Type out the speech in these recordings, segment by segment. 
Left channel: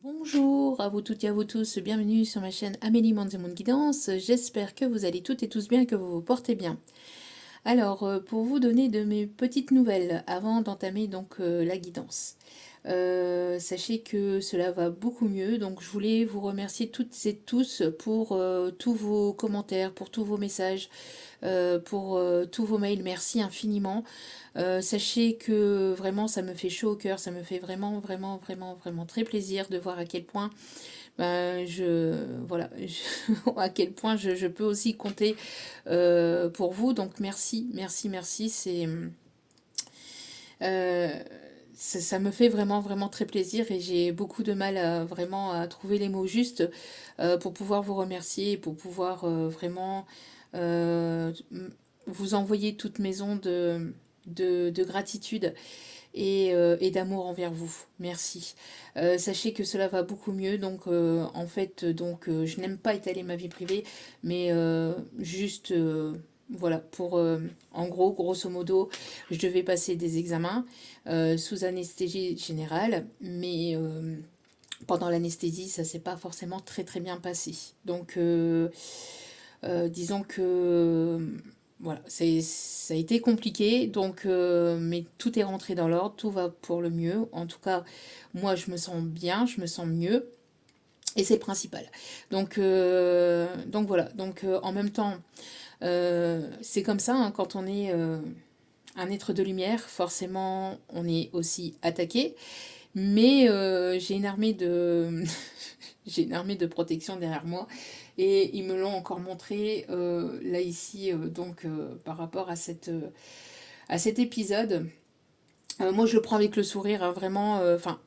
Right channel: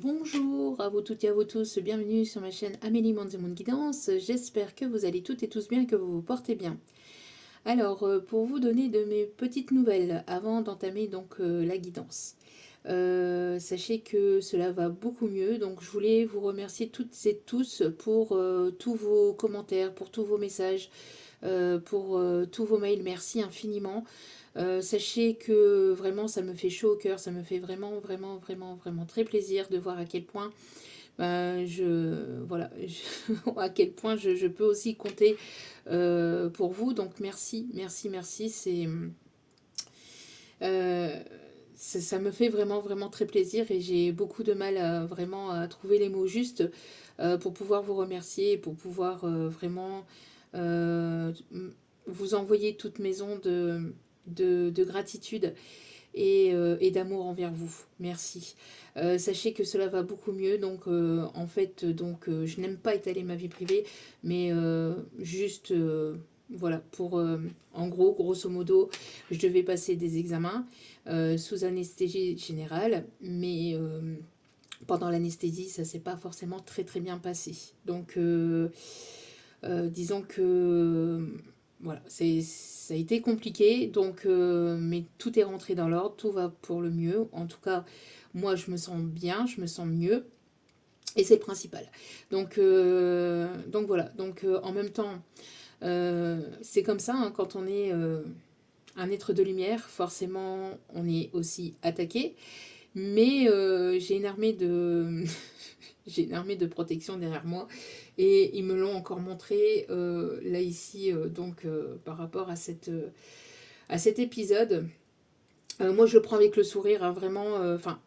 Bonjour à vous toutes et à vous tous, bienvenue sur ma chaîne Amélie Mandiamond Guidance. J'espère que vous allez toutes et tous bien, que vous vous portez bien. Alors, pour vous donner de mes petites nouvelles avant d'entamer donc la guidance. Sachez que cela va beaucoup mieux, donc je voulais vous remercier toutes et tous pour tous vos commentaires, pour tous vos messages, pour tous vos mails. Merci infiniment. Sachez que vraiment ça me fait chaud au cœur, ça me fait vraiment, vraiment, vraiment, vraiment très plaisir de voir à quel point voilà, à quel point je peux aussi compter pour vous. Donc merci, merci, merci. Euh, ça me fait vraiment, vraiment très plaisir et j'ai beaucoup de mal à vraiment à trouver les mots justes pour pouvoir vous remercier, pour pouvoir vraiment euh, vous envoyer toutes mes ondes de gratitude et d'amour envers vous. Merci. Sachez que cela va beaucoup mieux. Donc, en fait, je n'aime pas étaler ma vie privée, mais juste, voilà, en gros, grosso modo, je devais passer des examens sous anesthésie générale, mais pendant l'anesthésie, ça s'est pas forcément très très bien passé. Donc, disons que voilà, ça a été compliqué, donc, mais tout est rentré dans l'ordre, tout va pour le mieux. En tout cas, moi, je me sens bien, je me sens mieux, et c'est le principal. Donc voilà, donc en même temps, c'est comme ça, hein, quand on est un être de lumière, forcément, on est aussi attaqué, mais j'ai une armée de... j'ai une armée de protection derrière moi et ils me l'ont encore montré là ici par rapport à cet épisode. Moi je le prends avec le sourire hein, vraiment enfin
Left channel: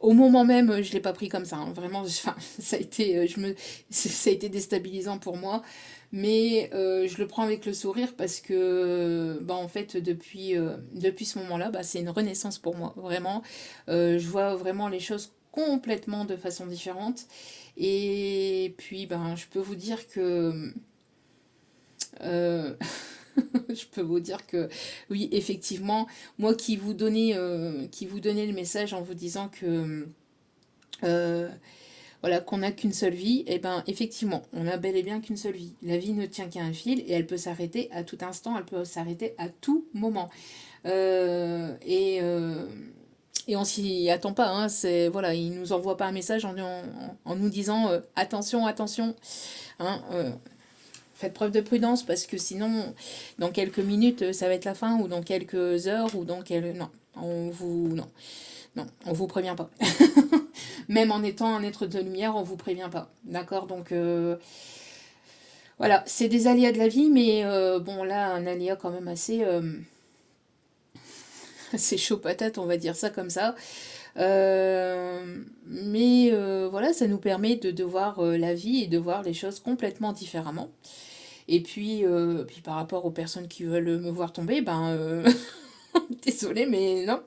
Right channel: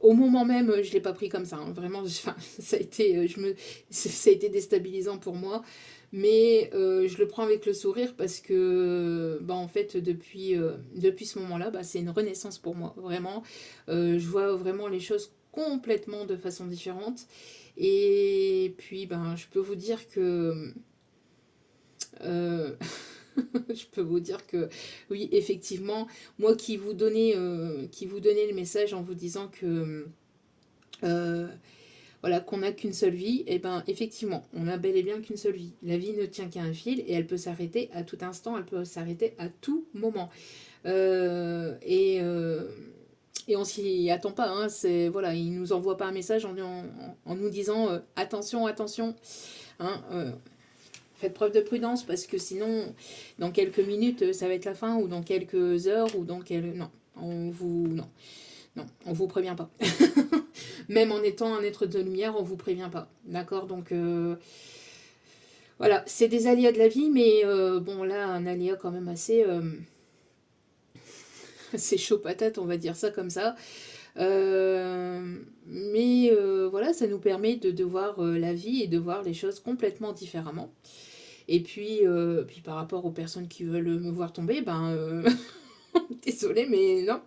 au moment même je l'ai pas pris comme ça hein, vraiment ça a été ça a été déstabilisant pour moi mais je le prends avec le sourire parce que bah, en fait depuis ce moment là bah, c'est une renaissance pour moi vraiment. Je vois vraiment les choses complètement de façon différente et puis ben je peux vous dire que euh, je peux vous dire que oui, effectivement, moi qui vous donnais le message en vous disant que euh, voilà qu'on n'a qu'une seule vie, et ben effectivement, on a bel et bien qu'une seule vie. La vie ne tient qu'à un fil et elle peut s'arrêter à tout instant, elle peut s'arrêter à tout moment. Euh, et euh, et on s'y attend pas. Hein, c'est voilà, il nous envoie pas un message en nous disant attention, attention. Hein, faites preuve de prudence parce que sinon, dans quelques minutes, ça va être la fin, ou dans quelques heures, ou dans quelques... Non, non, non, on vous prévient pas. Même en étant un être de lumière, on vous prévient pas. D'accord. Donc, voilà, c'est des aléas de la vie, mais bon, là, un aléa quand même assez chaud patate, on va dire ça comme ça. Mais voilà, ça nous permet de voir la vie et de voir les choses complètement différemment. Et puis par rapport aux personnes qui veulent me voir tomber, ben, désolée, mais non,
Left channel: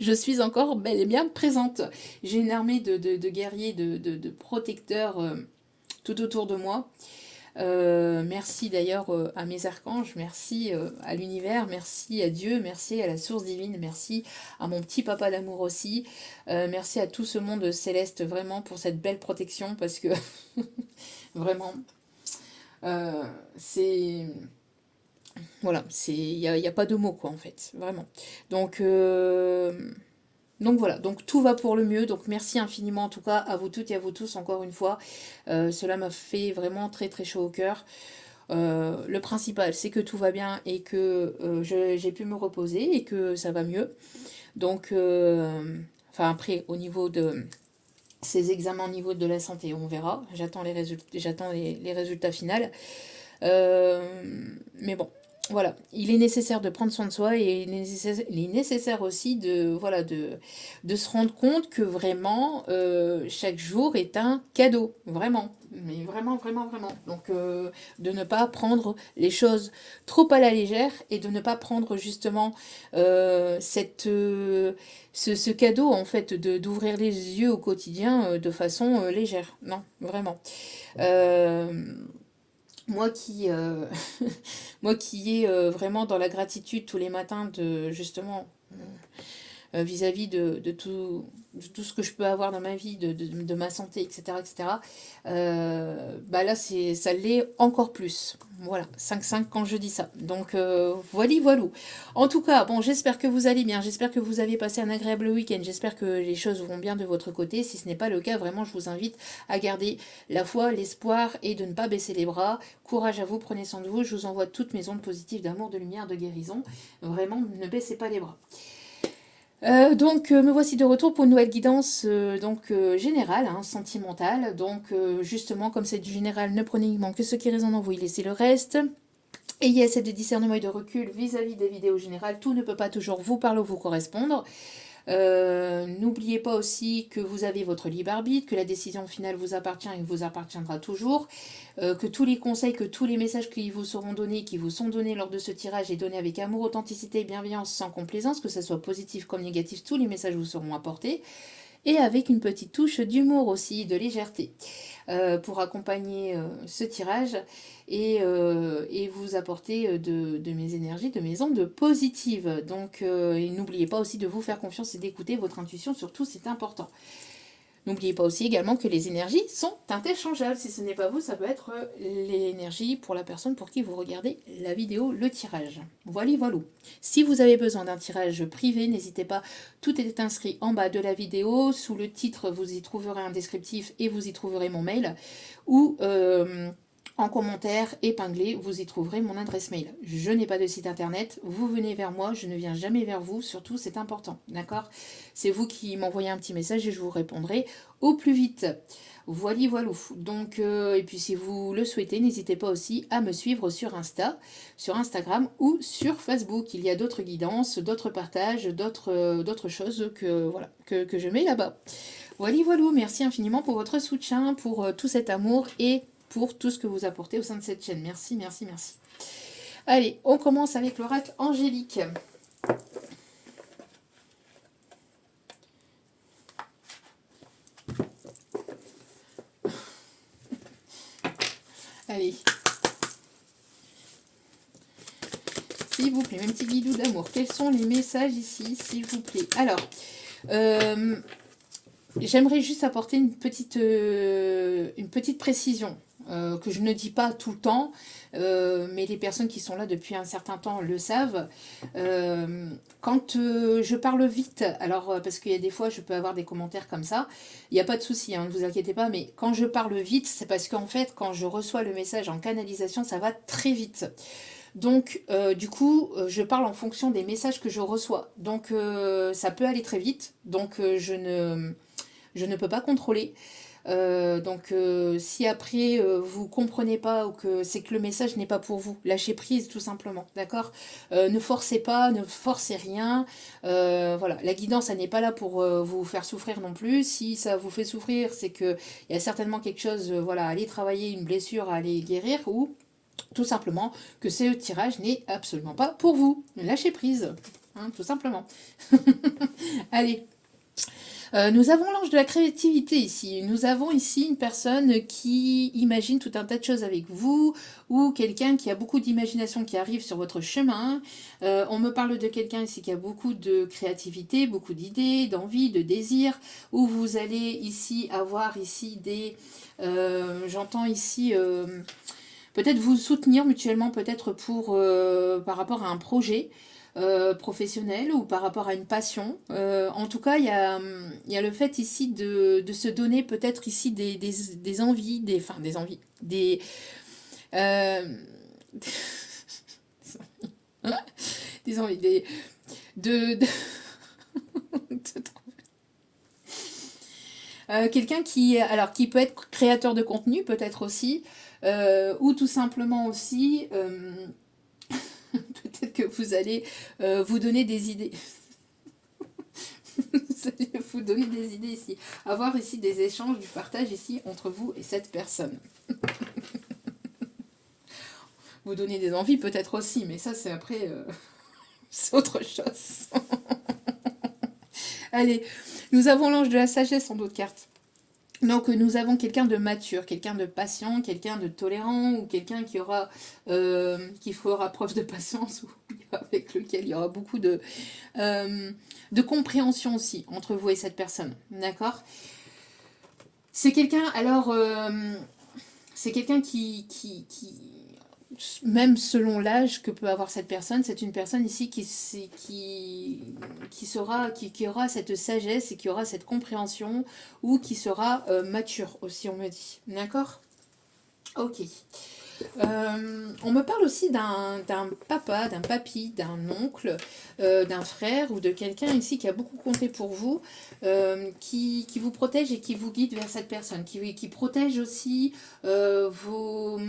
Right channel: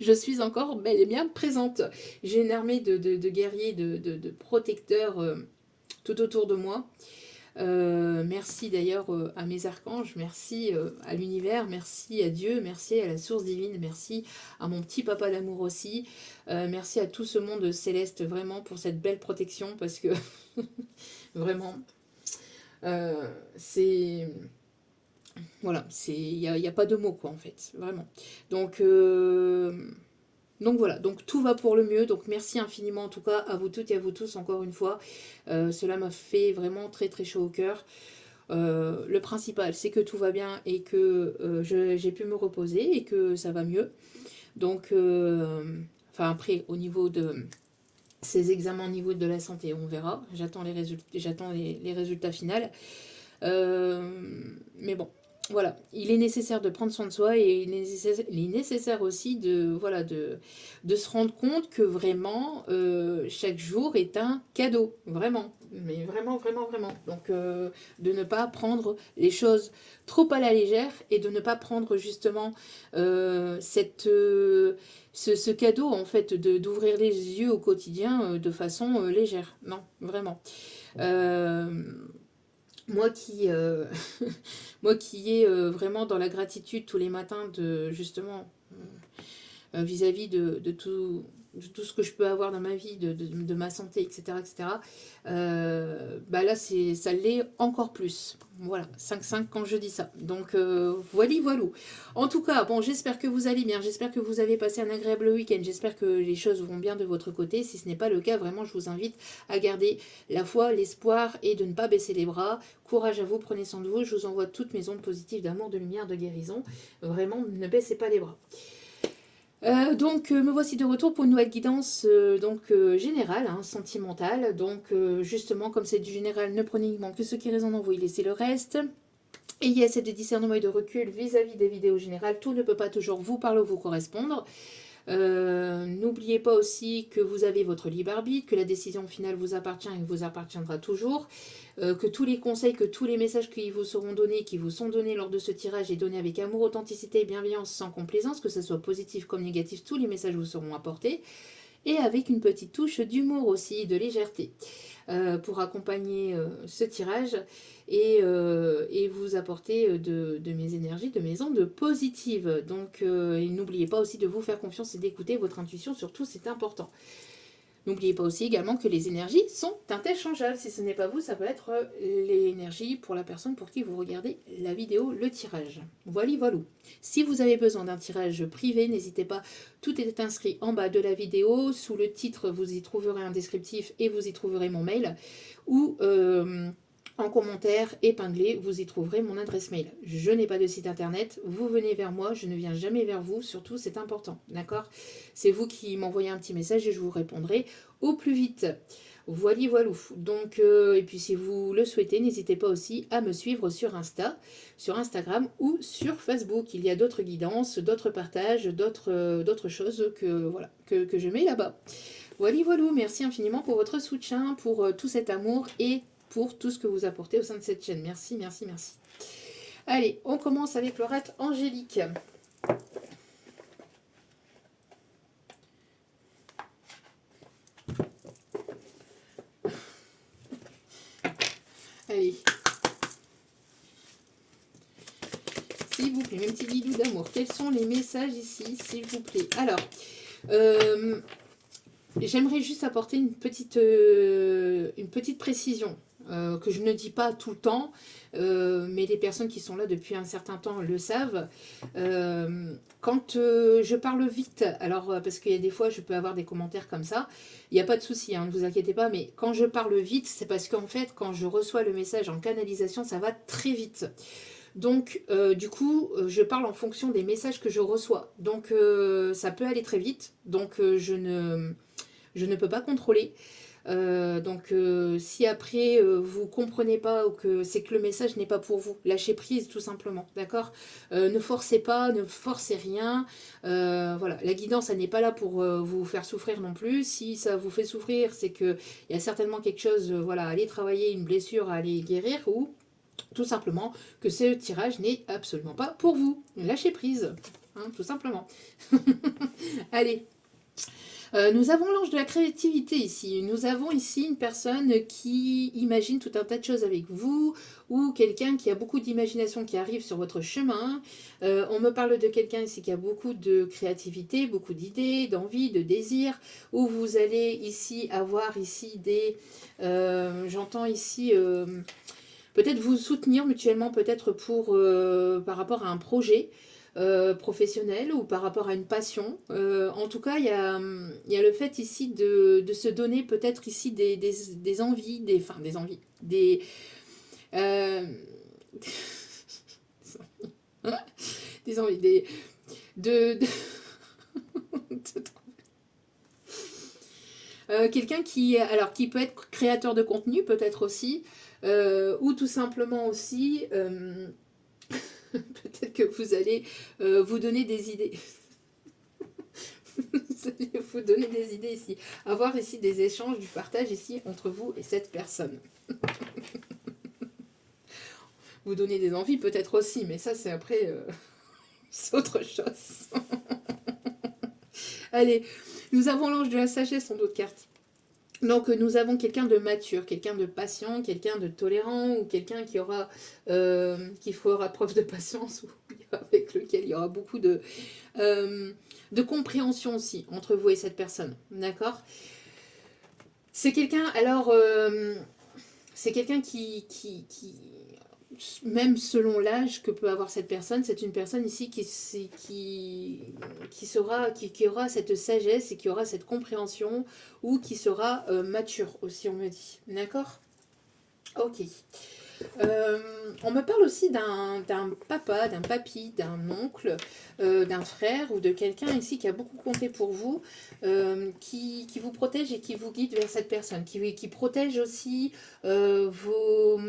je suis encore bel et bien présente. J'ai une armée de guerriers, de protecteurs tout autour de moi. Merci d'ailleurs à mes archanges, merci à l'univers, merci à Dieu, merci à la source divine, merci à mon petit papa d'amour aussi. Merci à tout ce monde céleste vraiment pour cette belle protection parce que vraiment, c'est voilà, y a pas de mots quoi en fait, vraiment. Donc, donc voilà, donc tout va pour le mieux. Donc merci infiniment en tout cas à vous toutes et à vous tous encore une fois. Cela m'a fait vraiment très très chaud au cœur. Le principal c'est que tout va bien et que j'ai pu me reposer et que ça va mieux. Donc, enfin après au niveau de ces examens au niveau de la santé, on verra. J'attends les résultats finaux. Mais bon, voilà, il est nécessaire de prendre soin de soi et il est nécessaire aussi voilà, de se rendre compte que vraiment, chaque jour est un cadeau, vraiment, mais vraiment, vraiment, vraiment. Donc, de ne pas prendre les choses trop à la légère et de ne pas prendre justement ce cadeau, en fait, d'ouvrir les yeux au quotidien de façon légère. Non, vraiment. Euh, moi qui, moi qui est vraiment dans la gratitude tous les matins de justement vis-à-vis de tout. de tout ce que je peux avoir dans ma vie, de ma santé, etc., etc., bah là, ça l'est encore plus. Voilà, 5-5 quand je dis ça. Donc, voilà, voilà. En tout cas, bon, j'espère que vous allez bien, j'espère que vous avez passé un agréable week-end, j'espère que les choses vont bien de votre côté. Si ce n'est pas le cas, vraiment, je vous invite à garder la foi, l'espoir et de ne pas baisser les bras. Courage à vous, prenez soin de vous, je vous envoie toutes mes ondes positives d'amour, de lumière, de guérison. Vraiment, ne baissez pas les bras. Donc, me voici de retour pour une nouvelle guidance générale, hein, sentimentale. Donc, justement, comme c'est du général, ne prenez uniquement que ce qui résonne en vous et laissez le reste. Ayez assez de discernement et de recul vis-à-vis des vidéos générales. Tout ne peut pas toujours vous parler ou vous correspondre. N'oubliez pas aussi que vous avez votre libre arbitre, que la décision finale vous appartient et vous appartiendra toujours, que tous les conseils, que tous les messages qui vous seront donnés, qui vous sont donnés lors de ce tirage est donné avec amour, authenticité et bienveillance sans complaisance, que ce soit positif comme négatif, tous les messages vous seront apportés, et avec une petite touche d'humour aussi, de légèreté, pour accompagner ce tirage et vous apporter de mes énergies, de mes ondes positives. Donc, n'oubliez pas aussi de vous faire confiance et d'écouter votre intuition, surtout c'est important. N'oubliez pas aussi également que les énergies sont interchangeables. Si ce n'est pas vous, ça peut être l'énergie pour la personne pour qui vous regardez la vidéo, le tirage. Voilà, voilà. Si vous avez besoin d'un tirage privé, n'hésitez pas. Tout est inscrit en bas de la vidéo. Sous le titre, vous y trouverez un descriptif et vous y trouverez mon mail. Ou en commentaire épinglé, vous y trouverez mon adresse mail. Je n'ai pas de site internet. Vous venez vers moi, je ne viens jamais vers vous. Surtout, c'est important. D'accord ? C'est vous qui m'envoyez un petit message et je vous répondrai au plus vite. Voilà, voilà. Donc, et puis si vous le souhaitez, n'hésitez pas aussi à me suivre sur Instagram ou sur Facebook. Il y a d'autres guidances, d'autres partages, d'autres choses voilà, que je mets là-bas. Voilà, voilà. Merci infiniment pour votre soutien, pour tout cet amour et pour tout ce que vous apportez au sein de cette chaîne. Merci, merci, merci. Allez, on commence avec l'oracle angélique. Allez. S'il vous plaît, mes petits guidous d'amour, quels sont les messages ici, s'il vous plaît? Alors, j'aimerais juste apporter une petite précision que je ne dis pas tout le temps, mais les personnes qui sont là depuis un certain temps le savent. Quand je parle vite, alors parce qu'il y a des fois je peux avoir des commentaires comme ça, il n'y a pas de souci, hein, ne vous inquiétez pas, mais quand je parle vite, c'est parce qu'en fait, quand je reçois le message en canalisation, ça va très vite. Donc, du coup, je parle en fonction des messages que je reçois. Donc, ça peut aller très vite. Donc, je ne peux pas contrôler. Donc, si après, vous comprenez pas ou que c'est que le message n'est pas pour vous, lâchez prise tout simplement. D'accord ? Ne forcez pas, ne forcez rien. Voilà, la guidance, elle n'est pas là pour vous faire souffrir non plus. Si ça vous fait souffrir, c'est qu'il y a certainement quelque chose, voilà, à aller travailler, une blessure à aller guérir ou tout simplement que ce tirage n'est absolument pas pour vous. Lâchez prise, hein, tout simplement. Allez. Nous avons l'ange de la créativité ici. Nous avons ici une personne qui imagine tout un tas de choses avec vous ou quelqu'un qui a beaucoup d'imagination qui arrive sur votre chemin. On me parle de quelqu'un ici qui a beaucoup de créativité, beaucoup d'idées, d'envie, de désirs, où vous allez ici avoir ici des... J'entends ici... peut-être vous soutenir mutuellement, peut-être pour par rapport à un projet professionnel ou par rapport à une passion. En tout cas, il y a le fait ici de se donner peut-être ici des envies, des envies, euh, des envies, de quelqu'un qui peut être créateur de contenu, peut-être aussi, ou tout simplement aussi, peut-être que vous allez vous donner des idées. Vous allez vous donner des idées ici. Avoir ici des échanges, du partage ici entre vous et cette personne. Vous donner des envies peut-être aussi, mais ça c'est après, c'est autre chose. Allez, nous avons l'ange de la sagesse en d'autres cartes. Donc nous avons quelqu'un de mature, quelqu'un de patient, quelqu'un de tolérant ou quelqu'un qui fera preuve de patience. avec lequel il y aura beaucoup de compréhension aussi entre vous et cette personne. D'accord? C'est quelqu'un, alors, c'est quelqu'un même selon l'âge que peut avoir cette personne, c'est une personne ici qui aura cette sagesse et qui aura cette compréhension ou qui sera mature aussi, on me dit. D'accord? Ok. On me parle aussi d'un papa, d'un papy, d'un oncle, d'un frère ou de quelqu'un ici qui a beaucoup compté pour vous, qui vous protège et qui vous guide vers cette personne, qui protège aussi vos...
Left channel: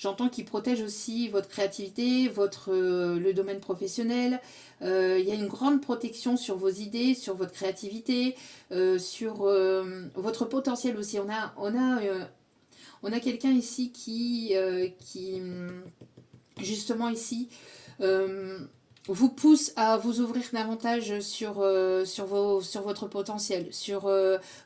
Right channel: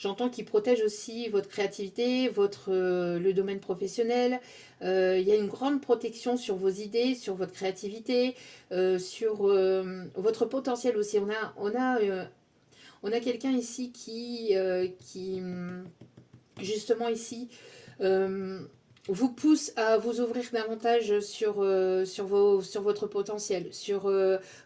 J'entends qu'il protège aussi votre créativité, le domaine professionnel. Il y a une grande protection sur vos idées, sur votre créativité, sur votre potentiel aussi. On a quelqu'un ici qui justement ici, euh, vous pousse à vous ouvrir davantage sur votre potentiel, sur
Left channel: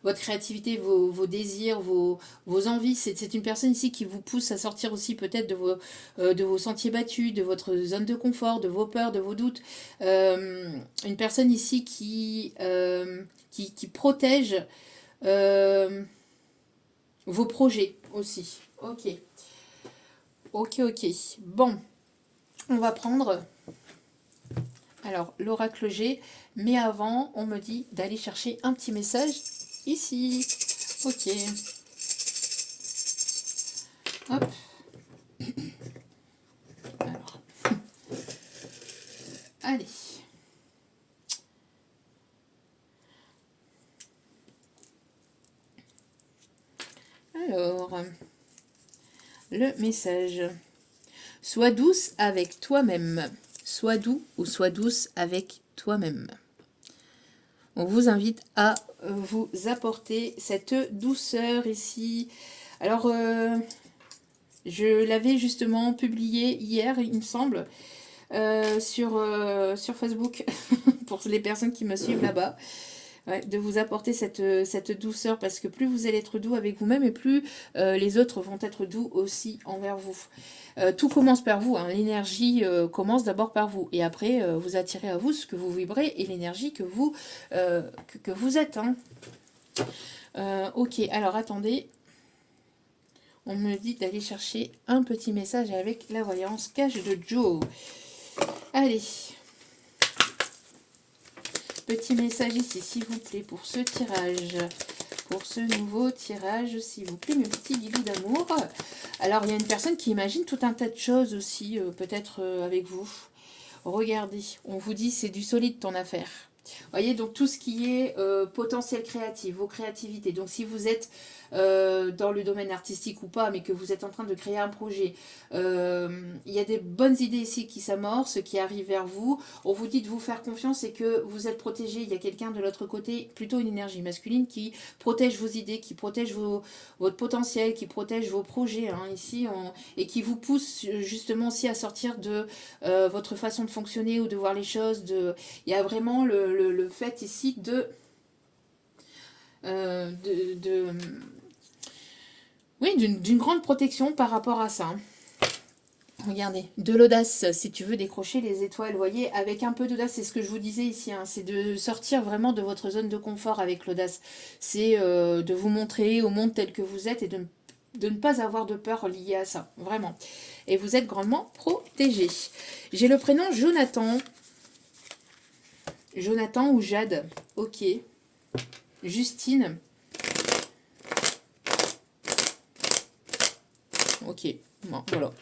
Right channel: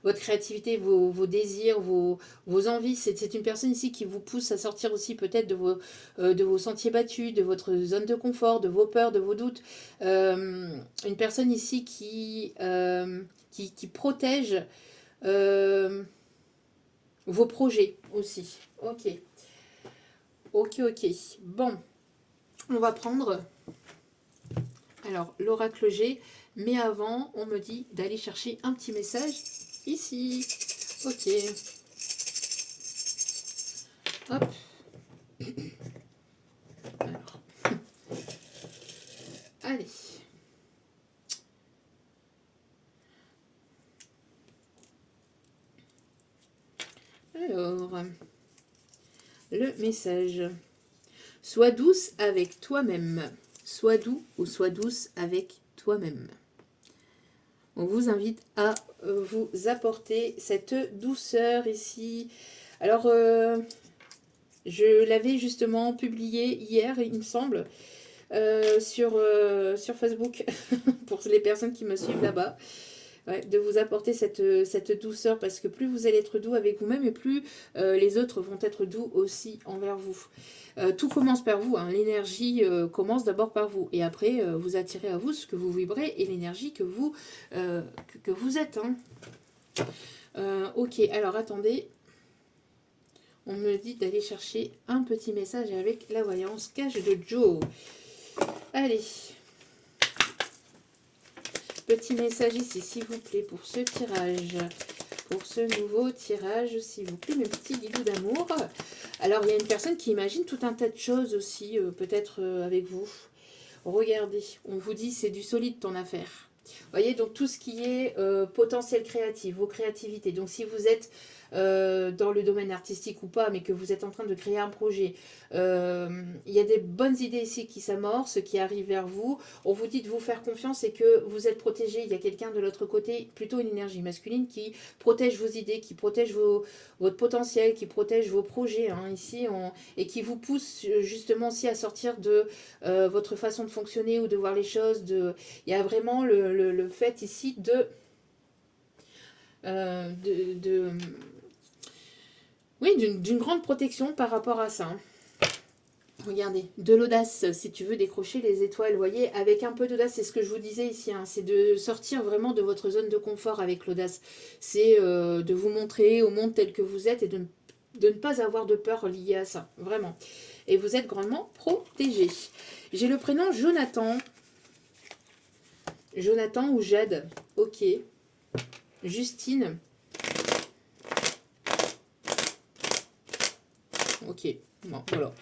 votre créativité, vos désirs, vos envies. C'est une personne ici qui vous pousse à sortir aussi peut-être de vos sentiers battus, de votre zone de confort, de vos peurs, de vos doutes. Une personne ici qui protège vos projets aussi. Ok, ok. Bon, on va prendre alors l'oracle G, mais avant, on me dit d'aller chercher un petit message ici. Ok. Hop. Alors. Allez. Alors, le message. Sois douce avec toi-même. Sois doux ou sois douce avec toi-même. On vous invite à vous apporter cette douceur ici. Alors, je l'avais justement publié hier, il me semble, sur Facebook, pour les personnes qui me suivent là-bas. Ouais, de vous apporter cette douceur, parce que plus vous allez être doux avec vous-même et plus les autres vont être doux aussi envers vous. Tout commence par vous, hein. L'énergie commence d'abord par vous et après vous attirez à vous ce que vous vibrez et l'énergie que vous êtes. Hein. Ok, alors attendez, on me dit d'aller chercher un petit message avec la voyance cache de Joe. Allez. Petit message ici, s'il vous plaît, pour ce tirage, pour ce nouveau tirage, s'il vous plaît, mes petits guilous d'amour. Alors, il y a une personne qui imagine tout un tas de choses aussi, peut-être avec vous. Regardez, on vous dit c'est du solide ton affaire. Vous voyez, donc tout ce qui est potentiel créatif, vos créativités. Donc, si vous êtes dans le domaine artistique ou pas, mais que vous êtes en train de créer un projet, il y a des bonnes idées ici qui s'amorcent, qui arrivent vers vous. On vous dit de vous faire confiance et que vous êtes protégé. Il y a quelqu'un de l'autre côté, plutôt une énergie masculine, qui protège vos idées, qui protège votre potentiel, qui protège vos projets hein, ici, et qui vous pousse justement aussi à sortir de votre façon de fonctionner ou de voir les choses. Il y a vraiment le fait ici oui, d'une grande protection par rapport à ça. Regardez, de l'audace, si tu veux décrocher les étoiles, vous voyez, avec un peu d'audace, c'est ce que je vous disais ici, hein, c'est de sortir vraiment de votre zone de confort avec l'audace. C'est de vous montrer au monde tel que vous êtes et de ne pas avoir de peur liée à ça, vraiment. Et vous êtes grandement protégé. J'ai le prénom Jonathan. Jonathan ou Jade, ok. Justine. Ok, bon, voilà.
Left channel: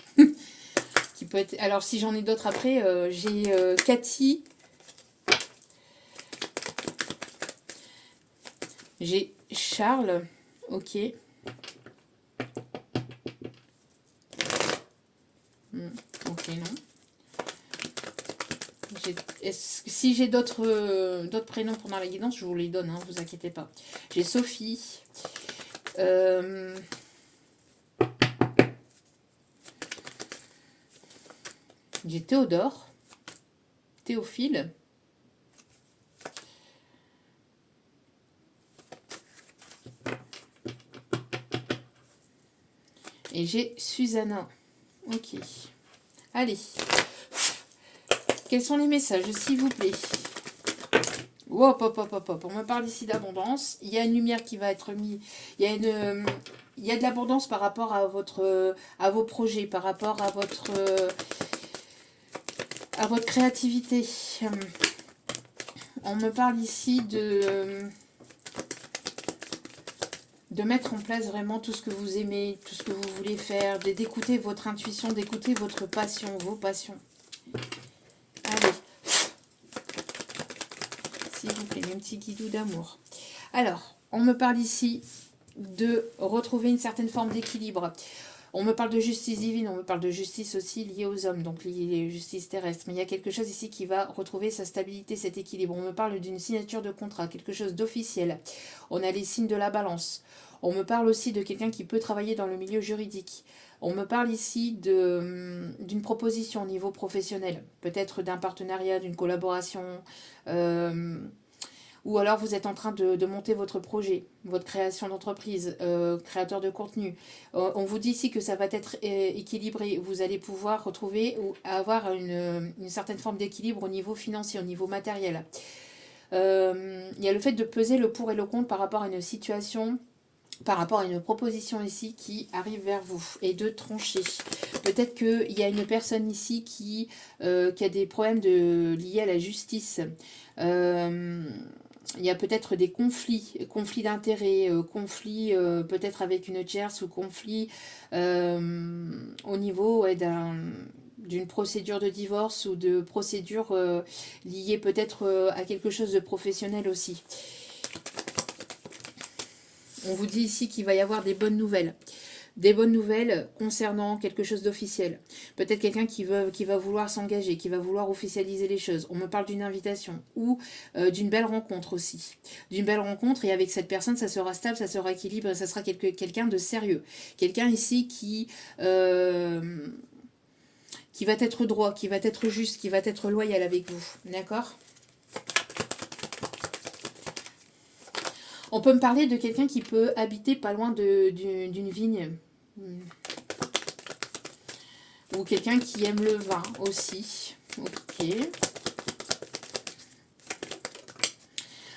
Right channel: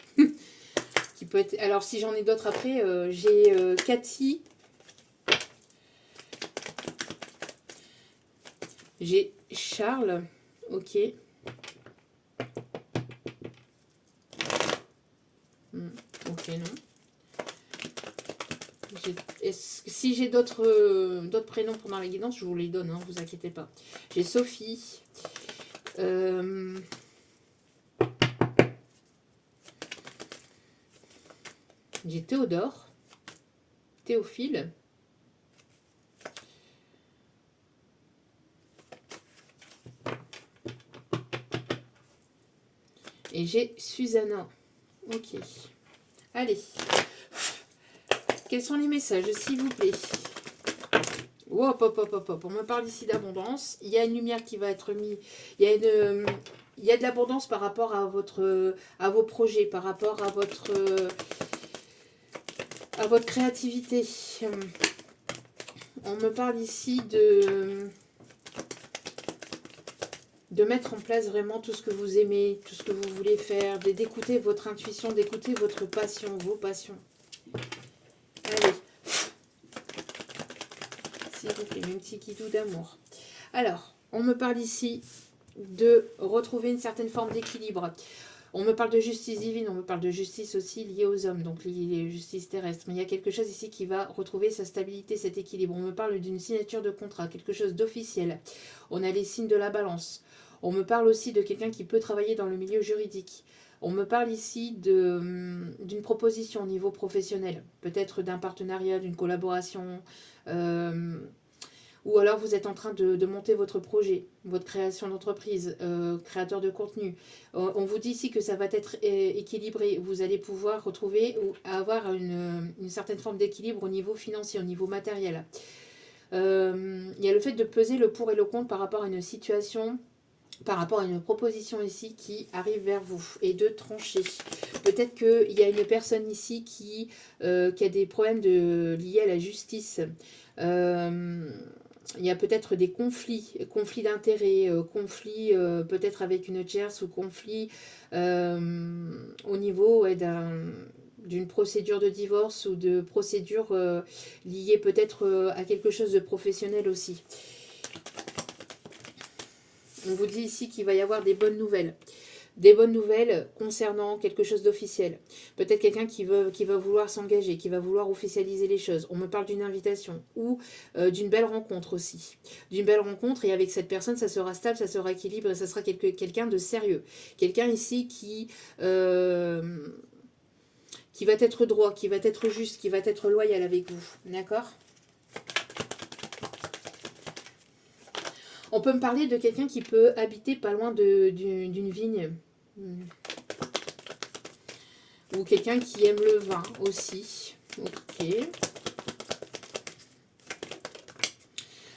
Qui peut être... Alors, si j'en ai d'autres après, j'ai Cathy. J'ai Charles. Ok. Ok, non. Si j'ai d'autres prénoms pendant la guidance, je vous les donne, hein, vous inquiétez pas. J'ai Sophie. J'ai Théodore. Théophile. Et j'ai Susanna. Ok. Allez. Quels sont les messages, s'il vous plaît? Hop, hop, hop, hop, hop. On me parle ici d'abondance. Il y a une lumière qui va être mise. Il y a de l'abondance par rapport à vos projets, par rapport à votre créativité. On me parle ici de mettre en place vraiment tout ce que vous aimez, tout ce que vous voulez faire, d'écouter votre intuition, d'écouter votre passion, vos passions. Allez. S'il vous plaît, un petit guidou d'amour. Alors, on me parle ici de retrouver une certaine forme d'équilibre. On me parle de justice divine, on me parle de justice aussi liée aux hommes, donc liée à justice terrestre. Mais il y a quelque chose ici qui va retrouver sa stabilité, cet équilibre. On me parle d'une signature de contrat, quelque chose d'officiel. On a les signes de la balance. On me parle aussi de quelqu'un qui peut travailler dans le milieu juridique. On me parle ici d'une proposition au niveau professionnel, peut-être d'un partenariat, d'une collaboration, ou alors vous êtes en train de monter votre projet, votre création d'entreprise, créateur de contenu. On vous dit ici que ça va être équilibré. Vous allez pouvoir retrouver ou avoir une certaine forme d'équilibre au niveau financier, au niveau matériel. Il y a le fait de peser le pour et le contre par rapport à une situation, par rapport à une proposition ici qui arrive vers vous et de trancher. Peut-être qu'il y a une personne ici qui a des problèmes liés à la justice. Il y a peut-être des conflits d'intérêts, conflits peut-être avec une tierce ou conflits au niveau d'une procédure de divorce ou de procédure liée peut-être à quelque chose de professionnel aussi. On vous dit ici qu'il va y avoir des bonnes nouvelles. Des bonnes nouvelles concernant quelque chose d'officiel. Peut-être quelqu'un qui va vouloir s'engager, qui va vouloir officialiser les choses. On me parle d'une invitation ou d'une belle rencontre aussi. D'une belle rencontre et avec cette personne, ça sera stable, ça sera équilibré, ça sera quelqu'un de sérieux. Quelqu'un ici qui va être droit, qui va être juste, qui va être loyal avec vous. D'accord ? On peut me parler de quelqu'un qui peut habiter pas loin d'une vigne. Ou quelqu'un qui aime le vin aussi. Ok.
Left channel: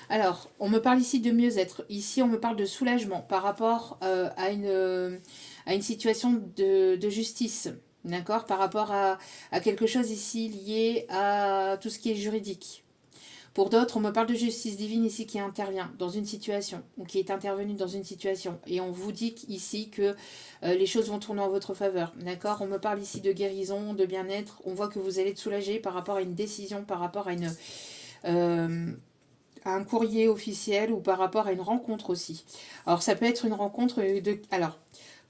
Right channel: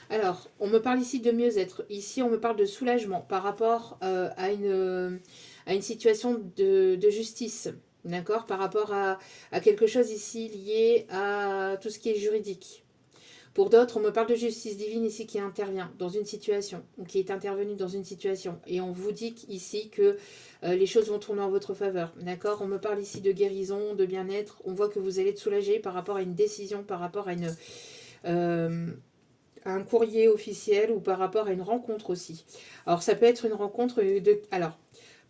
Alors, on me parle ici de mieux-être. Ici, on me parle de soulagement par rapport à une situation de justice. D'accord ? Par rapport à quelque chose ici lié à tout ce qui est juridique. Pour d'autres, on me parle de justice divine ici qui intervient dans une situation, ou qui est intervenue dans une situation. Et on vous dit ici que les choses vont tourner en votre faveur. D'accord ? On me parle ici de guérison, de bien-être. On voit que vous allez être soulagé par rapport à une décision, par rapport à un courrier officiel ou par rapport à une rencontre aussi. Alors, ça peut être une rencontre de... Alors,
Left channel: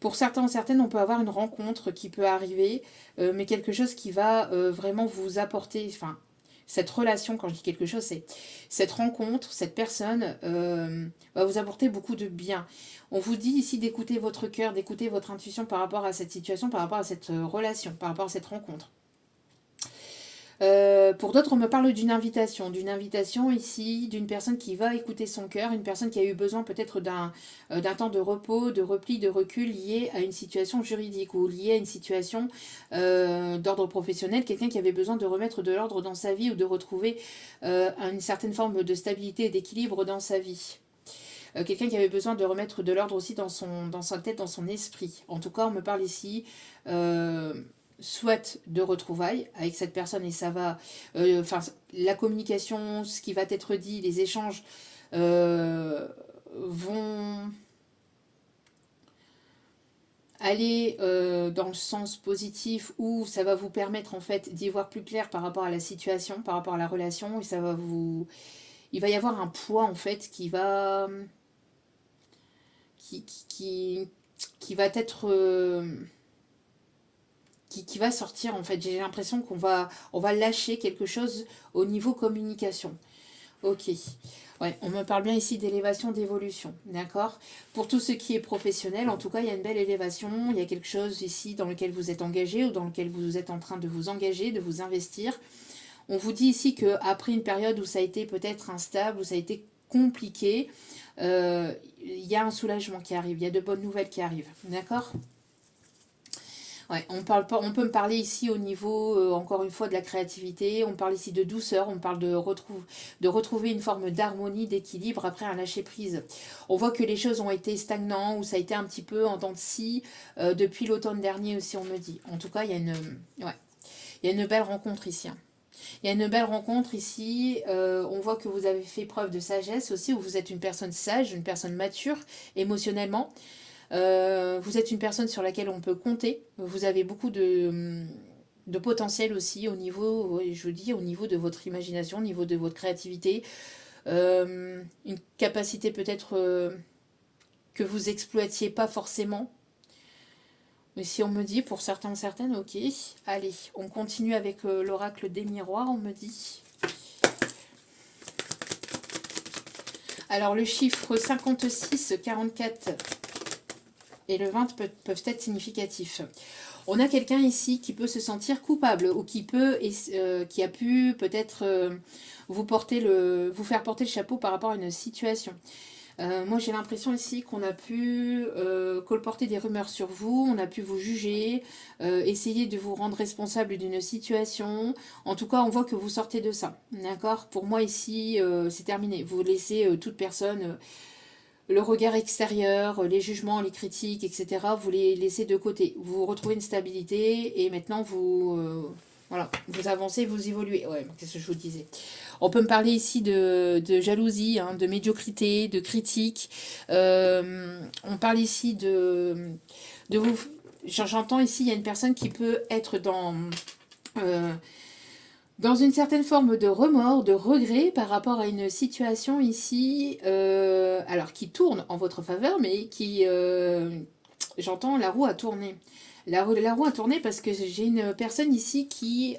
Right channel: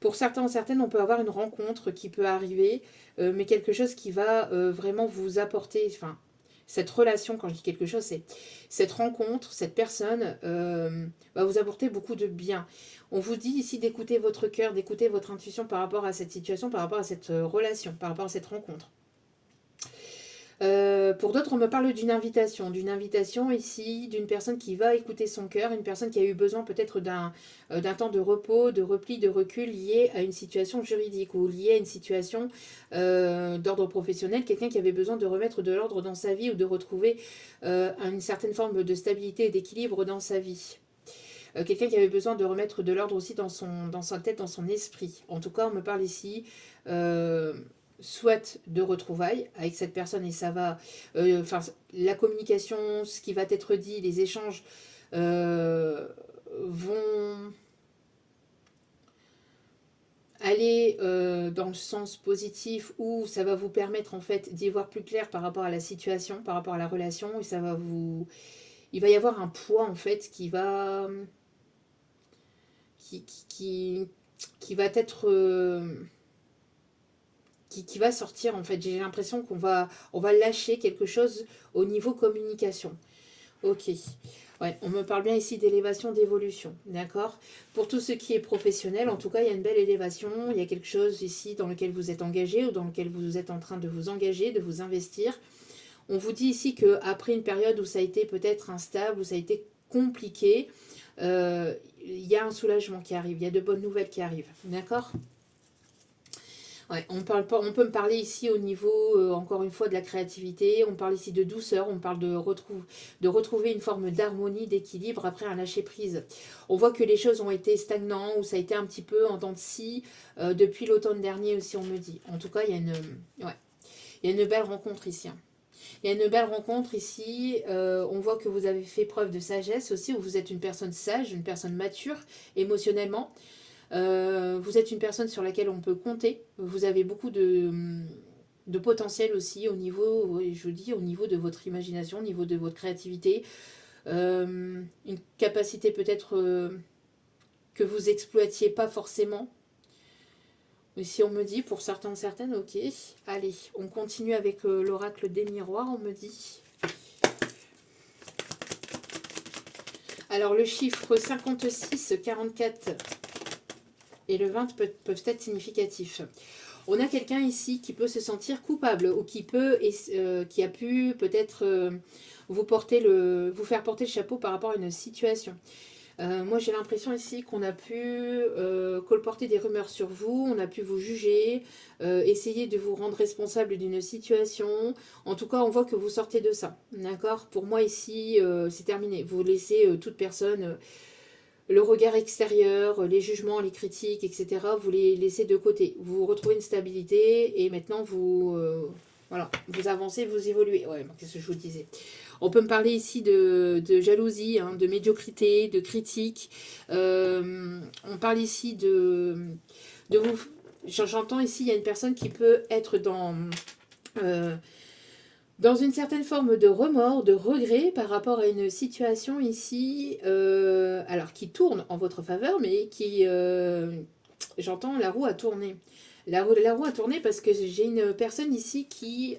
pour certains ou certaines, on peut avoir une rencontre qui peut arriver, mais quelque chose qui va vraiment vous apporter... Enfin, cette relation, quand je dis quelque chose, c'est cette rencontre, cette personne va vous apporter beaucoup de bien. On vous dit ici d'écouter votre cœur, d'écouter votre intuition par rapport à cette situation, par rapport à cette relation, par rapport à cette rencontre. Pour d'autres, on me parle d'une invitation ici, d'une personne qui va écouter son cœur, une personne qui a eu besoin peut-être d'un temps de repos, de repli, de recul lié à une situation juridique ou lié à une situation d'ordre professionnel, quelqu'un qui avait besoin de remettre de l'ordre dans sa vie ou de retrouver une certaine forme de stabilité et d'équilibre dans sa vie. Quelqu'un qui avait besoin de remettre de l'ordre aussi dans sa tête, dans son esprit. En tout cas, on me parle ici... soit de retrouvailles avec cette personne et ça va, la communication, ce qui va être dit, les échanges vont aller dans le sens positif où ça va vous permettre en fait d'y voir plus clair par rapport à la situation, par rapport à la relation et il va y avoir un poids en fait qui va être qui va sortir en fait. J'ai l'impression qu'on va lâcher quelque chose au niveau communication. Ok. Ouais, on me parle bien ici d'élévation, d'évolution. D'accord ? Pour tout ce qui est professionnel, en tout cas, il y a une belle élévation. Il y a quelque chose ici dans lequel vous êtes engagé ou dans lequel vous êtes en train de vous engager, de vous investir. On vous dit ici qu'après une période où ça a été peut-être instable, où ça a été compliqué, il y a un soulagement qui arrive. Il y a de bonnes nouvelles qui arrivent. D'accord ? Ouais, on parle pas, on peut me parler ici au niveau, encore une fois, de la créativité. On parle ici de douceur. On parle de retrouver une forme d'harmonie, d'équilibre après un lâcher prise. On voit que les choses ont été stagnantes ou ça a été un petit peu en dents de scie depuis l'automne dernier aussi, on me dit. En tout cas, ouais, il y a une belle rencontre ici, hein. Il y a une belle rencontre ici. On voit que vous avez fait preuve de sagesse aussi, où vous êtes une personne sage, une personne mature émotionnellement. Vous êtes une personne sur laquelle on peut compter. Vous avez beaucoup de potentiel aussi au niveau, oui, je vous dis, au niveau de votre imagination, au niveau de votre créativité. Une capacité peut-être que vous exploitiez pas forcément. Mais si on me dit, pour certains, certaines, ok. Allez, on continue avec l'oracle des miroirs, on me dit. Alors, le chiffre 56, 44 et le 20 peuvent être significatifs. On a quelqu'un ici qui peut se sentir coupable ou qui a pu peut-être vous faire porter le chapeau par rapport à une situation. Moi, j'ai l'impression ici qu'on a pu colporter des rumeurs sur vous, on a pu vous juger, essayer de vous rendre responsable d'une situation. En tout cas, on voit que vous sortez de ça. D'accord? Pour moi, ici, c'est terminé. Vous laissez toute personne le regard extérieur, les jugements, les critiques, etc., vous les laissez de côté. Vous retrouvez une stabilité et maintenant voilà, vous avancez, vous évoluez. Ouais, qu'est-ce que je vous disais? On peut me parler ici de jalousie, hein, de médiocrité, de critique. On parle ici de vous. J'entends ici, il y a une personne qui peut être euh, dans une certaine forme de remords, de regret par rapport à une situation ici, alors qui tourne en votre faveur, mais j'entends la roue a tourné. La roue a tourné parce que j'ai une personne ici qui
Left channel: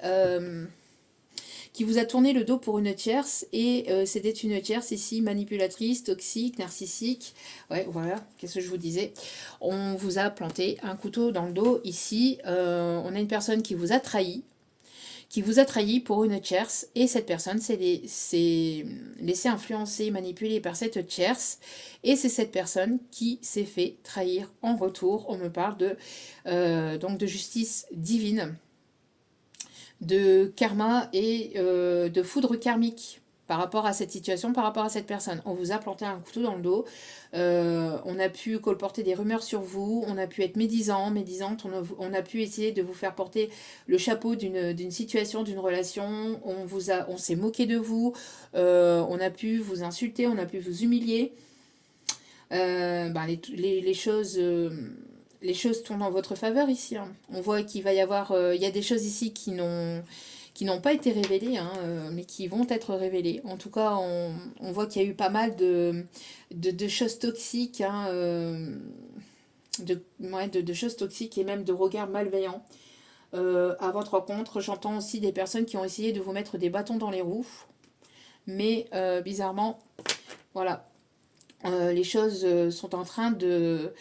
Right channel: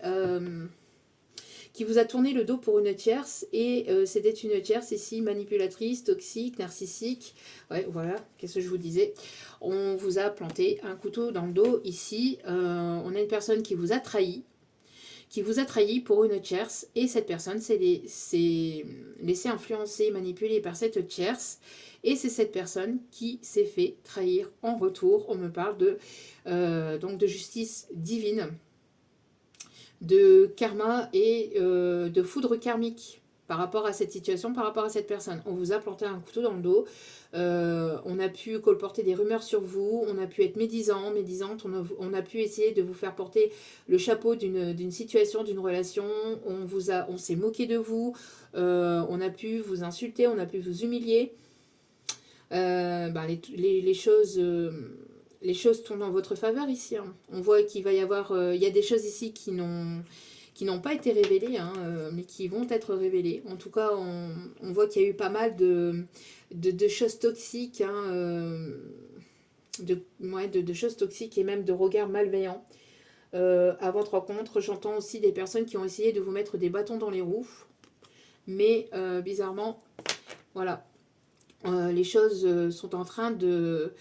vous a tourné le dos pour une tierce, et c'était une tierce ici manipulatrice, toxique, narcissique. Ouais, voilà, qu'est-ce que je vous disais? On vous a planté un couteau dans le dos ici. On a une personne qui vous a trahi pour une tierce, et cette personne s'est laissée influencer, manipuler par cette tierce, et c'est cette personne qui s'est fait trahir en retour. On me parle donc de justice divine, de karma et de foudre karmique par rapport à cette situation, par rapport à cette personne. On vous a planté un couteau dans le dos, on a pu colporter des rumeurs sur vous, on a pu être médisante, on a pu essayer de vous faire porter le chapeau d'une situation, d'une relation, on s'est moqué de vous, on a pu vous insulter, on a pu vous humilier. Les choses... les choses tournent en votre faveur ici, hein. On voit qu'il va y avoir... il y a des choses ici qui n'ont pas été révélées, hein, mais qui vont être révélées. En tout cas, on voit qu'il y a eu pas mal de choses toxiques, hein, de choses toxiques et même de regards malveillants à votre rencontre. J'entends aussi des personnes qui ont essayé de vous mettre des bâtons dans les roues, mais bizarrement, voilà, les choses sont en train de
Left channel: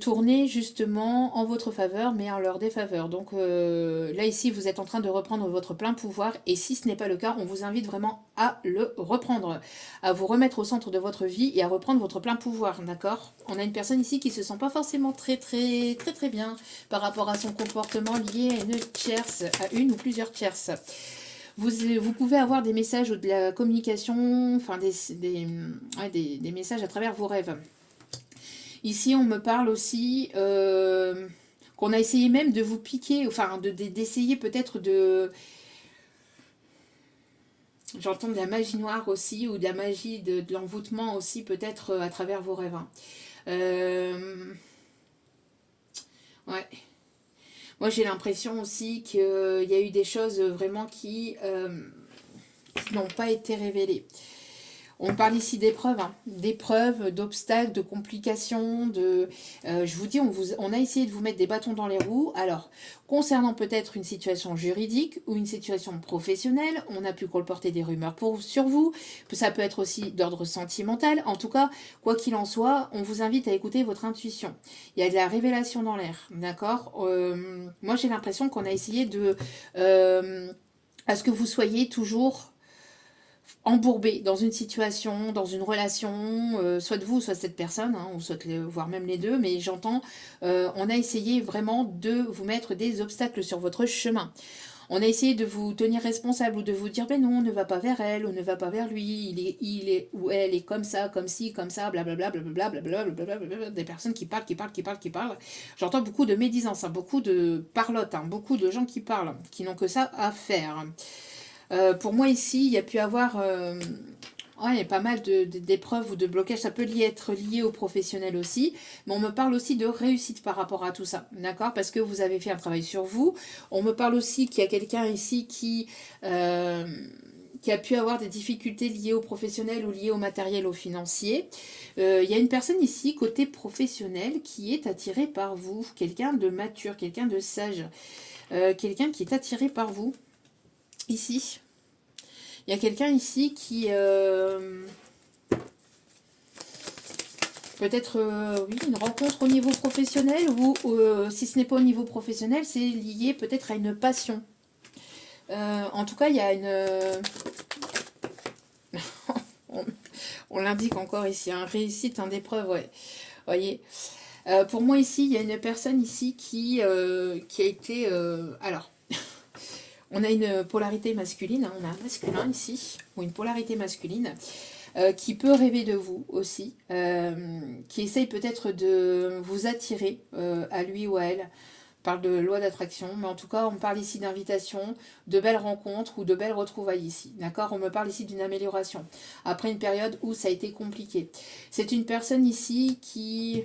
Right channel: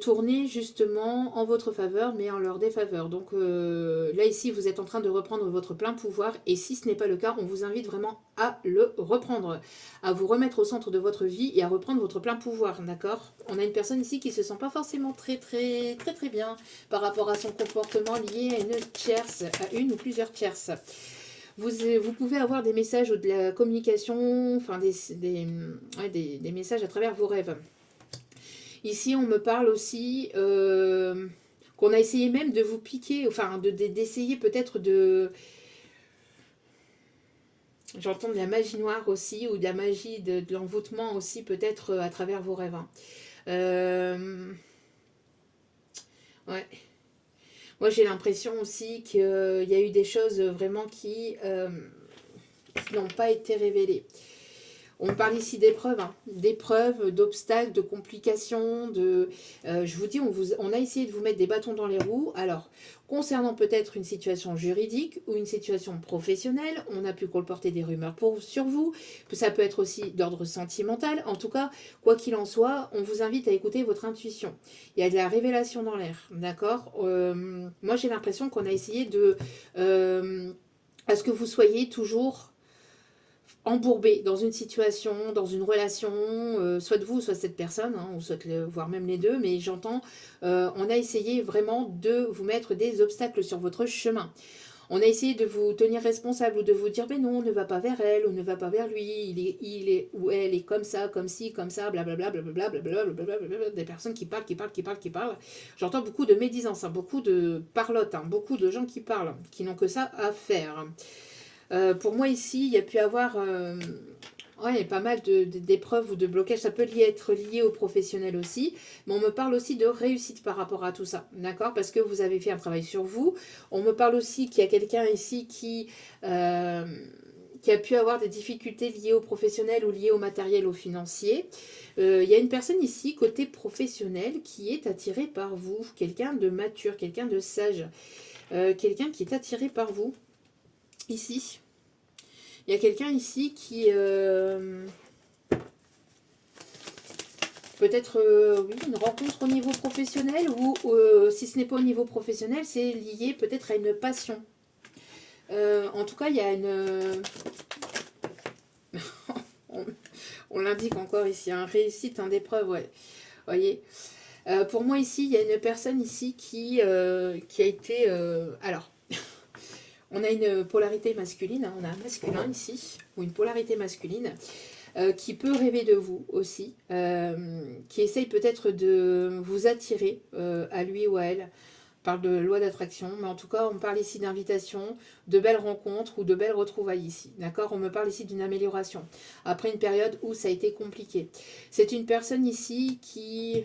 tourner justement en votre faveur, mais en leur défaveur. Donc là, ici, vous êtes en train de reprendre votre plein pouvoir, et si ce n'est pas le cas, on vous invite vraiment à le reprendre, à vous remettre au centre de votre vie et à reprendre votre plein pouvoir, d'accord? On a une personne ici qui se sent pas forcément très très très très bien par rapport à son comportement lié à une tierce, à une ou plusieurs tierces. Vous pouvez avoir des messages ou de la communication, enfin des messages à travers vos rêves. Ici, on me parle aussi qu'on a essayé même de vous piquer, enfin d'essayer peut-être de... J'entends de la magie noire aussi, ou de la magie de l'envoûtement aussi, peut-être à travers vos rêves, hein. Ouais. Moi, j'ai l'impression aussi qu'il y a eu des choses vraiment qui n'ont pas été révélées. On parle ici d'épreuves, hein, d'épreuves, d'obstacles, de complications, je vous dis, on a essayé de vous mettre des bâtons dans les roues. Alors, concernant peut-être une situation juridique ou une situation professionnelle, on a pu colporter des rumeurs sur vous. Ça peut être aussi d'ordre sentimental. En tout cas, quoi qu'il en soit, on vous invite à écouter votre intuition. Il y a de la révélation dans l'air, d'accord? Moi, j'ai l'impression qu'on a essayé à ce que vous soyez toujours embourbé dans une situation, dans une relation, soit de vous, soit de cette personne, hein, ou soit voire même les deux, mais j'entends, on a essayé vraiment de vous mettre des obstacles sur votre chemin. On a essayé de vous tenir responsable ou de vous dire, ben non, ne va pas vers elle ou ne va pas vers lui, il est ou elle est comme ça, comme ci, comme ça, blablabla, blablabla, blablabla, blablabla, des personnes qui parlent, qui parlent, qui parlent, qui parlent. J'entends beaucoup de médisance, hein, beaucoup de parlotte, hein, beaucoup de gens qui parlent, qui n'ont que ça à faire. Pour moi ici, il y a pu avoir ouais, il y a pas mal d'épreuves ou de blocages. Ça peut être lié au professionnel aussi. Mais on me parle aussi de réussite par rapport à tout ça. D'accord? Parce que vous avez fait un travail sur vous. On me parle aussi qu'il y a quelqu'un ici qui a pu avoir des difficultés liées au professionnel ou liées au matériel, au financier. Il y a une personne ici, côté professionnel, qui est attirée par vous. Quelqu'un de mature, quelqu'un de sage. Quelqu'un qui est attiré par vous. Ici. Il y a quelqu'un ici qui... peut-être, oui, une rencontre au niveau professionnel ou si ce n'est pas au niveau professionnel, c'est lié peut-être à une passion. En tout cas, il y a une... on l'indique encore ici, un réussite, un épreuve, ouais. Voyez. Pour moi ici, il y a une personne ici qui a été... alors, on a une polarité masculine, hein, on a un masculin ici, ou une polarité masculine, qui peut rêver de vous aussi, qui essaye peut-être de vous attirer à lui ou à elle. On parle de loi d'attraction, mais en tout cas, on parle ici d'invitation, de belles rencontres ou de belles retrouvailles ici. D'accord? On me parle ici d'une amélioration. Après une période où ça a été compliqué. C'est une personne ici qui...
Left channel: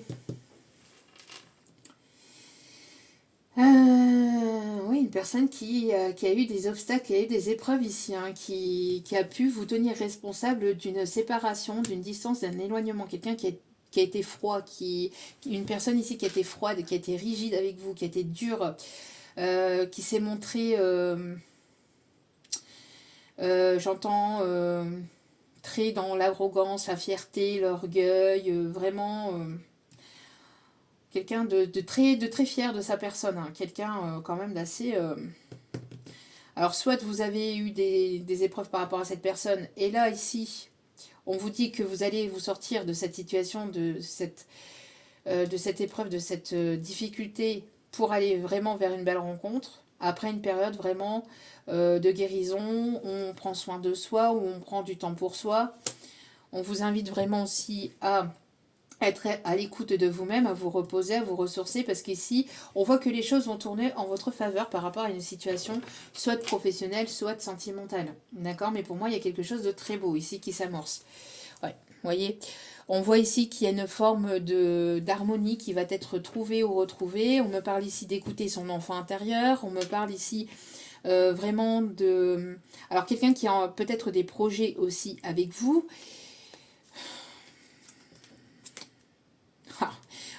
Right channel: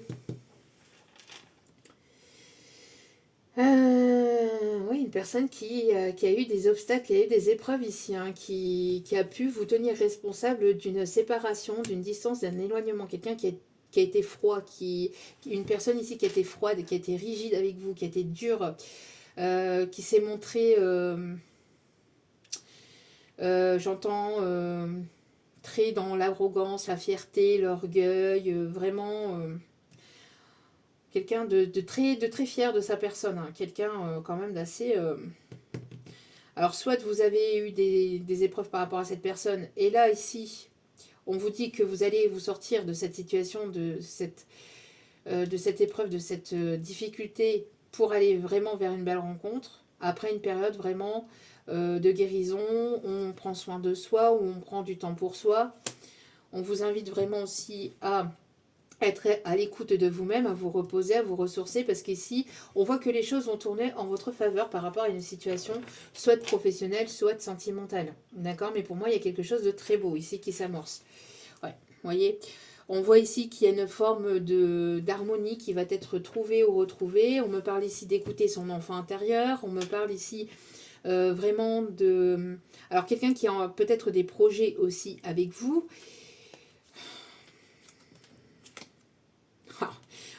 oui, une personne qui a eu des obstacles et des épreuves ici, hein, qui a pu vous tenir responsable d'une séparation, d'une distance, d'un éloignement. Quelqu'un qui a été froid, une personne ici qui a été froide, qui a été rigide avec vous, qui a été dure, qui s'est montré, j'entends, très dans l'arrogance, la fierté, l'orgueil, vraiment... quelqu'un de très fier de sa personne, hein. Quelqu'un quand même d'assez... Alors, soit vous avez eu des épreuves par rapport à cette personne, et là, ici, on vous dit que vous allez vous sortir de cette situation, de cette épreuve, de cette difficulté, pour aller vraiment vers une belle rencontre, après une période vraiment de guérison, on prend soin de soi, où on prend du temps pour soi. On vous invite vraiment aussi à être à l'écoute de vous-même, à vous reposer, à vous ressourcer, parce qu'ici, on voit que les choses vont tourner en votre faveur par rapport à une situation soit professionnelle, soit sentimentale. D'accord? Mais pour moi, il y a quelque chose de très beau ici qui s'amorce. Ouais, vous voyez? On voit ici qu'il y a une forme d'harmonie qui va être trouvée ou retrouvée. On me parle ici d'écouter son enfant intérieur. On me parle ici vraiment de... Alors, quelqu'un qui a peut-être des projets aussi avec vous.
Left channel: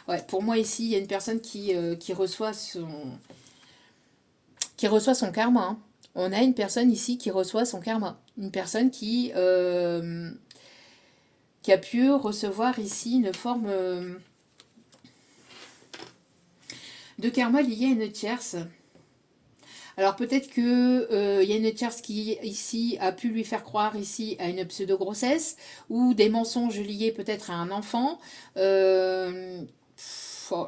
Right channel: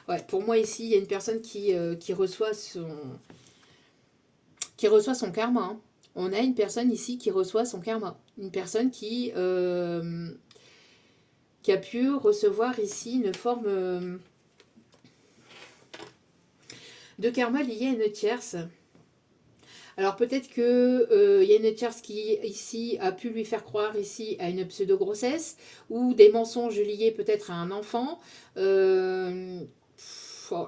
Ouais, pour moi ici, il y a une personne qui reçoit son karma, hein. On a une personne ici qui reçoit son karma. Une personne qui a pu recevoir ici une forme de karma liée à une tierce. Alors peut-être que y a une tierce qui ici a pu lui faire croire ici à une pseudo-grossesse ou des mensonges liés peut-être à un enfant. Oh,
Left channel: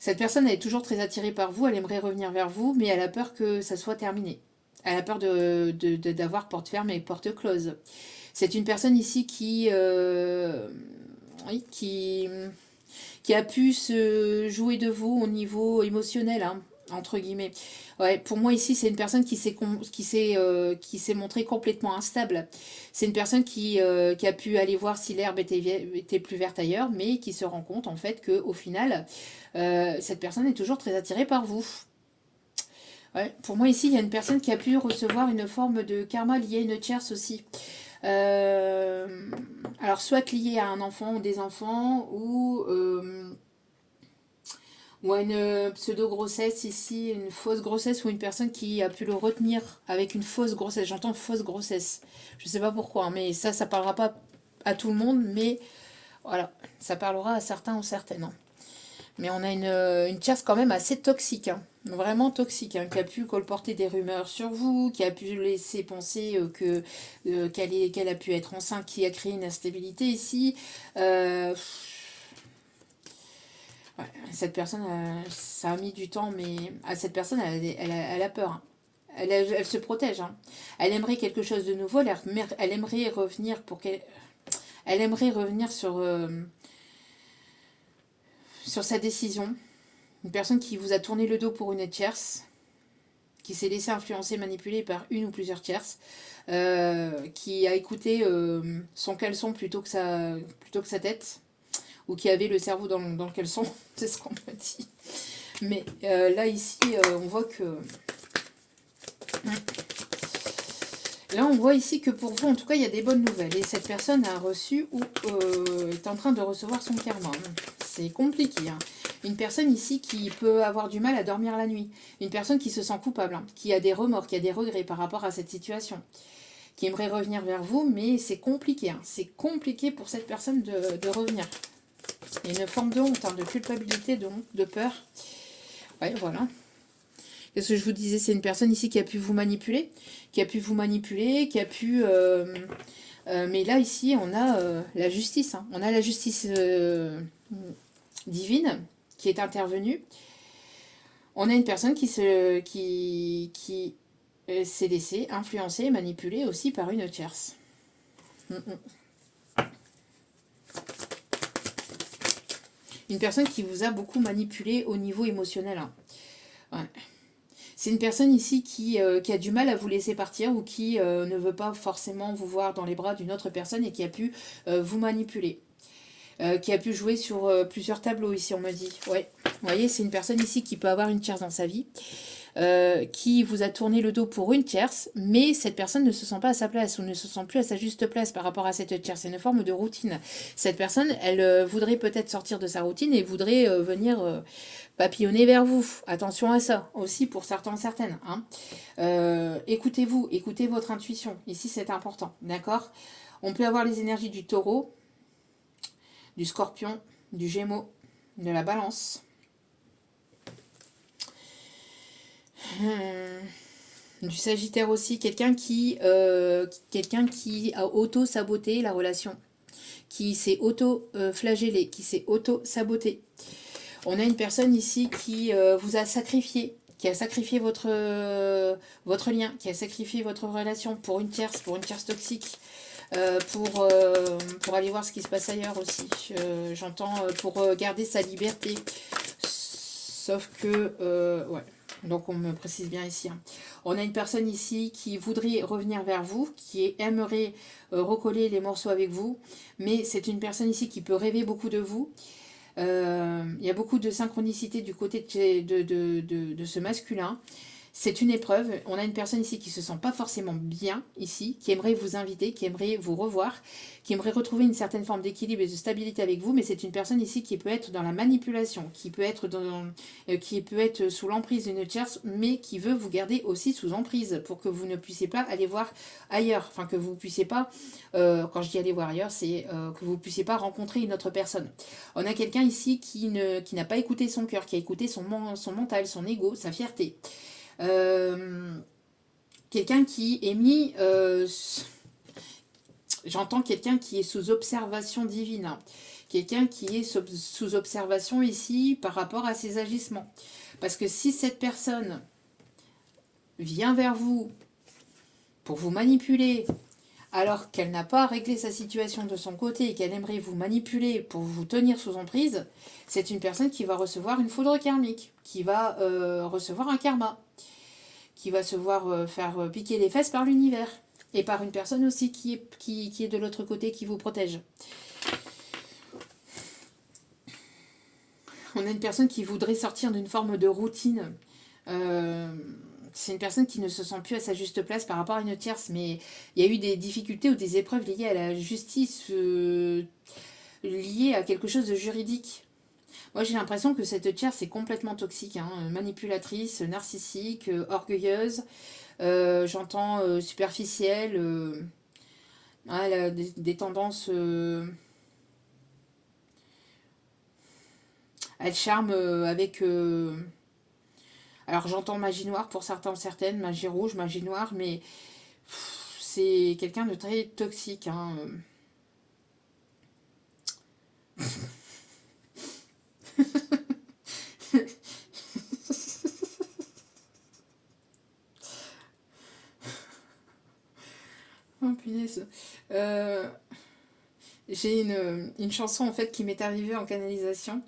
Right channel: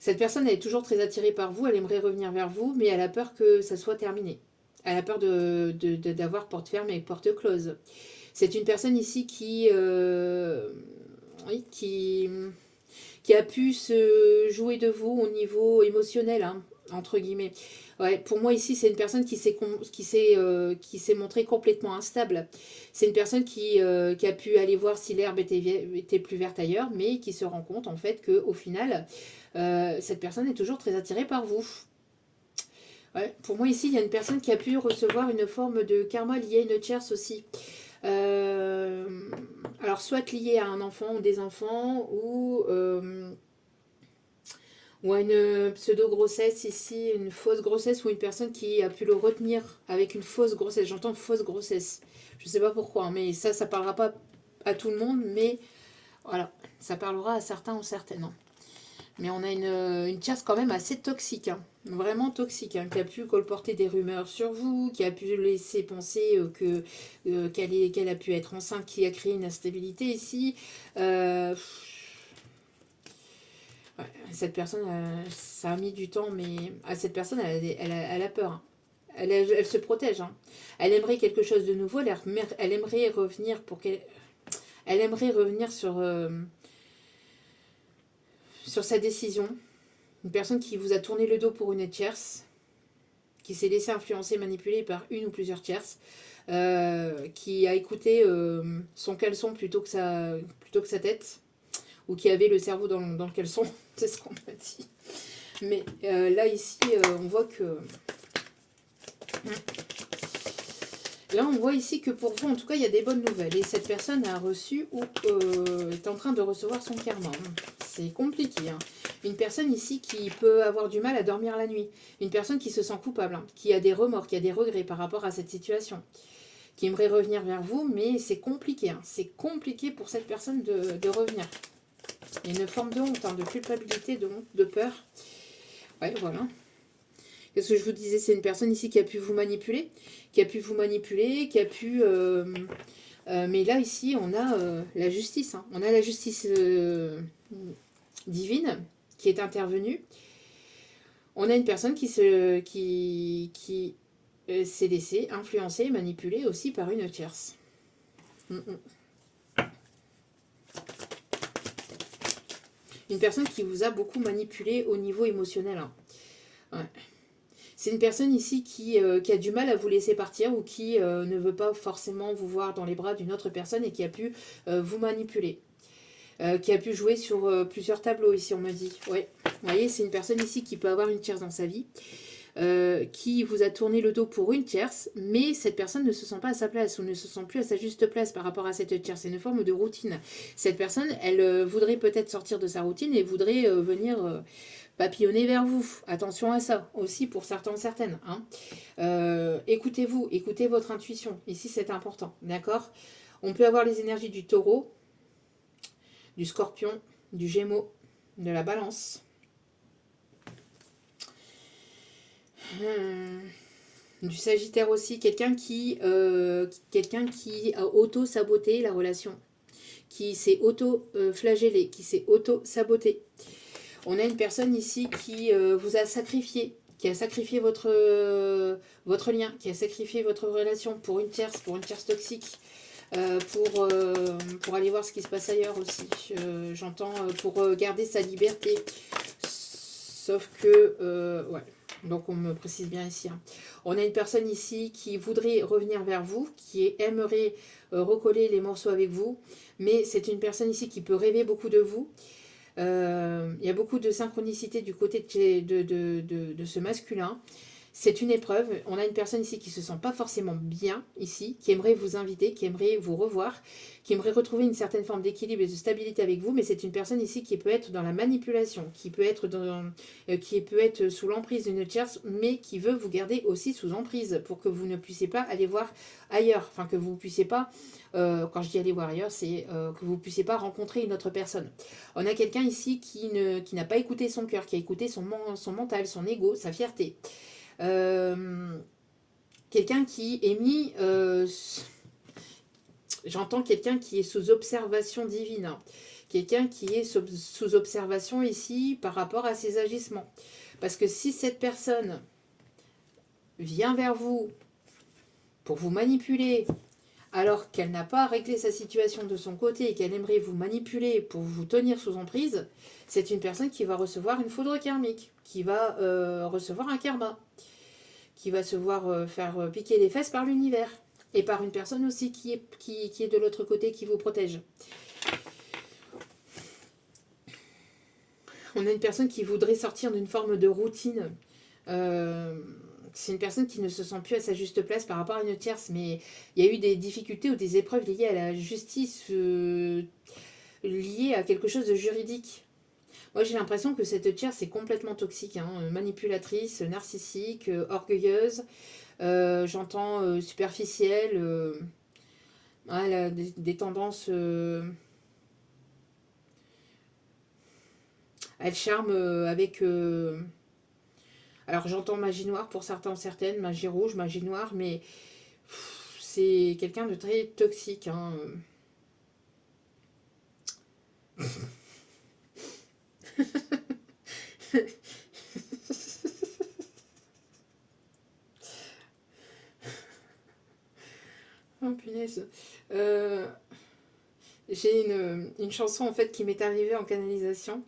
cette personne, elle est toujours très attirée par vous, elle aimerait revenir vers vous, mais elle a peur que ça soit terminé. Elle a peur d'avoir porte ferme et porte close. C'est une personne ici oui, qui a pu se jouer de vous au niveau émotionnel, hein, entre guillemets. Ouais, pour moi ici, c'est une personne qui s'est montrée complètement instable. C'est une personne qui a pu aller voir si l'herbe était plus verte ailleurs, mais qui se rend compte en fait qu'au final, cette personne est toujours très attirée par vous. Ouais, pour moi ici, il y a une personne qui a pu recevoir une forme de karma liée à une tierce aussi. Alors soit lié à un enfant ou des enfants ou à une pseudo-grossesse ici, une fausse grossesse ou une personne qui a pu le retenir avec une fausse grossesse. J'entends fausse grossesse. Je ne sais pas pourquoi, hein, mais ça ne parlera pas à tout le monde, mais voilà, ça parlera à certains ou certaines, hein. Mais on a une tierce quand même assez toxique, hein. vraiment toxique, hein, qui a pu colporter des rumeurs sur vous, qui a pu laisser penser qu'elle a pu être enceinte, qui a créé une instabilité ici. Euh, ouais, cette personne, ça a mis du temps, mais cette personne, elle a peur, hein. Elle se protège, hein. Elle aimerait quelque chose de nouveau, elle aimerait revenir elle aimerait revenir sur sa décision. Une personne qui vous a tourné le dos pour une tierce, qui s'est laissé influencer, manipuler par une ou plusieurs tierces, qui a écouté son caleçon plutôt que sa tête, ou qui avait le cerveau dans le caleçon, c'est ce qu'on m'a dit. Mais là, ici, on voit que... Là, on voit ici que pour vous, en tout cas, il y a des bonnes nouvelles. Et cette personne a reçu ou est en train de recevoir son karma. C'est compliqué, hein. Une personne ici qui peut avoir du mal à dormir la nuit. Une personne qui se sent coupable, hein, qui a des remords, qui a des regrets par rapport à cette situation, qui aimerait revenir vers vous, mais c'est compliqué, hein. C'est compliqué pour cette personne de revenir. Il y a une forme de honte, hein, de culpabilité, de honte, de peur. Ouais, voilà. Qu'est-ce que je vous disais? C'est une personne ici qui a pu vous manipuler, qui a pu... mais là, ici, on a la justice, hein. On a la justice divine qui est intervenue. On a une personne qui s'est laissée influencer, manipuler aussi par une tierce. Une personne qui vous a beaucoup manipulé au niveau émotionnel, hein. Ouais. C'est une personne ici qui a du mal à vous laisser partir ou qui ne veut pas forcément vous voir dans les bras d'une autre personne et qui a pu vous manipuler. Qui a pu jouer sur plusieurs tableaux ici, on me dit. Ouais. Vous voyez, c'est une personne ici qui peut avoir une tierce dans sa vie, qui vous a tourné le dos pour une tierce, mais cette personne ne se sent pas à sa place ou ne se sent plus à sa juste place par rapport à cette tierce. C'est une forme de routine. Cette personne, elle voudrait peut-être sortir de sa routine et voudrait venir... papillonner vers vous. Attention à ça aussi pour certains, certaines, hein. Écoutez-vous, écoutez votre intuition. Ici, c'est important, d'accord? On peut avoir les énergies du taureau, du scorpion, du gémeaux, de la balance. Du sagittaire aussi, quelqu'un qui a auto-saboté la relation, qui s'est auto-flagellé, qui s'est auto-saboté. On a une personne ici qui vous a sacrifié, qui a sacrifié votre lien, qui a sacrifié votre relation pour une tierce toxique, pour aller voir ce qui se passe ailleurs aussi. J'entends pour garder sa liberté. Sauf que, ouais, donc on me précise bien ici, hein. On a une personne ici qui voudrait revenir vers vous, qui aimerait recoller les morceaux avec vous, mais c'est une personne ici qui peut rêver beaucoup de vous. Il y a beaucoup de synchronicité du côté de ce masculin. C'est une épreuve. On a une personne ici qui ne se sent pas forcément bien ici, qui aimerait vous inviter, qui aimerait vous revoir, qui aimerait retrouver une certaine forme d'équilibre et de stabilité avec vous, mais c'est une personne ici qui peut être dans la manipulation, qui peut être sous l'emprise d'une tierce, mais qui veut vous garder aussi sous emprise pour que vous ne puissiez pas aller voir ailleurs. Enfin, que vous ne puissiez pas, quand je dis aller voir ailleurs, c'est que vous ne puissiez pas rencontrer une autre personne. On a quelqu'un ici qui n'a pas écouté son cœur, qui a écouté son mental, son ego, sa fierté. Quelqu'un qui est mis... j'entends quelqu'un qui est sous observation divine, hein. Quelqu'un qui est sous observation ici par rapport à ses agissements. Parce que si cette personne vient vers vous pour vous manipuler, alors qu'elle n'a pas réglé sa situation de son côté et qu'elle aimerait vous manipuler pour vous tenir sous emprise, c'est une personne qui va recevoir une foudre karmique, qui va recevoir un karma, qui va se voir faire piquer les fesses par l'univers. Et par une personne aussi qui est de l'autre côté, qui vous protège. On a une personne qui voudrait sortir d'une forme de routine. C'est une personne qui ne se sent plus à sa juste place par rapport à une tierce, mais il y a eu des difficultés ou des épreuves liées à la justice, liées à quelque chose de juridique. Moi, j'ai l'impression que cette tierce est complètement toxique, hein, manipulatrice, narcissique, orgueilleuse. J'entends superficielle. Elle a des tendances... elle charme Alors j'entends magie noire pour certains, certaines, magie rouge, magie noire, mais c'est quelqu'un de très toxique, hein. Oh punaise. Euh, j'ai une chanson en fait qui m'est arrivée en canalisation.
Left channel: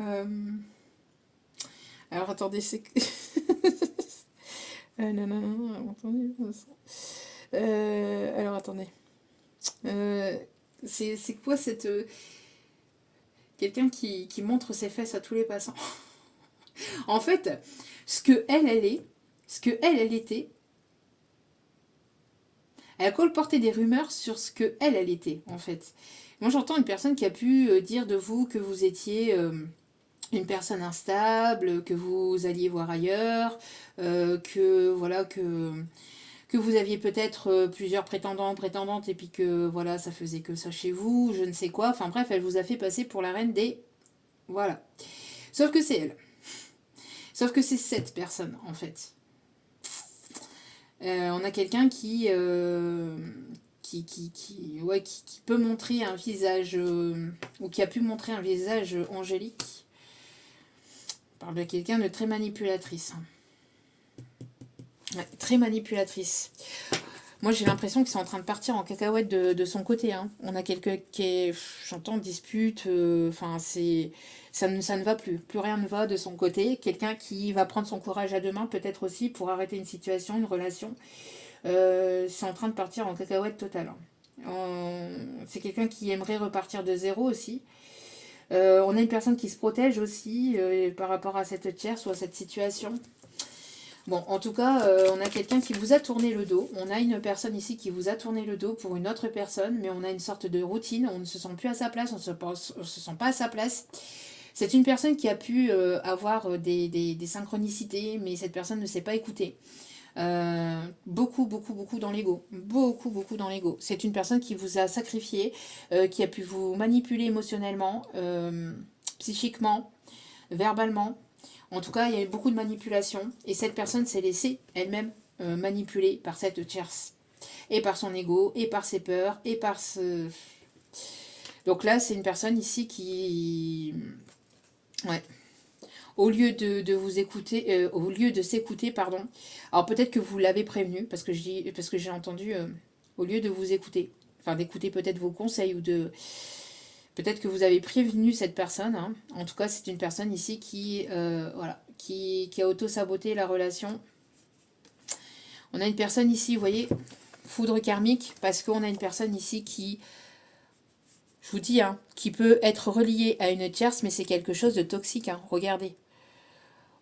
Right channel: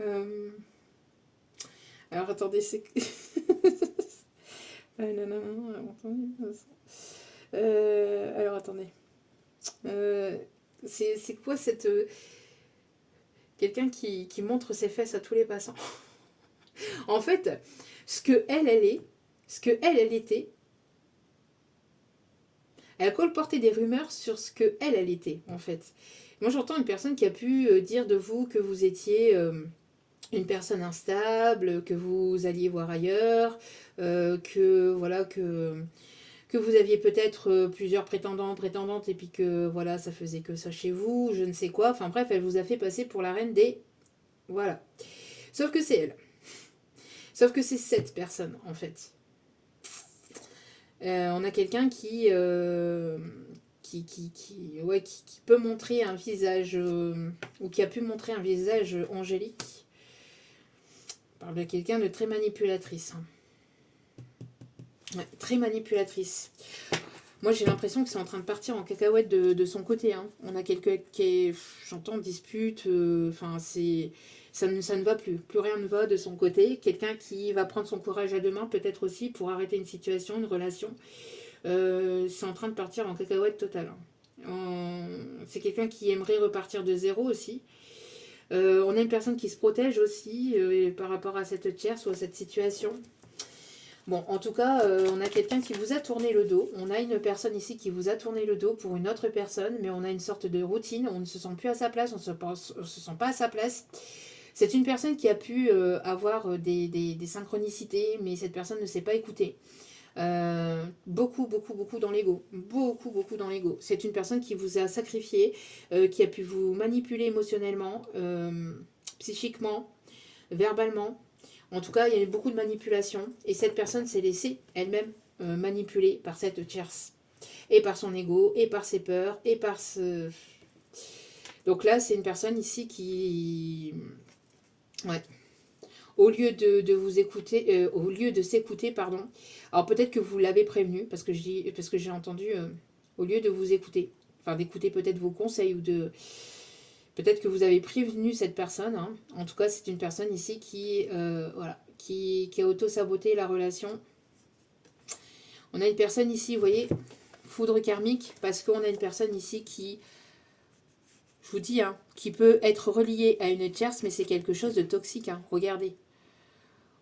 Euh, alors attendez, c'est... non, non, non, non, attendez. Alors attendez. Euh, c'est quoi cette... quelqu'un qui montre ses fesses à tous les passants. En fait, ce que elle est, ce que elle était, elle a colporté des rumeurs sur ce que elle était, en fait. Moi, j'entends une personne qui a pu dire de vous que vous étiez une personne instable, que vous alliez voir ailleurs, que voilà que vous aviez peut-être plusieurs prétendants, prétendantes, et puis que voilà, ça faisait que ça chez vous, je ne sais quoi. Enfin bref, elle vous a fait passer pour la reine des... Voilà. Sauf que c'est elle. Sauf que c'est cette personne, en fait. On a quelqu'un qui peut montrer un visage, ou qui a pu montrer un visage angélique. On parle de quelqu'un de très manipulatrice. Ouais, très manipulatrice. Moi, j'ai l'impression que c'est en train de partir en cacahuète de son côté, hein. On a quelqu'un qui est, j'entends, dispute, enfin, ça ne va plus. Plus rien ne va de son côté. Quelqu'un qui va prendre son courage à deux mains, peut-être aussi, pour arrêter une situation, une relation. C'est en train de partir en cacahuète totale, hein. C'est quelqu'un qui aimerait repartir de zéro aussi. On a une personne qui se protège aussi par rapport à cette tierce ou à cette situation. Bon, en tout cas, on a quelqu'un qui vous a tourné le dos. On a une personne ici qui vous a tourné le dos pour une autre personne, mais on a une sorte de routine. On ne se sent plus à sa place, on ne se sent pas à sa place. C'est une personne qui a pu avoir des synchronicités, mais cette personne ne s'est pas écoutée. Beaucoup, beaucoup, beaucoup dans l'ego. Beaucoup, beaucoup dans l'ego. C'est une personne qui vous a sacrifié, qui a pu vous manipuler émotionnellement, psychiquement, verbalement. En tout cas, il y a eu beaucoup de manipulation et cette personne s'est laissée elle-même manipuler par cette tierce. Et par son ego, et par ses peurs, et par ce... Donc là, c'est une personne ici qui... Ouais. Au lieu de vous écouter, au lieu de s'écouter, pardon. Alors peut-être que vous l'avez prévenu, parce que j'ai entendu, au lieu de vous écouter, enfin d'écouter peut-être vos conseils ou de... Peut-être que vous avez prévenu cette personne, hein. En tout cas, c'est une personne ici voilà, qui a auto-saboté la relation. On a une personne ici, vous voyez, foudre karmique, parce qu'on a une personne ici qui, je vous dis, hein, qui peut être reliée à une tierce, mais c'est quelque chose de toxique, hein. Regardez.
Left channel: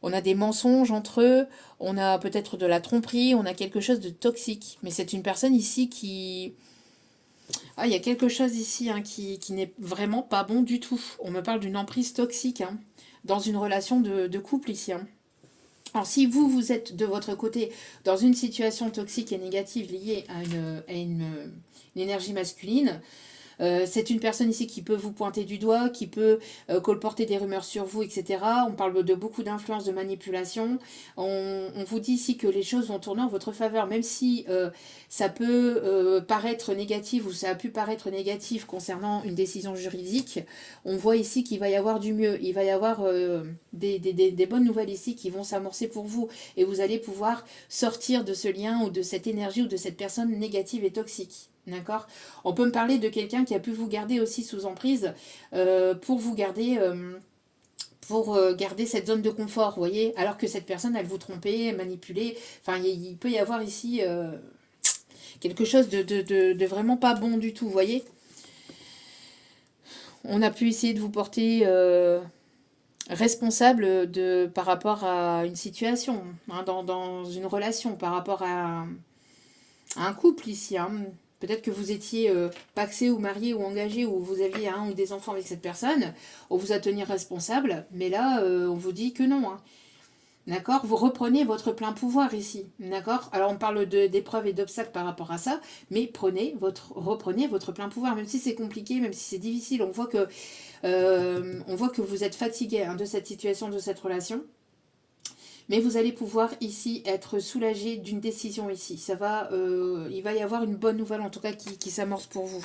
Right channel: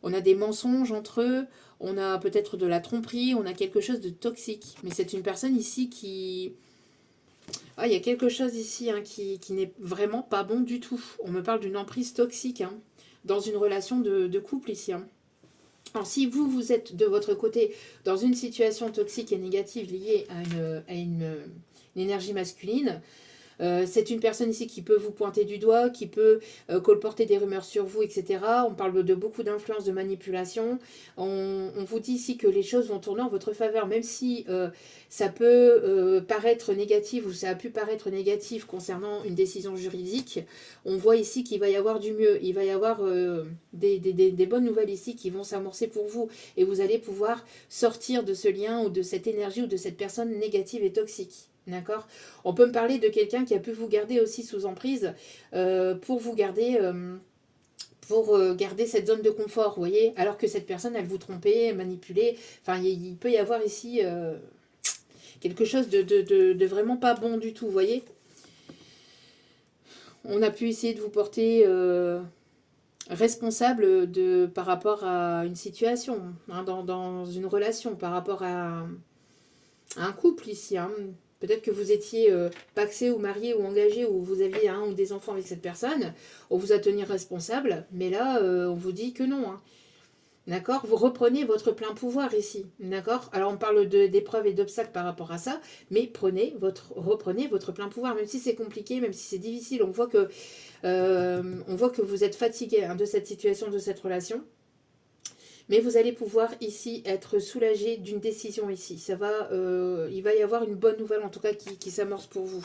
On a des mensonges entre eux, on a peut-être de la tromperie, on a quelque chose de toxique. Mais c'est une personne ici qui... Ah, il y a quelque chose ici, hein, qui n'est vraiment pas bon du tout. On me parle d'une emprise toxique, hein, dans une relation de couple ici, hein. Alors si vous êtes de votre côté dans une situation toxique et négative liée une énergie masculine, c'est une personne ici qui peut vous pointer du doigt, qui peut colporter des rumeurs sur vous, etc. On parle de beaucoup d'influence, de manipulation. On vous dit ici que les choses vont tourner en votre faveur, même si ça peut paraître négatif ou ça a pu paraître négatif concernant une décision juridique. On voit ici qu'il va y avoir du mieux. Il va y avoir des bonnes nouvelles ici qui vont s'amorcer pour vous et vous allez pouvoir sortir de ce lien ou de cette énergie ou de cette personne négative et toxique. D'accord. On peut me parler de quelqu'un qui a pu vous garder aussi sous emprise pour vous garder, garder cette zone de confort, vous voyez, alors que cette personne, elle vous trompait, manipulait. Enfin, il peut y avoir ici quelque chose de vraiment pas bon du tout, vous voyez. On a pu essayer de vous porter responsable par rapport à une situation, hein, dans une relation, par rapport à un couple ici, hein. Peut-être que vous étiez paxé ou marié ou engagé ou vous aviez un ou des enfants avec cette personne. On vous a tenu responsable, mais là, on vous dit que non, hein. D'accord. Vous reprenez votre plein pouvoir ici. D'accord. Alors, on parle d'épreuves et d'obstacles par rapport à ça, mais reprenez votre plein pouvoir, même si c'est compliqué, même si c'est difficile. On voit que vous êtes fatigué, hein, de cette situation, de cette relation. Mais vous allez pouvoir ici être soulagé d'une décision ici. Ça va, il va y avoir une bonne nouvelle en tout cas qui s'amorce pour vous.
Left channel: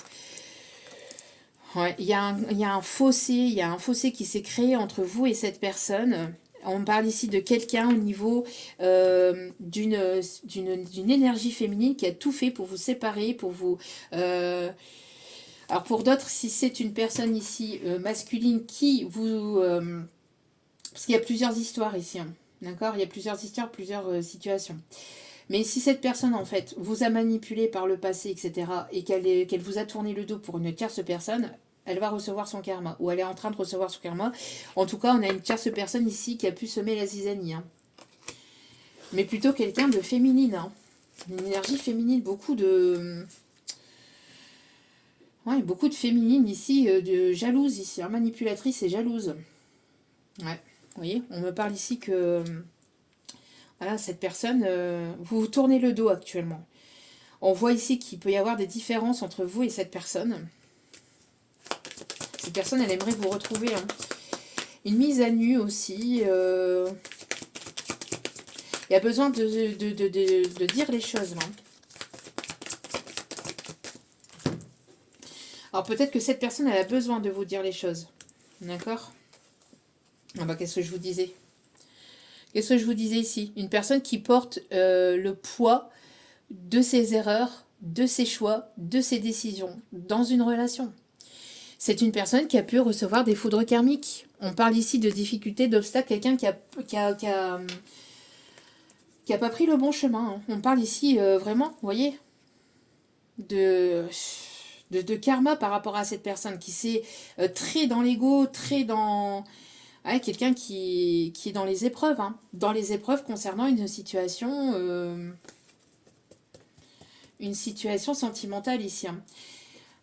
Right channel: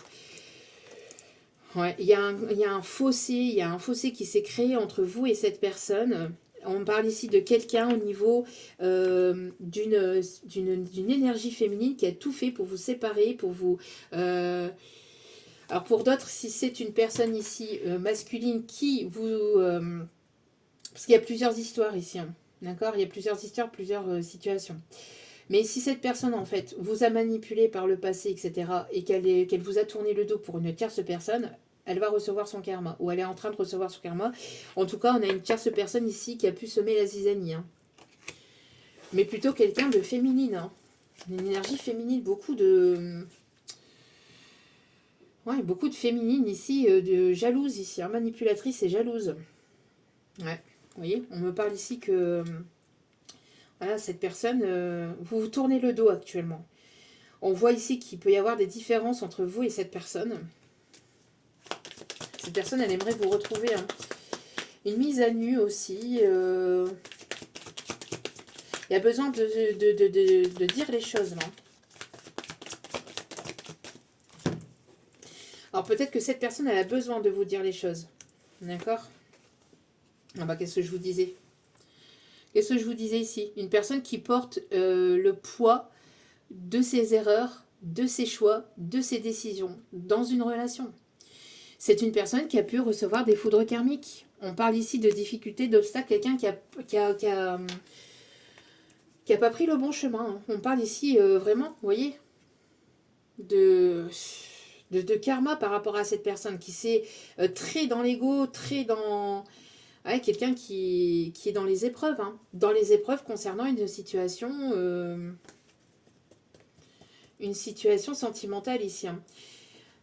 Ouais, il y a un fossé, il y a un fossé qui s'est créé entre vous et cette personne. On parle ici de quelqu'un au niveau d'une énergie féminine qui a tout fait pour vous séparer, pour vous... alors pour d'autres, si c'est une personne ici masculine qui vous... parce qu'il y a plusieurs histoires ici, hein, d'accord? Il y a plusieurs histoires, plusieurs situations. Mais si cette personne, en fait, vous a manipulé par le passé, etc., et qu'elle vous a tourné le dos pour une tierce personne, elle va recevoir son karma, ou elle est en train de recevoir son karma. En tout cas, on a une tierce personne ici qui a pu semer la zizanie. Hein. Mais plutôt quelqu'un de féminine. Hein. Une énergie féminine, ouais, beaucoup de féminine ici, de jalouse ici, hein, manipulatrice et jalouse. Ouais, vous voyez, on me parle ici que... voilà, cette personne, vous vous tournez le dos actuellement. On voit ici qu'il peut y avoir des différences entre vous et cette personne. Cette personne, elle aimerait vous retrouver. Hein. Une mise à nu aussi. Il y a besoin de dire les choses. Là. Alors peut-être que cette personne, elle a besoin de vous dire les choses. D'accord? Ah bah qu'est-ce que je vous disais? Qu'est-ce que je vous disais ici? Une personne qui porte le poids de ses erreurs, de ses choix, de ses décisions dans une relation. C'est une personne qui a pu recevoir des foudres karmiques. On parle ici de difficultés, d'obstacles, quelqu'un qui a pas pris le bon chemin. Hein. On parle ici vraiment, vous voyez, de karma par rapport à cette personne qui s'est très dans l'ego, très dans... Ouais, quelqu'un qui est dans les épreuves. Hein. Dans les épreuves concernant une situation sentimentale ici. Hein.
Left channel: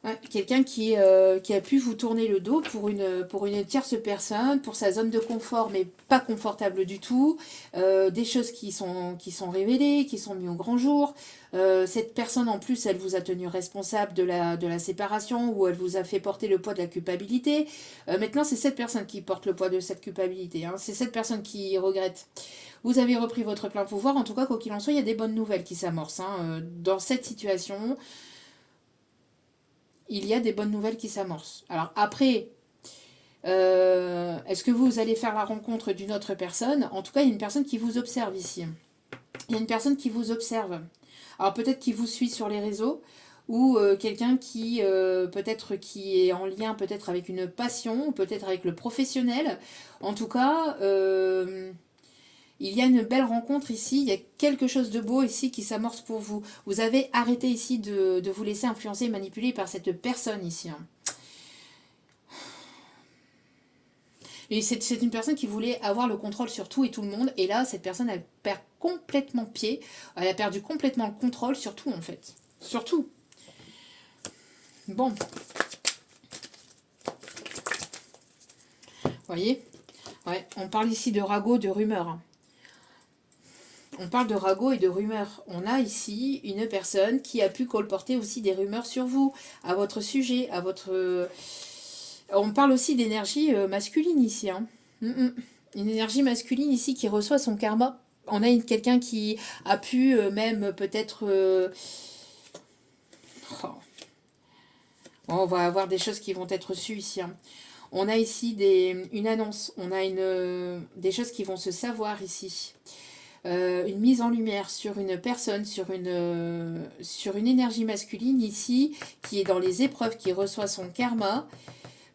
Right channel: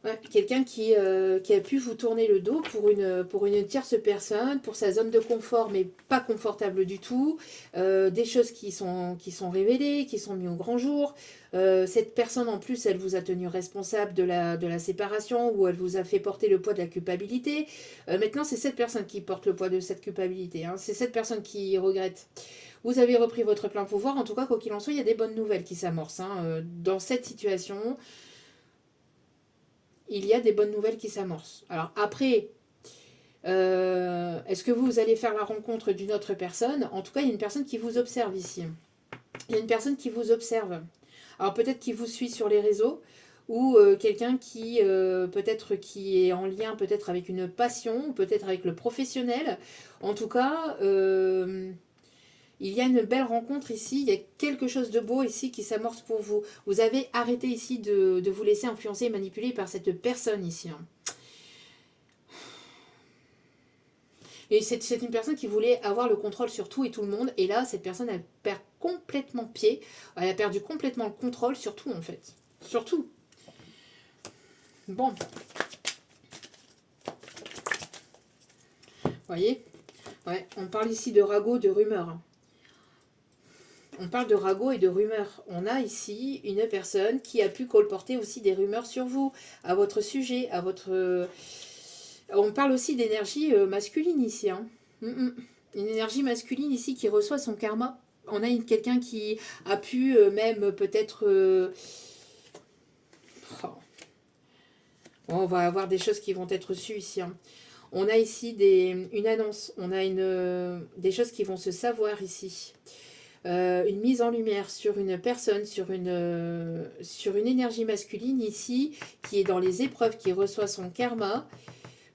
Ouais, quelqu'un qui a pu vous tourner le dos pour une tierce personne, pour sa zone de confort, mais pas confortable du tout. Des choses qui sont révélées, qui sont mises au grand jour. Cette personne, en plus, elle vous a tenu responsable de la séparation ou elle vous a fait porter le poids de la culpabilité. Maintenant, c'est cette personne qui porte le poids de cette culpabilité. Hein. C'est cette personne qui regrette. Vous avez repris votre plein pouvoir. En tout cas, quoi qu'il en soit, il y a des bonnes nouvelles qui s'amorcent. Hein. Dans cette situation... il y a des bonnes nouvelles qui s'amorcent. Alors après, est-ce que vous allez faire la rencontre d'une autre personne? En tout cas, il y a une personne qui vous observe ici. Il y a une personne qui vous observe. Alors peut-être qui vous suit sur les réseaux ou quelqu'un qui peut-être qui est en lien peut-être avec une passion, peut-être avec le professionnel. En tout cas, il y a une belle rencontre ici, il y a quelque chose de beau ici qui s'amorce pour vous. Vous avez arrêté ici de vous laisser influencer et manipuler par cette personne ici. Hein. Et c'est une personne qui voulait avoir le contrôle sur tout et tout le monde. Et là, cette personne, elle perd complètement pied. Elle a perdu complètement le contrôle sur tout, en fait. Sur tout. Bon. Vous voyez? Ouais, on parle ici de ragots, de rumeurs. Hein. On parle de ragots et de rumeurs. On a ici une personne qui a pu colporter aussi des rumeurs sur vous, à votre sujet, à votre... On parle aussi d'énergie masculine ici. Hein. Une énergie masculine ici qui reçoit son karma. On a quelqu'un qui a pu même peut-être... Oh. On va avoir des choses qui vont être reçues ici. Hein. On a ici une annonce. On a des choses qui vont se savoir ici. Une mise en lumière sur une personne, sur une énergie masculine ici, qui est dans les épreuves, qui reçoit son karma,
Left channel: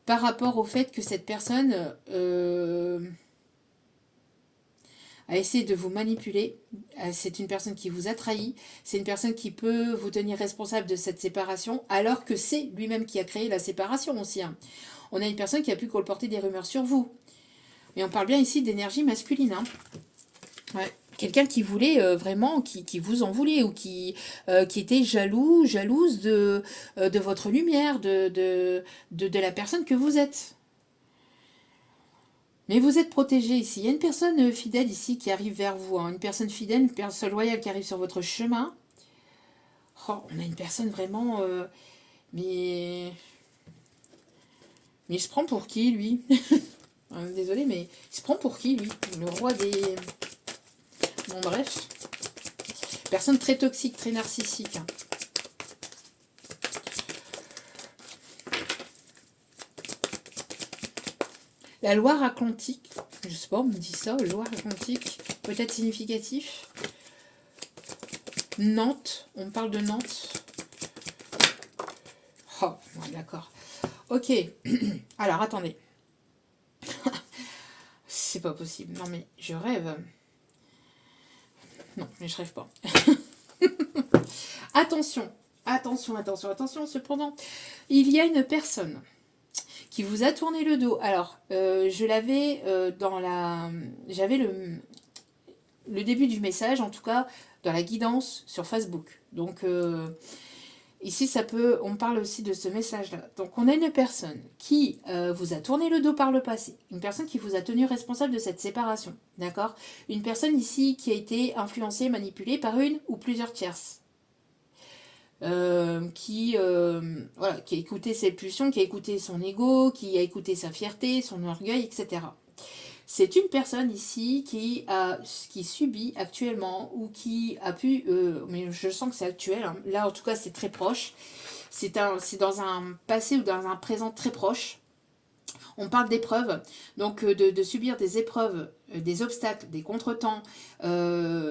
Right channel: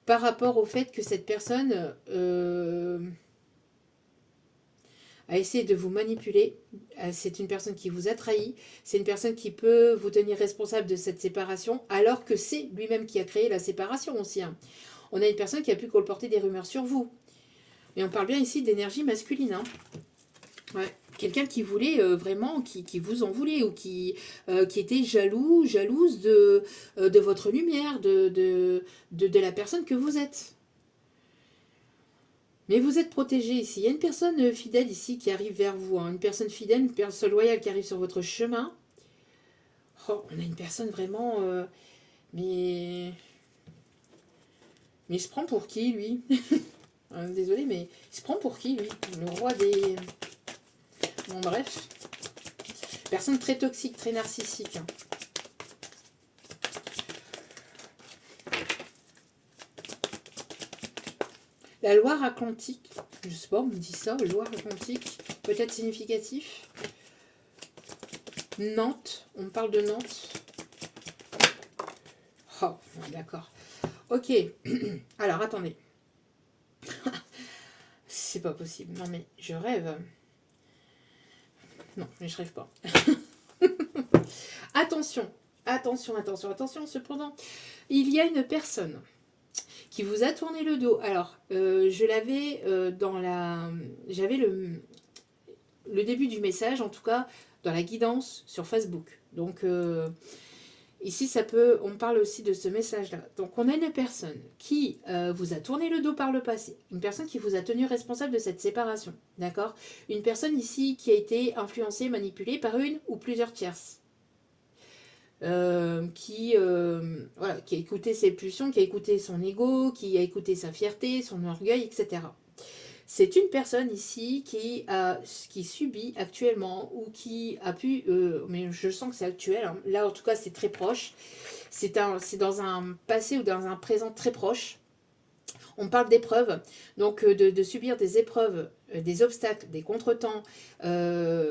par rapport au fait que cette personne a essayé de vous manipuler. C'est une personne qui vous a trahi, c'est une personne qui peut vous tenir responsable de cette séparation, alors que c'est lui-même qui a créé la séparation aussi. Hein. On a une personne qui a pu colporter des rumeurs sur vous. Mais on parle bien ici d'énergie masculine. Hein. Ouais. Quelqu'un qui voulait vraiment, qui vous en voulait, ou qui était jalouse de votre lumière, de la personne que vous êtes. Mais vous êtes protégé ici. Il y a une personne fidèle ici qui arrive vers vous. Hein. Une personne fidèle, une personne loyale qui arrive sur votre chemin. Oh, on a une personne vraiment... mais il se prend pour qui, lui? Désolé, mais il se prend pour qui, lui? Le roi des... Bon, bref. Personne très toxique, très narcissique. Hein. La Loire-Atlantique, je sais pas, on me dit ça, Loire-Atlantique, peut-être significatif. Nantes, on parle de Nantes. Oh, ouais, d'accord. Ok, alors attendez. C'est pas possible, non mais je rêve. Non, mais je rêve pas. Attention, attention, cependant, il y a une personne qui vous a tourné le dos. Alors, je l'avais dans la... J'avais le début du message, en tout cas, dans la guidance sur Facebook. Donc, ici, on parle aussi de ce message-là. Donc, on a une personne qui vous a tourné le dos par le passé. Une personne qui vous a tenu responsable de cette séparation. D'accord? Une personne ici qui a été influencée, manipulée par une ou plusieurs tierces. Voilà, qui a écouté ses pulsions, qui a écouté son ego, qui a écouté sa fierté, son orgueil, etc. C'est une personne ici qui subit actuellement ou qui a pu, mais je sens que c'est actuel, hein, là en tout cas c'est très proche, c'est dans un passé ou dans un présent très proche. On parle d'épreuves, donc de subir des épreuves, des obstacles, des contretemps,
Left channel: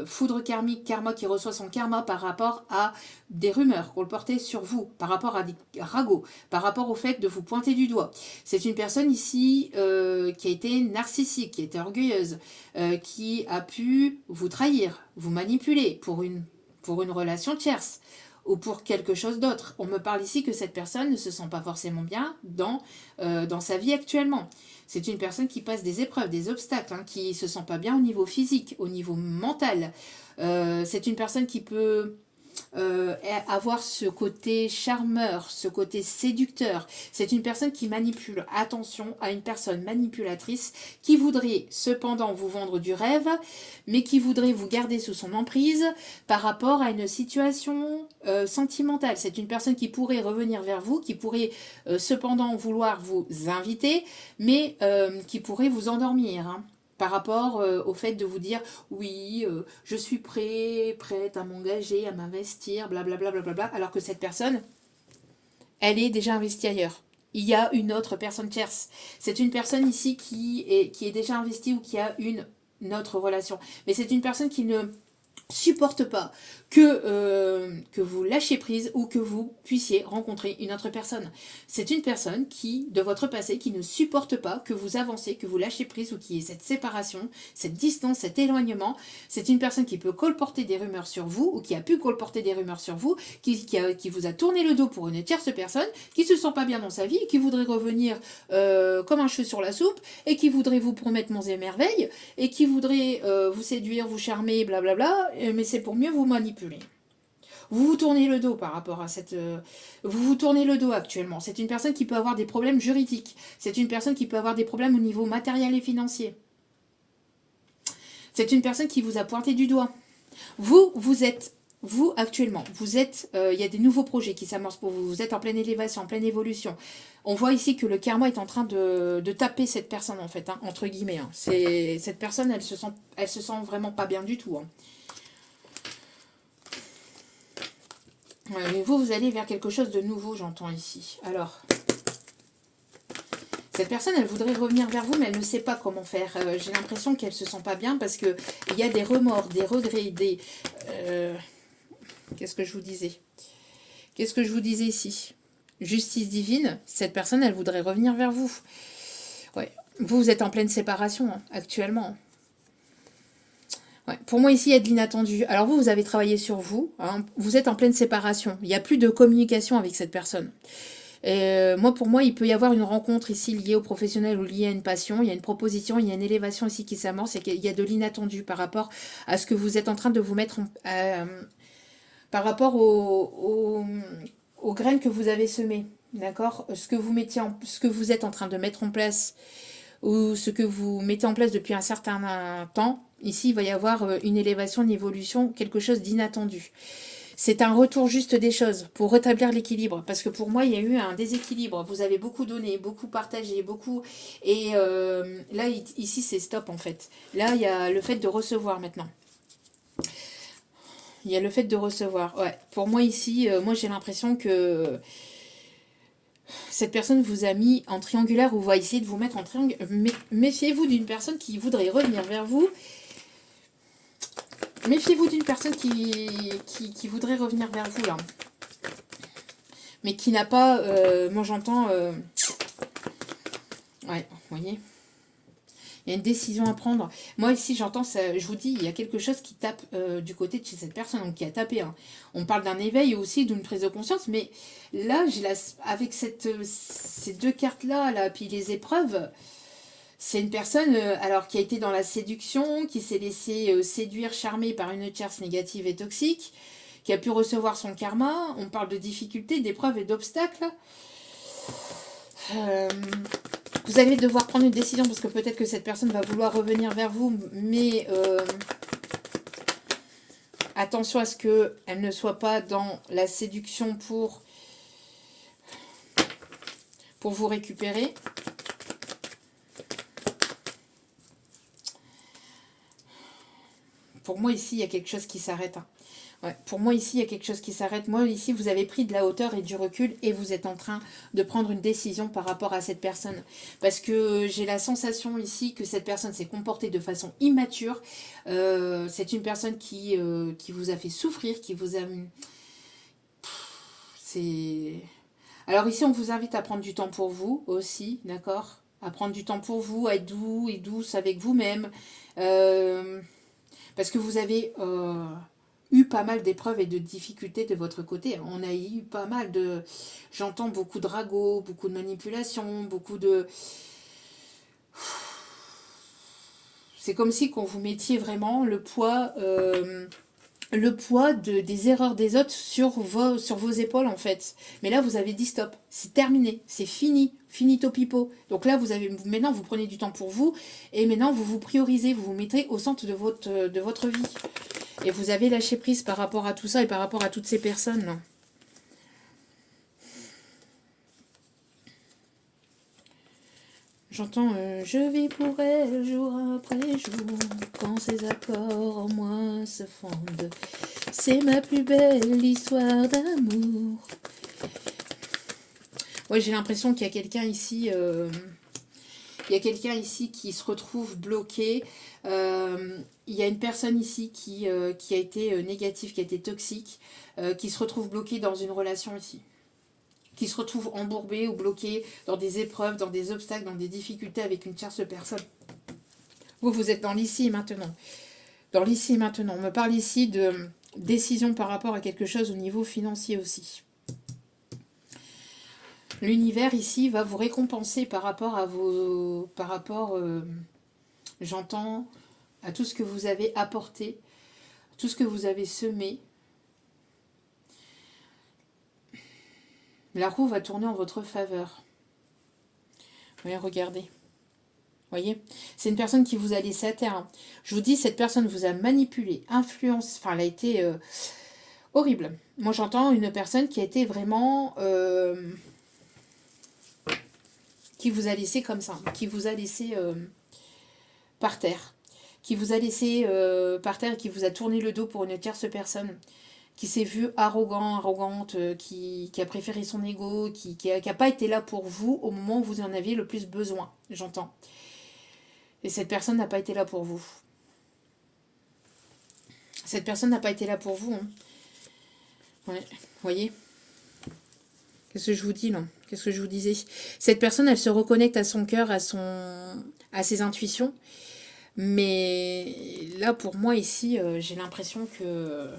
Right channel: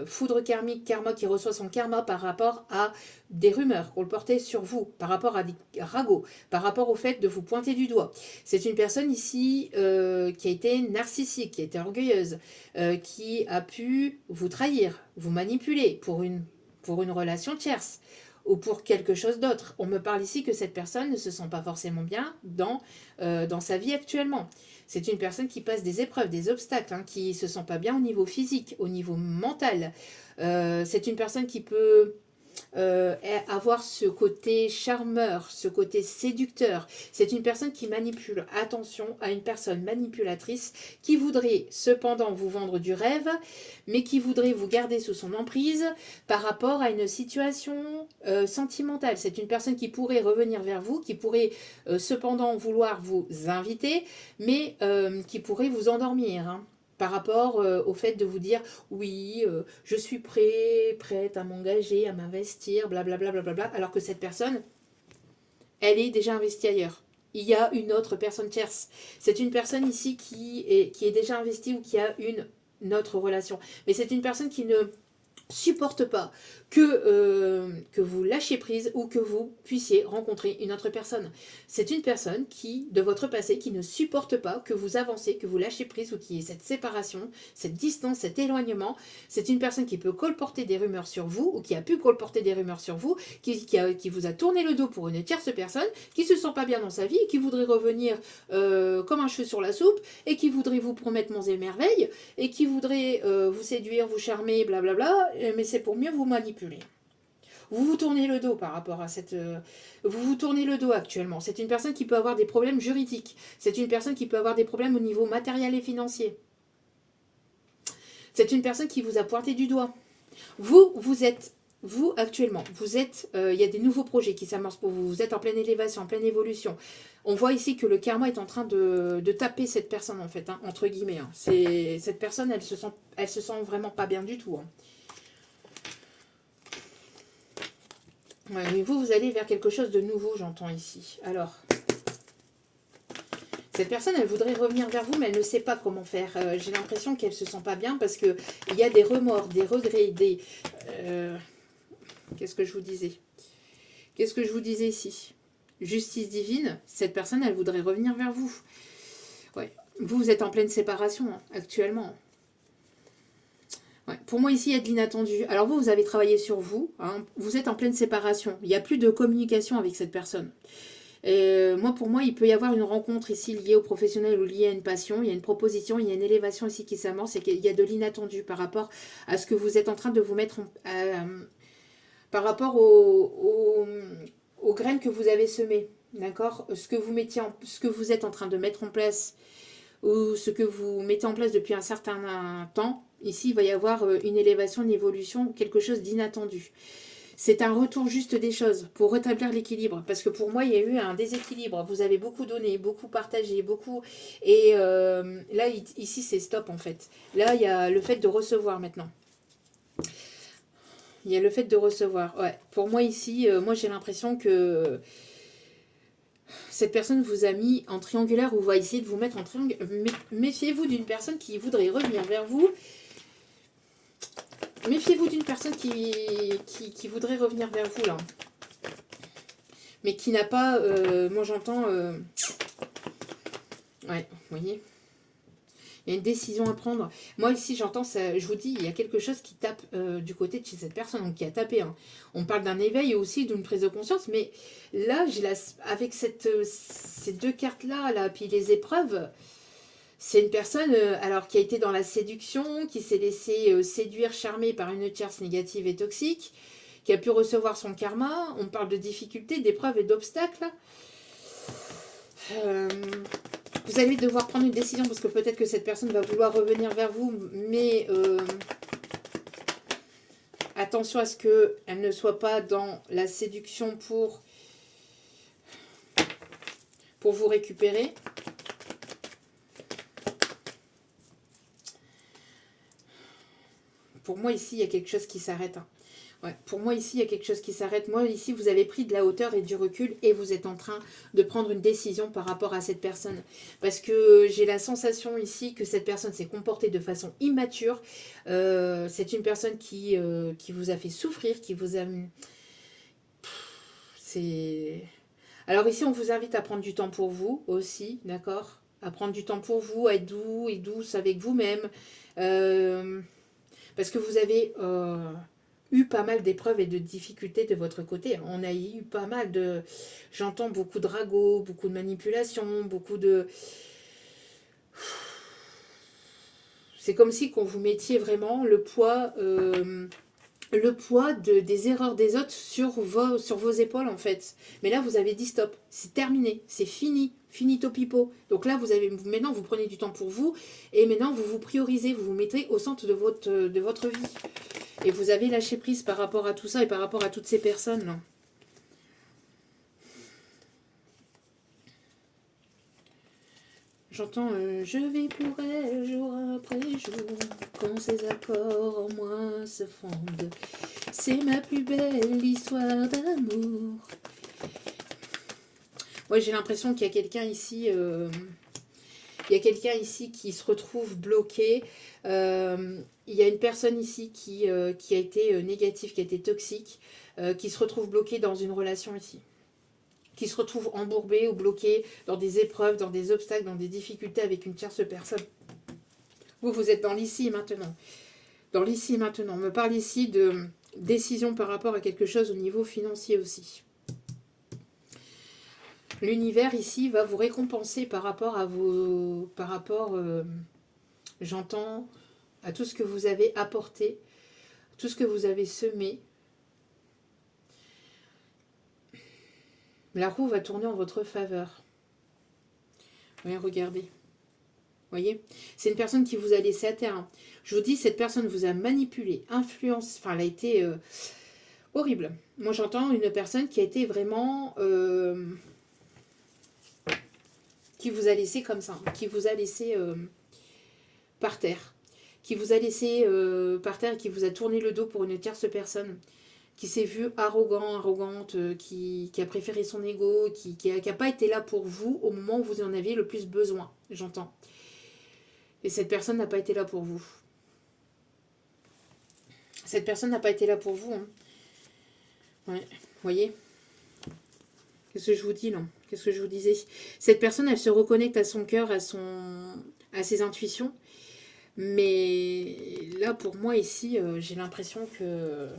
foudre karmique, karma qui reçoit son karma par rapport à des rumeurs qu'on le portait sur vous, par rapport à des ragots, par rapport au fait de vous pointer du doigt. C'est une personne ici qui a été narcissique, qui a été orgueilleuse, qui a pu vous trahir, vous manipuler pour une relation tierce ou pour quelque chose d'autre. On me parle ici que cette personne ne se sent pas forcément bien dans sa vie actuellement. C'est une personne qui passe des épreuves, des obstacles, hein, qui ne se sent pas bien au niveau physique, au niveau mental. C'est une personne qui peut avoir ce côté charmeur, ce côté séducteur. C'est une personne qui manipule. Attention à une personne manipulatrice qui voudrait cependant vous vendre du rêve, mais qui voudrait vous garder sous son emprise par rapport à une situation sentimentale. C'est une personne qui pourrait revenir vers vous, qui pourrait cependant vouloir vous inviter, mais qui pourrait vous endormir, hein, par rapport au fait de vous dire oui, je suis prête à m'engager, à m'investir, blablabla, blablabla, alors que cette personne, elle est déjà investie ailleurs. Il y a une autre personne tierce. C'est une personne ici qui est déjà investie ou qui a une autre relation. Mais c'est une personne qui ne supporte pas que vous lâchiez prise ou que vous puissiez rencontrer une autre personne. C'est une personne qui, de votre passé, qui ne supporte pas que vous avancez, que vous lâchiez prise ou qu'il y ait cette séparation, cette distance, cet éloignement. C'est une personne qui peut colporter des rumeurs sur vous ou qui a pu colporter des rumeurs sur vous, qui vous a tourné le dos pour une tierce personne, qui ne se sent pas bien dans sa vie, qui voudrait revenir comme un cheveu sur la soupe et qui voudrait vous promettre monts et merveilles et qui voudrait vous séduire, vous charmer, blablabla, mais c'est pour mieux vous manipuler. Vous vous tournez le dos par rapport à cette... vous vous tournez le dos actuellement. C'est une personne qui peut avoir des problèmes juridiques. C'est une personne qui peut avoir des problèmes au niveau matériel et financier. C'est une personne qui vous a pointé du doigt. Vous, actuellement, il y a des nouveaux projets qui s'amorcent pour vous. Vous êtes en pleine élévation, en pleine évolution. On voit ici que le karma est en train de taper cette personne, en fait, hein, entre guillemets. Hein. Cette personne, elle se sent vraiment pas bien du tout. Hein. Ouais, mais vous allez vers quelque chose de nouveau, j'entends ici. Alors, cette personne, elle voudrait revenir vers vous, mais elle ne sait pas comment faire. J'ai l'impression qu'elle ne se sent pas bien parce qu'il y a des remords, des regrets, des... Qu'est-ce que je vous disais ici? Justice divine, cette personne, elle voudrait revenir vers vous. Ouais. Vous êtes en pleine séparation, hein, actuellement. Ouais. Pour moi, ici, il y a de l'inattendu. Alors vous avez travaillé sur vous. Hein. Vous êtes en pleine séparation. Il n'y a plus de communication avec cette personne. Pour moi, il peut y avoir une rencontre ici liée au professionnel ou liée à une passion. Il y a une proposition, il y a une élévation ici qui s'amorce et qu'il y a de l'inattendu par rapport à ce que vous êtes en train de vous mettre par rapport aux graines que vous avez semées. D'accord? Ce que vous êtes en train de mettre en place ou ce que vous mettez en place depuis un certain temps. Ici, il va y avoir une élévation, une évolution, quelque chose d'inattendu. C'est un retour juste des choses pour rétablir l'équilibre. Parce que pour moi, il y a eu un déséquilibre. Vous avez beaucoup donné, beaucoup partagé, beaucoup... Et là, ici, c'est stop, en fait. Là, il y a le fait de recevoir maintenant. Il y a le fait de recevoir. Ouais. Pour moi ici, moi j'ai l'impression que cette personne vous a mis en triangulaire ou va essayer de vous mettre en triangulaire. Méfiez-vous d'une personne qui voudrait revenir vers vous. Méfiez-vous d'une personne qui voudrait revenir vers vous là. Mais qui n'a pas... moi j'entends... ouais, vous voyez. Il y a une décision à prendre. Moi, ici, j'entends ça. Je vous dis, il y a quelque chose qui tape du côté de chez cette personne, donc qui a tapé. Hein. On parle d'un éveil et aussi d'une prise de conscience, mais là, avec ces deux cartes-là, là, puis les épreuves, c'est une personne alors qui a été dans la séduction, qui s'est laissé séduire, charmer par une tierce négative et toxique, qui a pu recevoir son karma. On parle de difficultés, d'épreuves et d'obstacles. Vous allez devoir prendre une décision parce que peut-être que cette personne va vouloir revenir vers vous, mais attention à ce qu'elle ne soit pas dans la séduction pour vous récupérer. Pour moi, ici, il y a quelque chose qui s'arrête. Hein. Ouais, pour moi, ici, il y a quelque chose qui s'arrête. Moi, ici, vous avez pris de la hauteur et du recul et vous êtes en train de prendre une décision par rapport à cette personne. Parce que j'ai la sensation ici que cette personne s'est comportée de façon immature. C'est une personne qui vous a fait souffrir, qui vous a... C'est... Alors ici, on vous invite à prendre du temps pour vous aussi, d'accord? À prendre du temps pour vous, à être doux et douce avec vous-même. Parce que vous avez... eu pas mal d'épreuves et de difficultés de votre côté. On a eu pas mal de... J'entends beaucoup de ragots, beaucoup de manipulations, beaucoup de... C'est comme si qu'on vous mettiez vraiment le poids des erreurs des autres sur vos épaules en fait. Mais là, vous avez dit stop, c'est terminé, c'est fini, finito pipo. Donc là, maintenant, vous prenez du temps pour vous et maintenant, vous vous priorisez, vous vous mettez au centre de votre vie. Et vous avez lâché prise par rapport à tout ça et par rapport à toutes ces personnes. Là. J'entends je vis pour elle jour après jour, quand ces accords en moi se fondent. C'est ma plus belle histoire d'amour. Ouais, j'ai l'impression qu'il y a quelqu'un ici... il y a quelqu'un ici qui se retrouve bloqué. Il y a une personne ici qui a été négative, qui a été toxique, qui se retrouve bloquée dans une relation ici. Qui se retrouve embourbée ou bloquée dans des épreuves, dans des obstacles, dans des difficultés avec une tierce personne. Vous êtes dans l'ici et maintenant. Dans l'ici et maintenant. On me parle ici de décision par rapport à quelque chose au niveau financier aussi. L'univers ici va vous récompenser par rapport à vos... j'entends à tout ce que vous avez apporté, tout ce que vous avez semé. La roue va tourner en votre faveur. Oui, regardez. Voyez, c'est une personne qui vous a laissé à terre. Je vous dis, cette personne vous a manipulé, influencé. Enfin, elle a été horrible. Moi, j'entends une personne qui a été vraiment... qui vous a laissé comme ça. Qui vous a laissé par terre. Qui vous a laissé par terre et qui vous a tourné le dos pour une tierce personne. Qui s'est vue arrogante, qui a préféré son ego, qui a pas été là pour vous au moment où vous en aviez le plus besoin, j'entends. Et cette personne n'a pas été là pour vous. Cette personne n'a pas été là pour vous. Hein. Ouais, vous voyez ? Qu'est-ce que je vous dis là ? Qu'est-ce que je vous disais ? Cette personne, elle se reconnecte à son cœur, à ses intuitions. Mais là, pour moi, ici, j'ai l'impression que...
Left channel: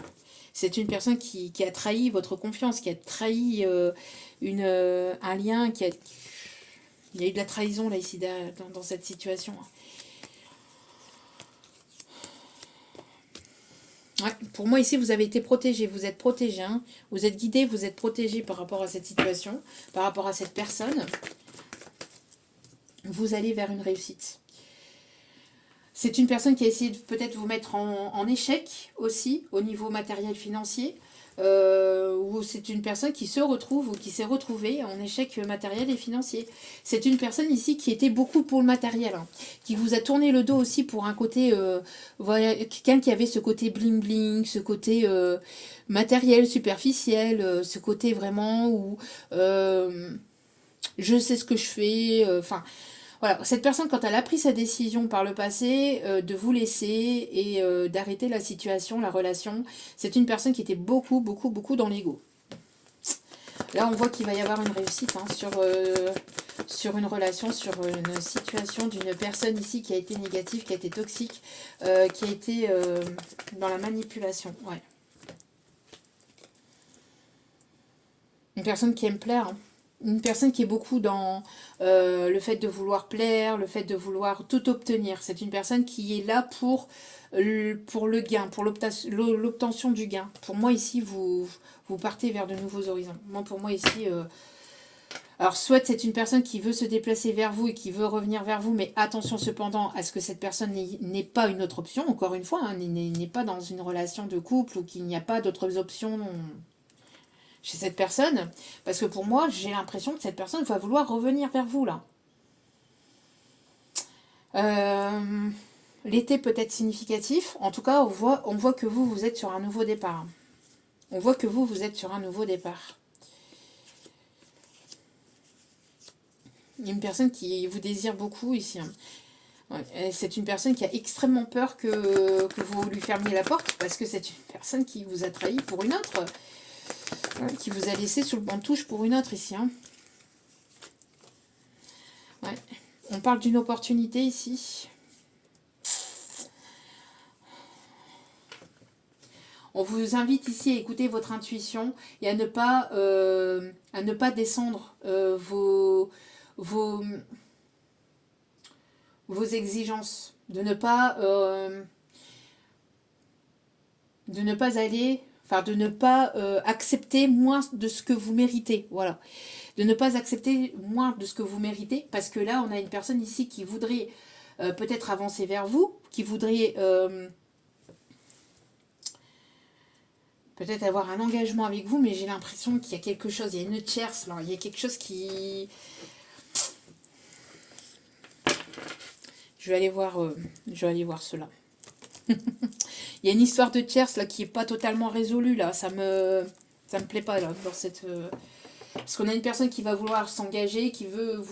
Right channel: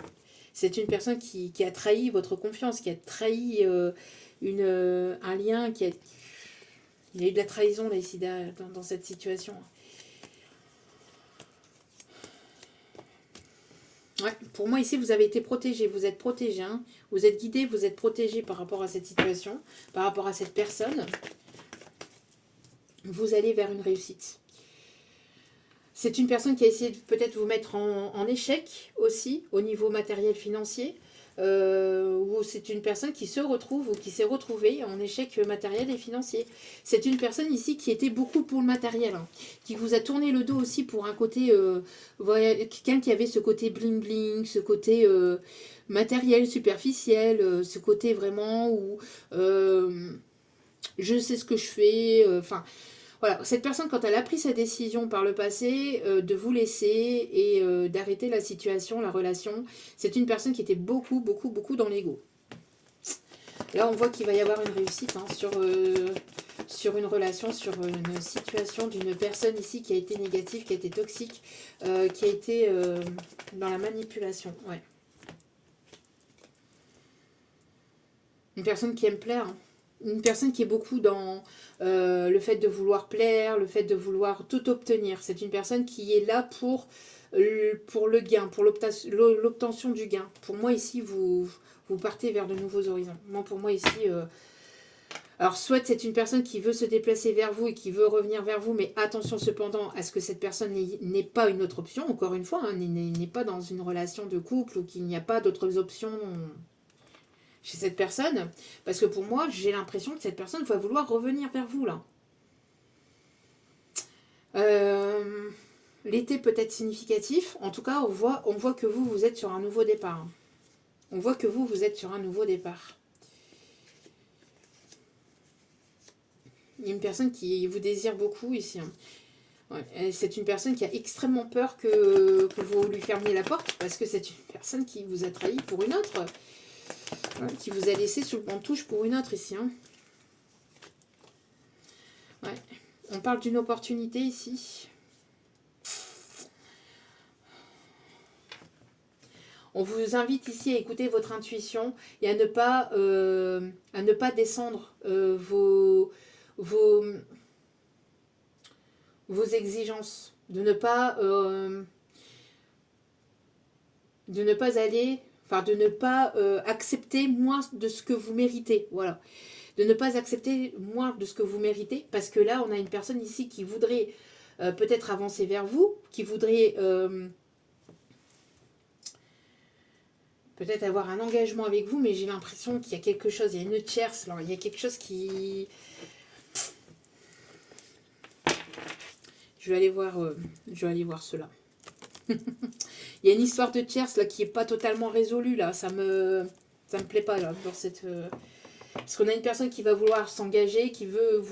C'est une personne qui a trahi votre confiance, qui a trahi un lien, il y a eu de la trahison là ici dans cette situation. Ouais, pour moi ici vous avez été protégé, vous êtes protégé, hein. Vous êtes guidé, vous êtes protégé par rapport à cette situation, par rapport à cette personne. Vous allez vers une réussite. C'est une personne qui a essayé de peut-être vous mettre en échec aussi, au niveau matériel financier. ou c'est une personne qui se retrouve ou qui s'est retrouvée en échec matériel et financier. C'est une personne ici qui était beaucoup pour le matériel, hein, qui vous a tourné le dos aussi pour un côté, voilà, quelqu'un qui avait ce côté bling bling, ce côté matériel, superficiel, ce côté vraiment où je sais ce que je fais, enfin... Voilà, cette personne, quand elle a pris sa décision par le passé de vous laisser et d'arrêter la situation, la relation, c'est une personne qui était beaucoup, beaucoup, beaucoup dans l'ego. Là, on voit qu'il va y avoir une réussite hein, sur une relation, sur une situation d'une personne ici qui a été négative, qui a été toxique, qui a été dans la manipulation. Ouais. Une personne qui aime plaire, hein. Une personne qui est beaucoup dans le fait de vouloir plaire, le fait de vouloir tout obtenir. C'est une personne qui est là pour le gain, pour l'obtention du gain. Pour moi, ici, vous partez vers de nouveaux horizons. Moi, pour moi, ici... alors, soit c'est une personne qui veut se déplacer vers vous et qui veut revenir vers vous, mais attention cependant à ce que cette personne n'ait pas une autre option, encore une fois, hein, n'est pas dans une relation de couple ou qu'il n'y a pas d'autres options chez cette personne, parce que pour moi, j'ai l'impression que cette personne va vouloir revenir vers vous, là. L'été peut être significatif. En tout cas, on voit que vous êtes sur un nouveau départ. On voit que vous êtes sur un nouveau départ. Il y a une personne qui vous désire beaucoup ici. Hein. Ouais, c'est une personne qui a extrêmement peur que vous lui fermiez la porte, parce que c'est une personne qui vous a trahi pour une autre. Qui vous a laissé sur le banc de touche pour une autre ici. Hein. Ouais. On parle d'une opportunité ici. On vous invite ici à écouter votre intuition et à ne pas descendre vos exigences. De ne pas aller... Enfin, de ne pas accepter moins de ce que vous méritez. Voilà. De ne pas accepter moins de ce que vous méritez. Parce que là, on a une personne ici qui voudrait peut-être avancer vers vous. Qui voudrait peut-être avoir un engagement avec vous. Mais j'ai l'impression qu'il y a quelque chose. Il y a une tierce. Là. Il y a quelque chose qui... Je vais aller voir cela. Il y a une histoire de tierce là qui est pas totalement résolue là, ça me plaît pas là dans cette parce qu'on a une personne qui va vouloir s'engager, qui veut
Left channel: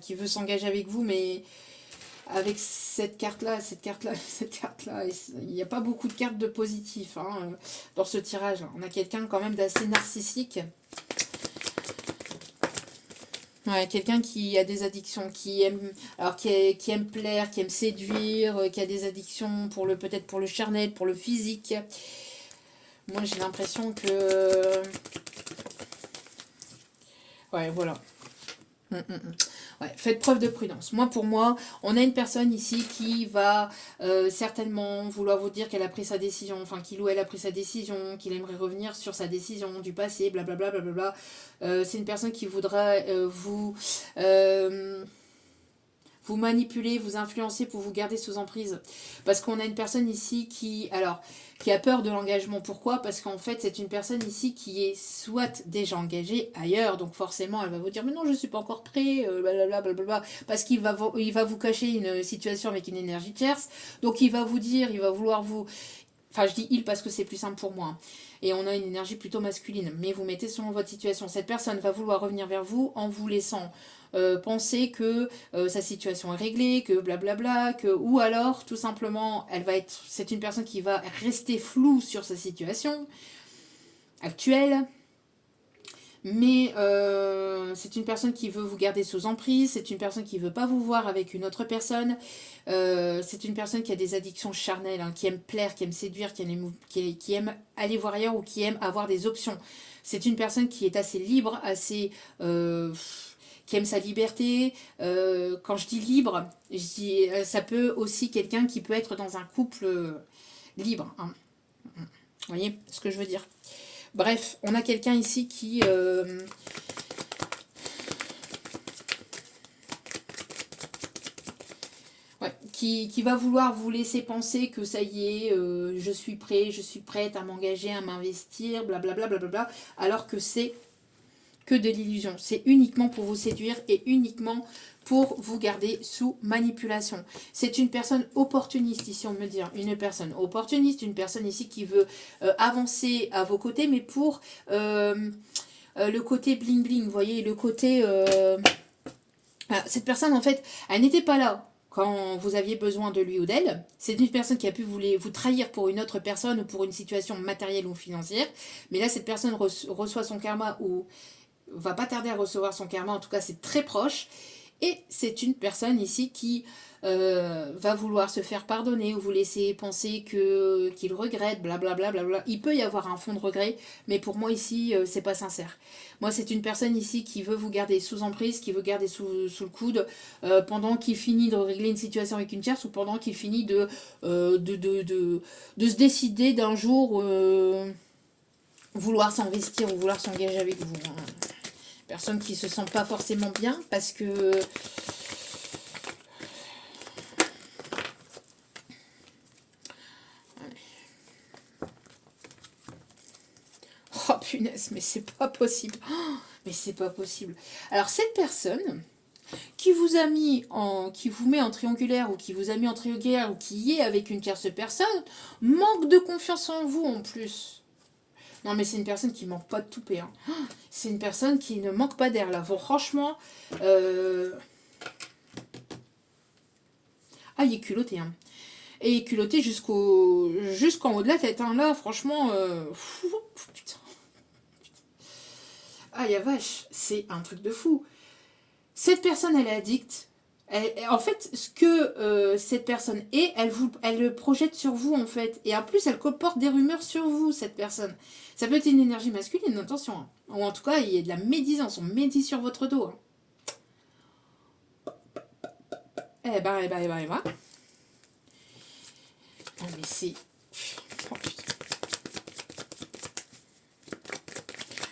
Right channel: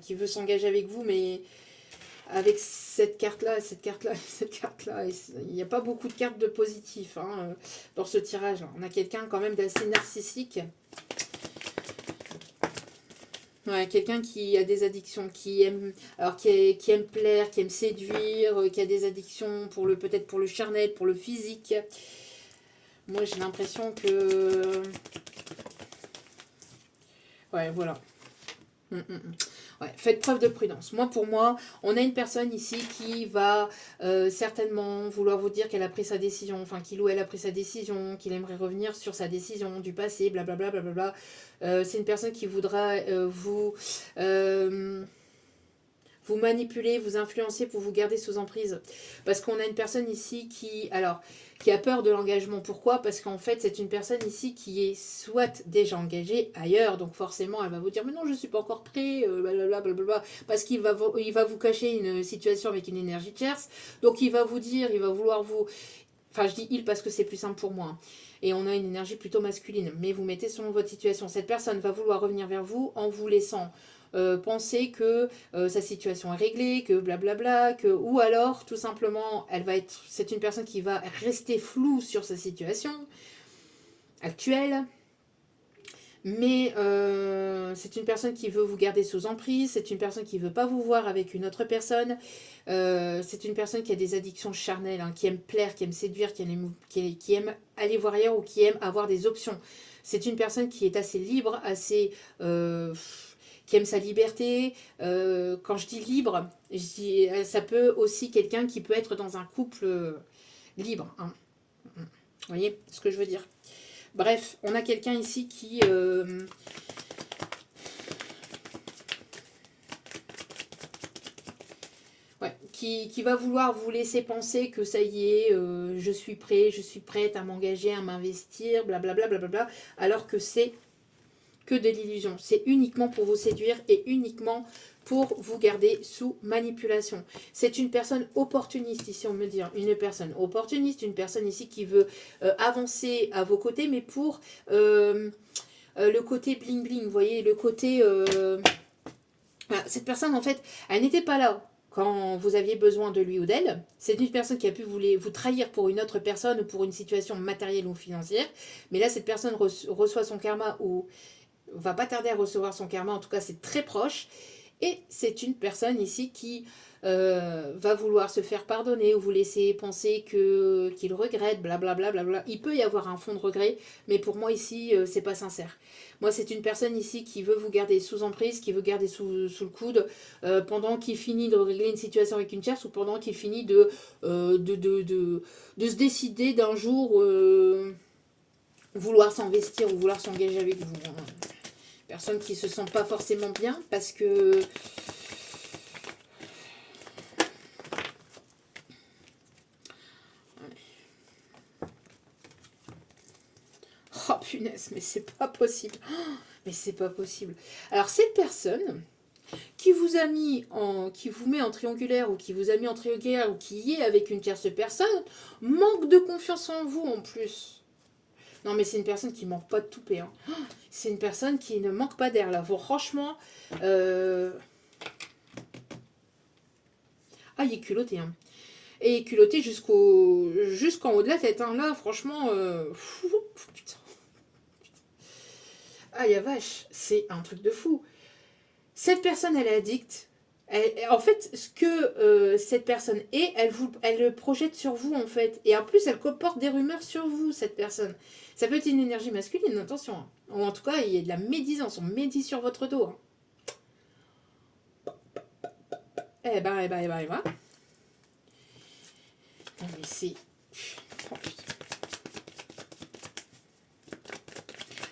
qui veut s'engager avec vous, mais avec cette carte là, il n'y a pas beaucoup de cartes de positif hein, dans ce tirage. On a quelqu'un quand même d'assez narcissique. Ouais, quelqu'un qui a des addictions, qui aime plaire, qui aime séduire, qui a des addictions peut-être pour le charnel, pour le physique. Moi, j'ai l'impression que... Ouais, voilà. Ouais, faites preuve de prudence. Pour moi, on a une personne ici qui va certainement vouloir vous dire qu'elle a pris sa décision, enfin qu'il ou elle a pris sa décision, qu'il aimerait revenir sur sa décision du passé, blablabla, blablabla. C'est une personne qui voudra vous manipuler, vous influencer pour vous garder sous emprise. Parce qu'on a une personne ici qui a peur de l'engagement. Pourquoi? Parce qu'en fait, c'est une personne ici qui est soit déjà engagée ailleurs, donc forcément, elle va vous dire « Mais non, je ne suis pas encore prêt, blablabla. » Parce qu'il va vous cacher une situation avec une énergie tierce. Donc, il va vous dire, il va vouloir vous... Enfin, je dis « il » parce que c'est plus simple pour moi. Hein. Et on a une énergie plutôt masculine. Mais vous mettez selon votre situation. Cette personne va vouloir revenir vers vous en vous laissant... penser que sa situation est réglée, que blablabla, ou alors tout simplement c'est une personne qui va rester floue sur sa situation actuelle, mais c'est une personne qui veut vous garder sous emprise, c'est une personne qui ne veut pas vous voir avec une autre personne, c'est une personne qui a des addictions charnelles, hein, qui aime plaire, qui aime séduire, qui aime aller voir ailleurs ou qui aime avoir des options. C'est une personne qui est assez libre, assez... qui aime sa liberté. Quand je dis libre, ça peut aussi quelqu'un qui peut être dans un couple libre. Hein. Vous voyez ce que je veux dire? Bref, on a quelqu'un ici qui... qui va vouloir vous laisser penser que ça y est, je suis prêt, je suis prête à m'engager, à m'investir, blablabla, blablabla, alors que c'est que de l'illusion. C'est uniquement pour vous séduire et uniquement pour vous garder sous manipulation. C'est une personne opportuniste ici, on me dit. Une personne opportuniste, une personne ici qui veut avancer à vos côtés, mais pour le côté bling bling, vous voyez, le côté... cette personne, en fait, elle n'était pas là quand vous aviez besoin de lui ou d'elle. C'est une personne qui a pu vous trahir pour une autre personne ou pour une situation matérielle ou financière. Mais là, cette personne reçoit son karma ou va pas tarder à recevoir son karma. En tout cas, c'est très proche. Et c'est une personne ici qui va vouloir se faire pardonner ou vous laisser penser qu'il regrette, blablabla. Bla, bla, bla. Il peut y avoir un fond de regret, mais pour moi ici, c'est pas sincère. Moi, c'est une personne ici qui veut vous garder sous emprise, qui veut garder sous le coude pendant qu'il finit de régler une situation avec une tierce ou pendant qu'il finit de se décider d'un jour vouloir s'investir ou vouloir s'engager avec vous. Personne qui se sent pas forcément bien parce que... Oh punaise, mais c'est pas possible. Oh, mais c'est pas possible. Alors cette personne qui vous a mis qui vous met en triangulaire ou qui vous a mis en triangulaire ou qui est avec une tierce personne, manque de confiance en vous en plus. Non mais c'est une personne qui manque pas de toupet. Hein. C'est une personne qui ne manque pas d'air là. Bon, franchement, ah il est culotté. Hein. Et culotté jusqu'en haut de la tête. Hein. Là, franchement, putain. Ah, ya vache, c'est un truc de fou. Cette personne, elle est addicte. En fait, ce que cette personne est, elle le projette sur vous, en fait. Et en plus, elle comporte des rumeurs sur vous, cette personne. Ça peut être une énergie masculine, attention. Hein. Ou en tout cas, il y a de la médisance. On médit sur votre dos. Hein. Eh ben. Ah, mais c'est... Oh, putain.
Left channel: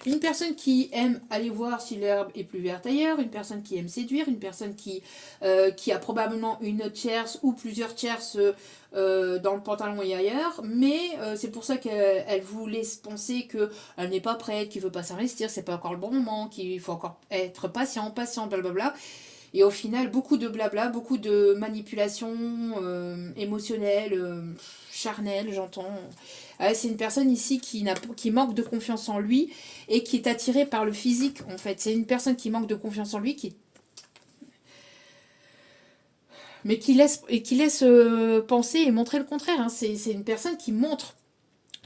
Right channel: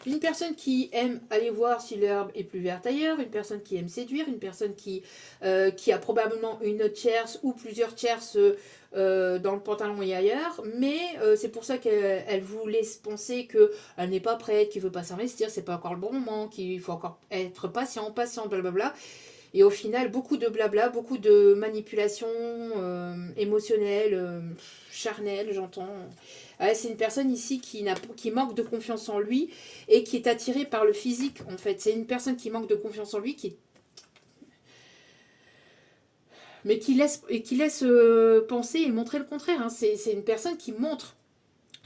Une personne qui aime aller voir si l'herbe est plus verte ailleurs, une personne qui aime séduire, une personne qui a probablement une tierce ou plusieurs tierces dans le pantalon et ailleurs, mais c'est pour ça qu'elle vous laisse penser qu'elle n'est pas prête, qu'il ne veut pas s'investir, c'est pas encore le bon moment, qu'il faut encore être patient, blablabla. Et au final, beaucoup de blabla, beaucoup de manipulation émotionnelle, charnelle, j'entends. C'est une personne ici qui manque de confiance en lui et qui est attirée par le physique, en fait. C'est une personne qui manque de confiance en lui, mais qui laisse penser et montrer le contraire. Hein. C'est une personne qui montre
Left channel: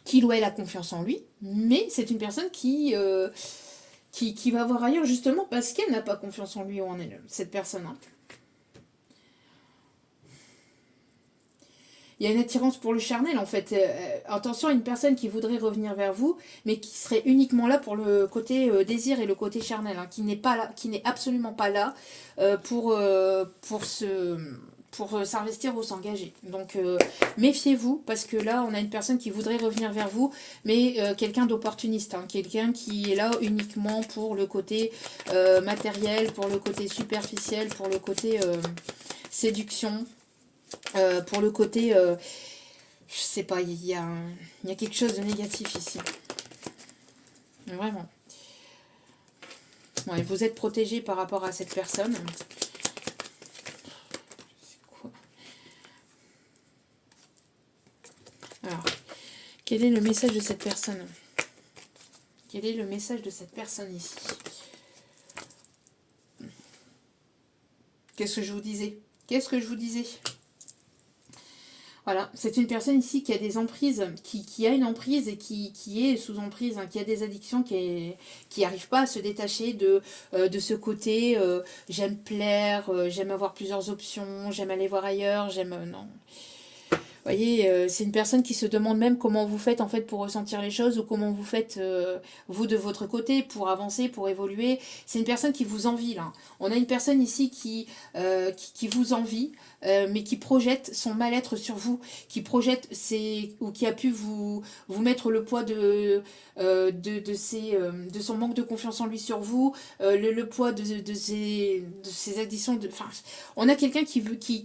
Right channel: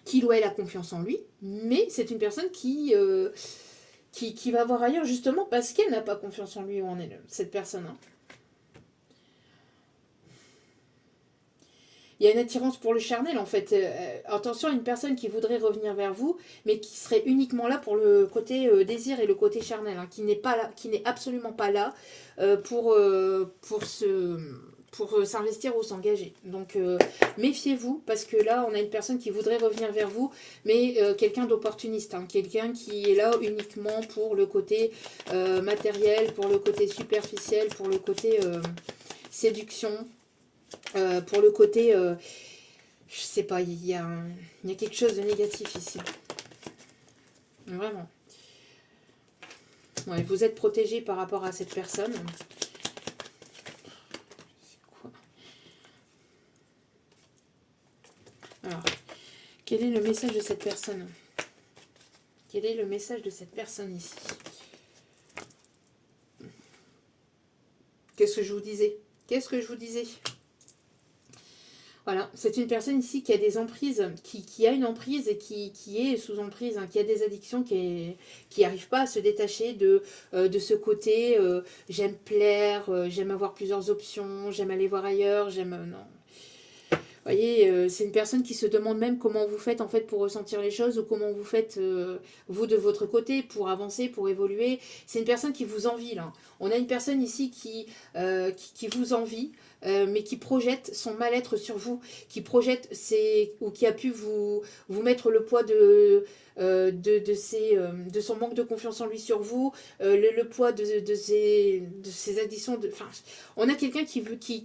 qu'il ou elle a confiance en lui, mais c'est une personne qui va voir ailleurs justement parce qu'elle n'a pas confiance en lui ou en elle, cette personne. Hein. Il y a une attirance pour le charnel en fait. Attention à une personne qui voudrait revenir vers vous, mais qui serait uniquement là pour le côté désir et le côté charnel, hein, qui n'est absolument pas là pour s'investir ou s'engager. Donc méfiez-vous parce que là on a une personne qui voudrait revenir vers vous, mais quelqu'un d'opportuniste, hein, quelqu'un qui est là uniquement pour le côté matériel, pour le côté superficiel, pour le côté séduction. Pour le côté, je sais pas, il y a quelque chose de négatif ici. Vraiment. Ouais, vous êtes protégé par rapport à cette personne. C'est quoi? Alors, quel est le message de cette personne? Quel est le message de cette personne ici? Qu'est-ce que je vous disais? Voilà, c'est une personne ici qui a des emprises, qui a une emprise et qui est sous emprise, hein, qui a des addictions, qui n'arrive pas à se détacher de ce côté j'aime plaire, j'aime avoir plusieurs options, j'aime aller voir ailleurs, non. voyez, c'est une personne qui se demande même comment vous faites en fait pour ressentir les choses ou comment vous faites vous de votre côté pour avancer, pour évoluer. C'est une personne qui vous envie là. On a une personne ici qui vous envie, mais qui projette son mal-être sur vous, qui projette ou qui a pu vous mettre le poids de son manque de confiance en lui sur vous, le poids de ses addictions. Enfin, on a quelqu'un qui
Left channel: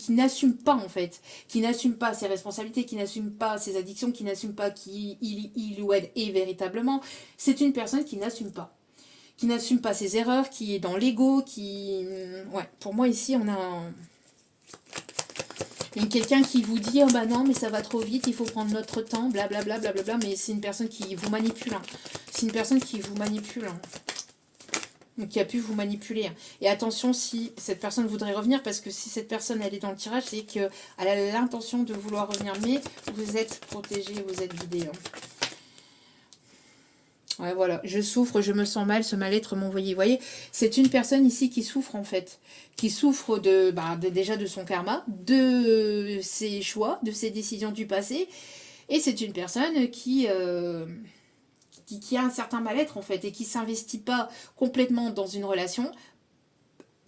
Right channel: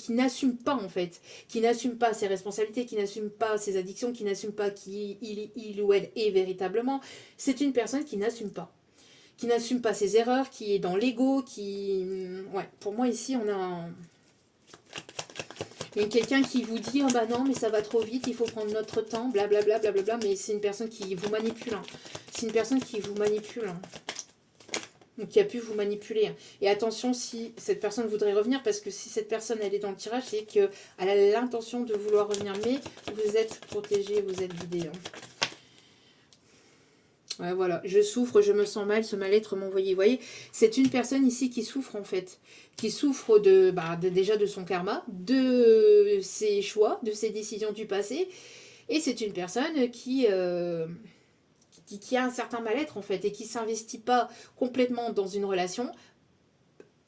n'assume pas en fait, qui n'assume pas ses responsabilités, qui n'assume pas ses addictions, qui n'assume pas qui il ou elle est véritablement. C'est une personne qui n'assume pas ses erreurs, qui est dans l'ego, Ouais, pour moi ici, il y a quelqu'un qui vous dit oh bah non mais ça va trop vite, il faut prendre notre temps, blablabla, blablabla, mais c'est une personne qui vous manipule. Hein. C'est une personne qui vous manipule. Hein. Donc qui a pu vous manipuler. Et attention si cette personne voudrait revenir, parce que si cette personne elle est dans le tirage, c'est qu'elle a l'intention de vouloir revenir, mais vous êtes protégé, vous êtes guidé. Hein. Ouais, voilà, je souffre, je me sens mal, ce mal-être m'envoyé. Vous voyez, c'est une personne ici qui souffre en fait, qui souffre déjà de son karma, de ses choix, de ses décisions du passé, et c'est une personne qui a un certain mal-être en fait, et qui ne s'investit pas complètement dans une relation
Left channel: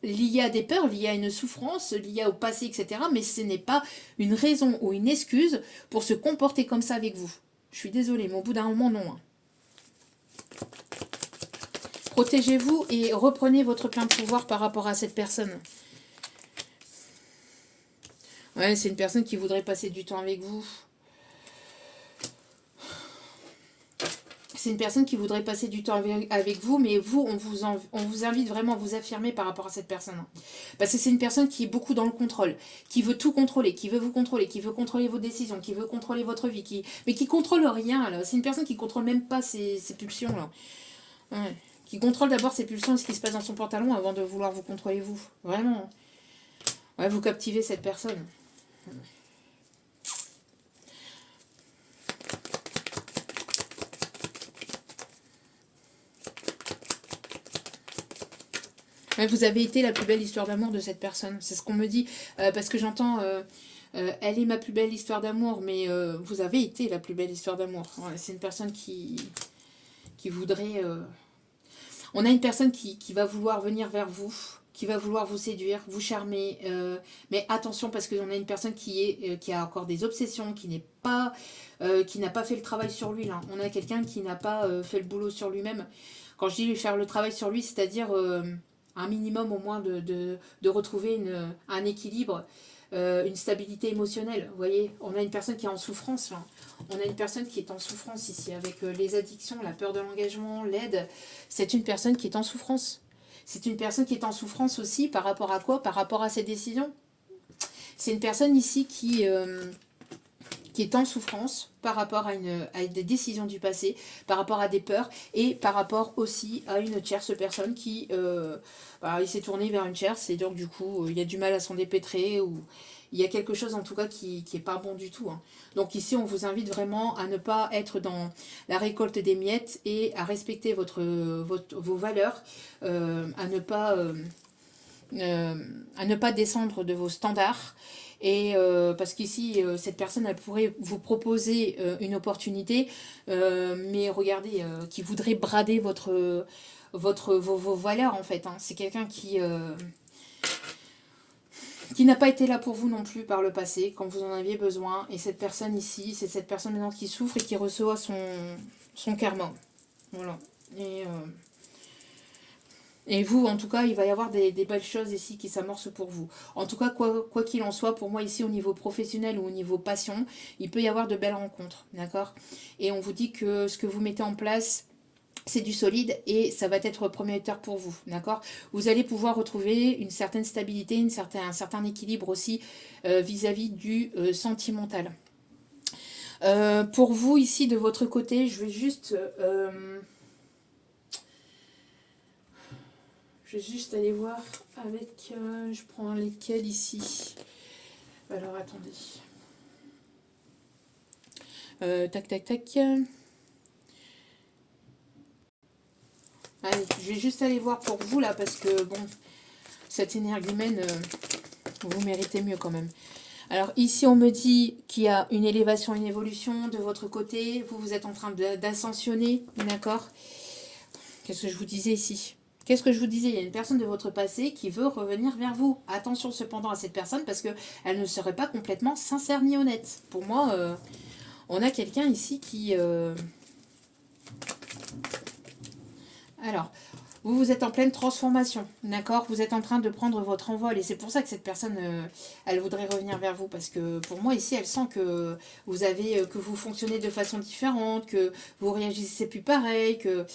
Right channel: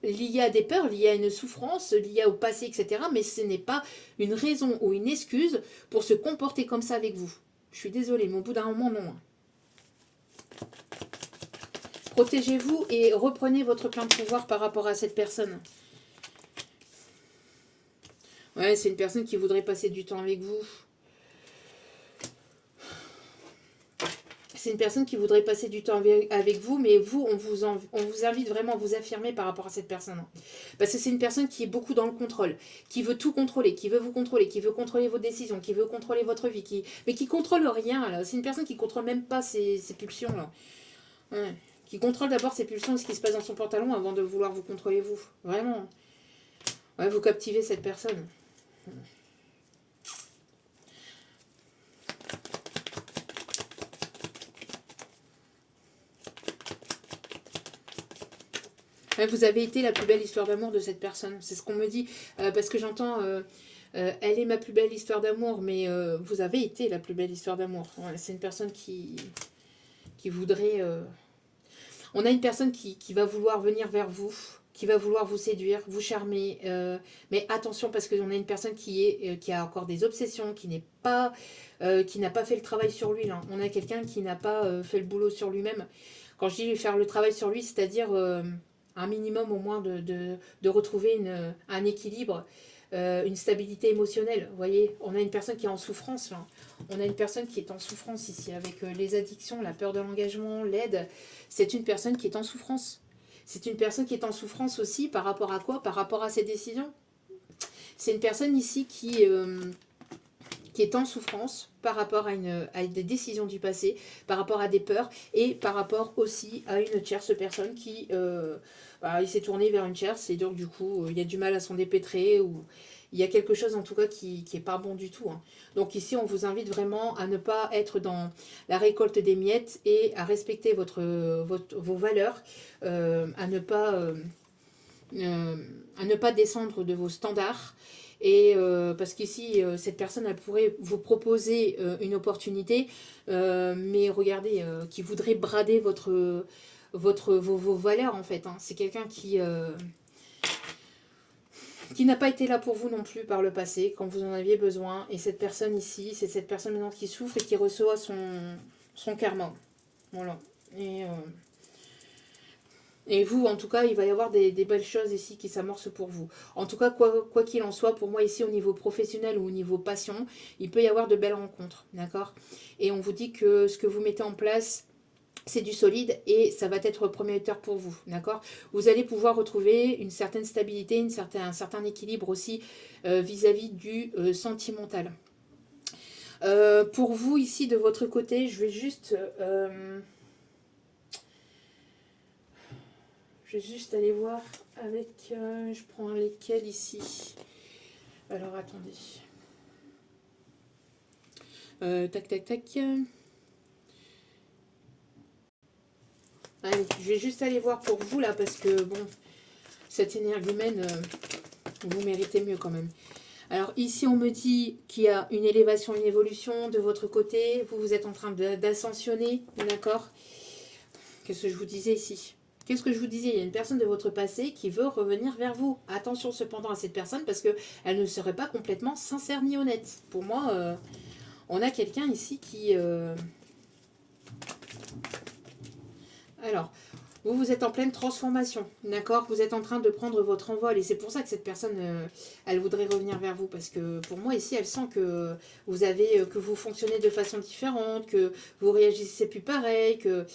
liée à des peurs, liée à une souffrance, liée au passé, etc. Mais ce n'est pas une raison ou une excuse pour se comporter comme ça avec vous. Je suis désolée, mais au bout d'un moment, non. Hein. Protégez-vous et reprenez votre plein de pouvoir par rapport à cette personne. Ouais, c'est une personne qui voudrait passer du temps avec vous. C'est une personne qui voudrait passer du temps avec vous, mais vous, on vous invite vraiment à vous affirmer par rapport à cette personne. Parce que c'est une personne qui est beaucoup dans le contrôle, qui veut tout contrôler, qui veut vous contrôler, qui veut contrôler vos décisions, qui veut contrôler votre vie, mais qui contrôle rien. Là. C'est une personne qui contrôle même pas ses pulsions. Là. Ouais. Qui contrôle d'abord ses pulsions et ce qui se passe dans son pantalon avant de vouloir vous contrôler vous. Vraiment. Ouais, vous captivez cette personne. Ouais, vous avez été la plus belle histoire d'amour de cette personne. C'est ce qu'on me dit. Parce que j'entends... elle est ma plus belle histoire d'amour, mais vous avez été la plus belle histoire d'amour. Ouais, c'est une personne qui voudrait... On a une personne qui va vouloir venir vers vous, qui va vouloir vous séduire, vous charmer. Mais attention, parce qu'on a une personne qui a encore des obsessions, qui n'a pas fait le travail sur lui. Là. On a quelqu'un qui n'a pas fait le boulot sur lui-même. Quand je dis faire le travail sur lui, c'est-à-dire un minimum au moins de retrouver un équilibre, une stabilité émotionnelle. Vous voyez, on a une personne qui est en souffrance là. On a une personne qui est en souffrance ici avec les addictions, la peur de l'engagement, l'aide. C'est une personne qui est en souffrance. C'est une personne qui est en souffrance aussi par rapport à quoi? Par rapport à ses décisions. C'est une personne ici qui est en souffrance par rapport à des décisions du passé, par rapport à des peurs et par rapport aussi à une tierce personne qui il s'est tourné vers une tierce et donc du coup il y a du mal à s'en dépêtrer ou il y a quelque chose en tout cas qui n'est pas bon du tout. Hein. Donc ici on vous invite vraiment à ne pas être dans la récolte des miettes et à respecter vos valeurs, à ne pas descendre de vos standards. Et parce qu'ici, cette personne, elle pourrait vous proposer une opportunité, mais regardez, qui voudrait brader vos valeurs, en fait. Hein. C'est quelqu'un qui n'a pas été là pour vous non plus par le passé, quand vous en aviez besoin. Et cette personne ici, c'est cette personne maintenant qui souffre et qui reçoit son karma. Voilà. Et vous, en tout cas, il va y avoir des belles choses ici qui s'amorcent pour vous. En tout cas, quoi qu'il en soit, pour moi ici, au niveau professionnel ou au niveau passion, il peut y avoir de belles rencontres, d'accord? Et on vous dit que ce que vous mettez en place, c'est du solide et ça va être prometteur pour vous, d'accord? Vous allez pouvoir retrouver une certaine stabilité, un certain équilibre aussi vis-à-vis du sentimental. Pour vous, ici, de votre côté, je vais juste... Je vais juste aller voir avec... je prends lesquels ici. Alors, attendez. Tac, tac, tac. Allez, je vais juste aller voir pour vous, là, parce que, bon, cette énergumène, vous méritez mieux quand même. Alors ici, on me dit qu'il y a une élévation, une évolution de votre côté. Vous, vous êtes en train d'ascensionner, d'accord? Qu'est-ce que je vous disais ici? Qu'est-ce que je vous disais? Il y a une personne de votre passé qui veut revenir vers vous. Attention cependant à cette personne parce qu'elle ne serait pas complètement sincère ni honnête. Pour moi, on a quelqu'un ici qui... Alors, vous êtes en pleine transformation, d'accord? Vous êtes en train de prendre votre envol et c'est pour ça que cette personne, elle voudrait revenir vers vous parce que pour moi ici, elle sent que que vous fonctionnez de façon différente, que vous réagissez plus pareil, que...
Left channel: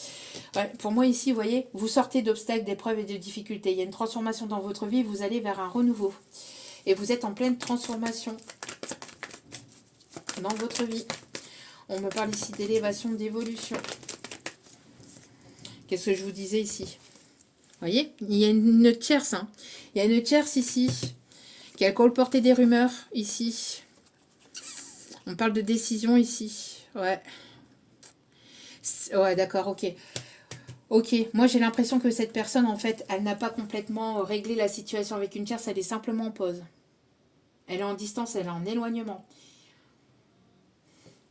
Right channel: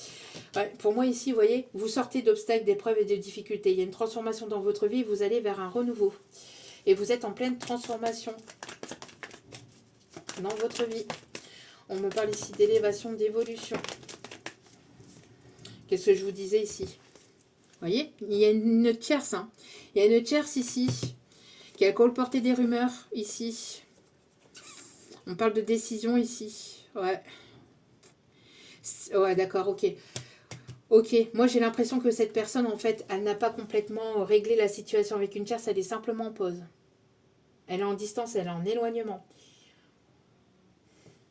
Ouais, pour moi ici, vous voyez, vous sortez d'obstacles, d'épreuves et de difficultés. Il y a une transformation dans votre vie, vous allez vers un renouveau. Et vous êtes en pleine transformation dans votre vie. On me parle ici d'élévation, d'évolution. Qu'est-ce que je vous disais ici? Vous voyez, il y a une tierce. Hein. Il y a une tierce ici qui a colporté des rumeurs ici. On parle de décision ici. Ouais. Ouais, d'accord, ok. Ok, moi j'ai l'impression que cette personne, en fait, elle n'a pas complètement réglé la situation avec une tierce, elle est simplement en pause. Elle est en distance, elle est en éloignement.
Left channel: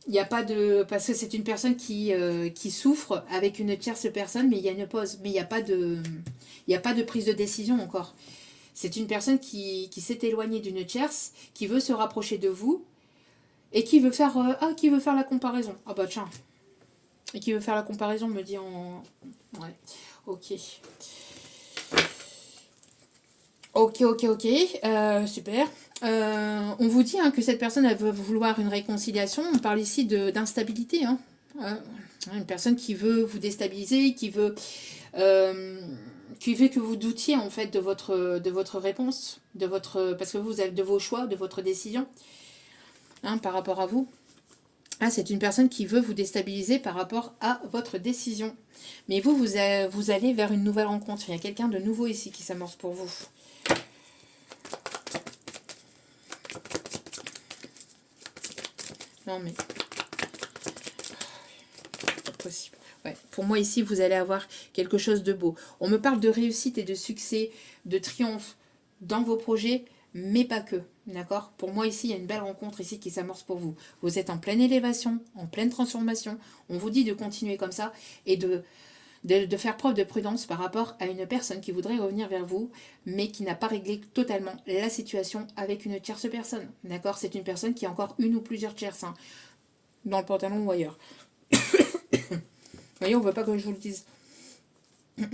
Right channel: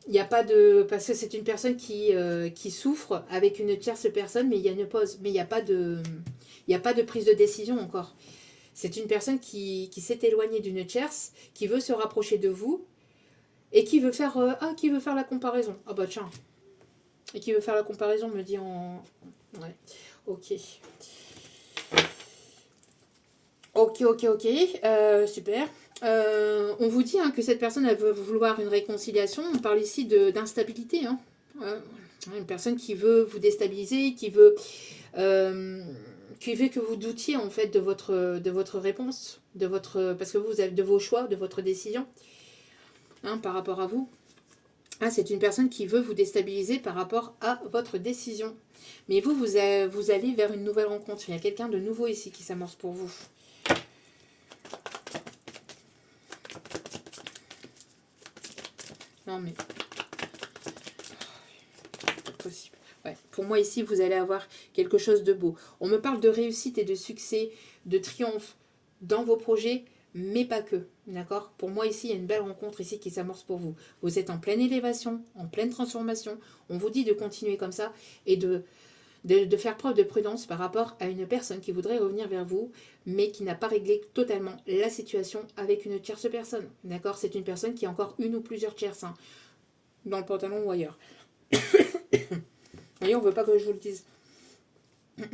Il n'y a pas de... Parce que c'est une personne qui souffre avec une tierce personne, mais il y a une pause. Mais il n'y a pas de... Il n'y a pas de prise de décision encore. C'est une personne qui s'est éloignée d'une tierce, qui veut se rapprocher de vous, et qui veut faire... qui veut faire la comparaison. Ah bah tiens. Et qui veut faire la comparaison, me dit en... Ouais, ok. Ok. Super. On vous dit hein, que cette personne, elle veut vouloir une réconciliation. On parle ici d'instabilité. Hein. Une personne qui veut vous déstabiliser, qui veut que vous doutiez en fait de votre réponse, parce que vous avez de vos choix, de votre décision hein, par rapport à vous. Ah, c'est une personne qui veut vous déstabiliser par rapport à votre décision. Mais vous allez vers une nouvelle rencontre. Il y a quelqu'un de nouveau ici qui s'amorce pour vous. Non mais... Pas possible. Ouais. Pour moi ici, vous allez avoir quelque chose de beau. On me parle de réussite et de succès, de triomphe dans vos projets, mais pas que. D'accord? Pour moi ici, il y a une belle rencontre ici qui s'amorce pour vous. Vous êtes en pleine élévation, en pleine transformation. On vous dit de continuer comme ça et de faire preuve de prudence par rapport à une personne qui voudrait revenir vers vous, mais qui n'a pas réglé totalement la situation avec une tierce personne. D'accord? C'est une personne qui a encore une ou plusieurs tierces, hein, dans le pantalon ou ailleurs. Vous voyez, on ne veut pas que je vous le dise. Vous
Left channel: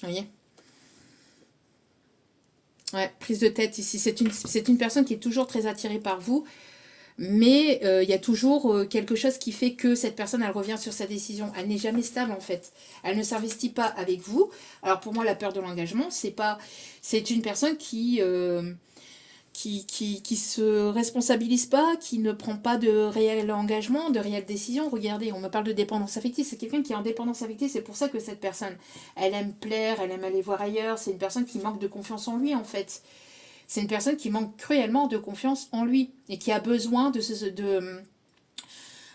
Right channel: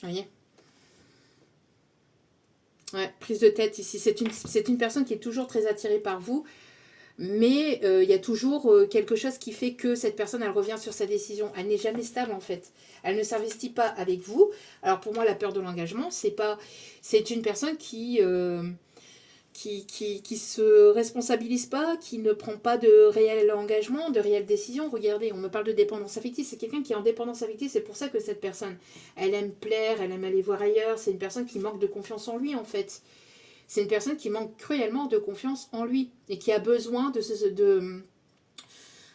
voyez? Ouais, prise de tête ici. C'est une personne qui est toujours très attirée par vous, mais il y a toujours quelque chose qui fait que cette personne, elle revient sur sa décision. Elle n'est jamais stable, en fait. Elle ne s'investit pas avec vous. Alors, pour moi, la peur de l'engagement, c'est une personne qui se responsabilise pas, qui ne prend pas de réel engagement, de réelle décision. Regardez, on me parle de dépendance affective. C'est quelqu'un qui est en dépendance affective. C'est pour ça que cette personne, elle aime plaire, elle aime aller voir ailleurs. C'est une personne qui manque de confiance en lui, en fait. C'est une personne qui manque cruellement de confiance en lui et qui a besoin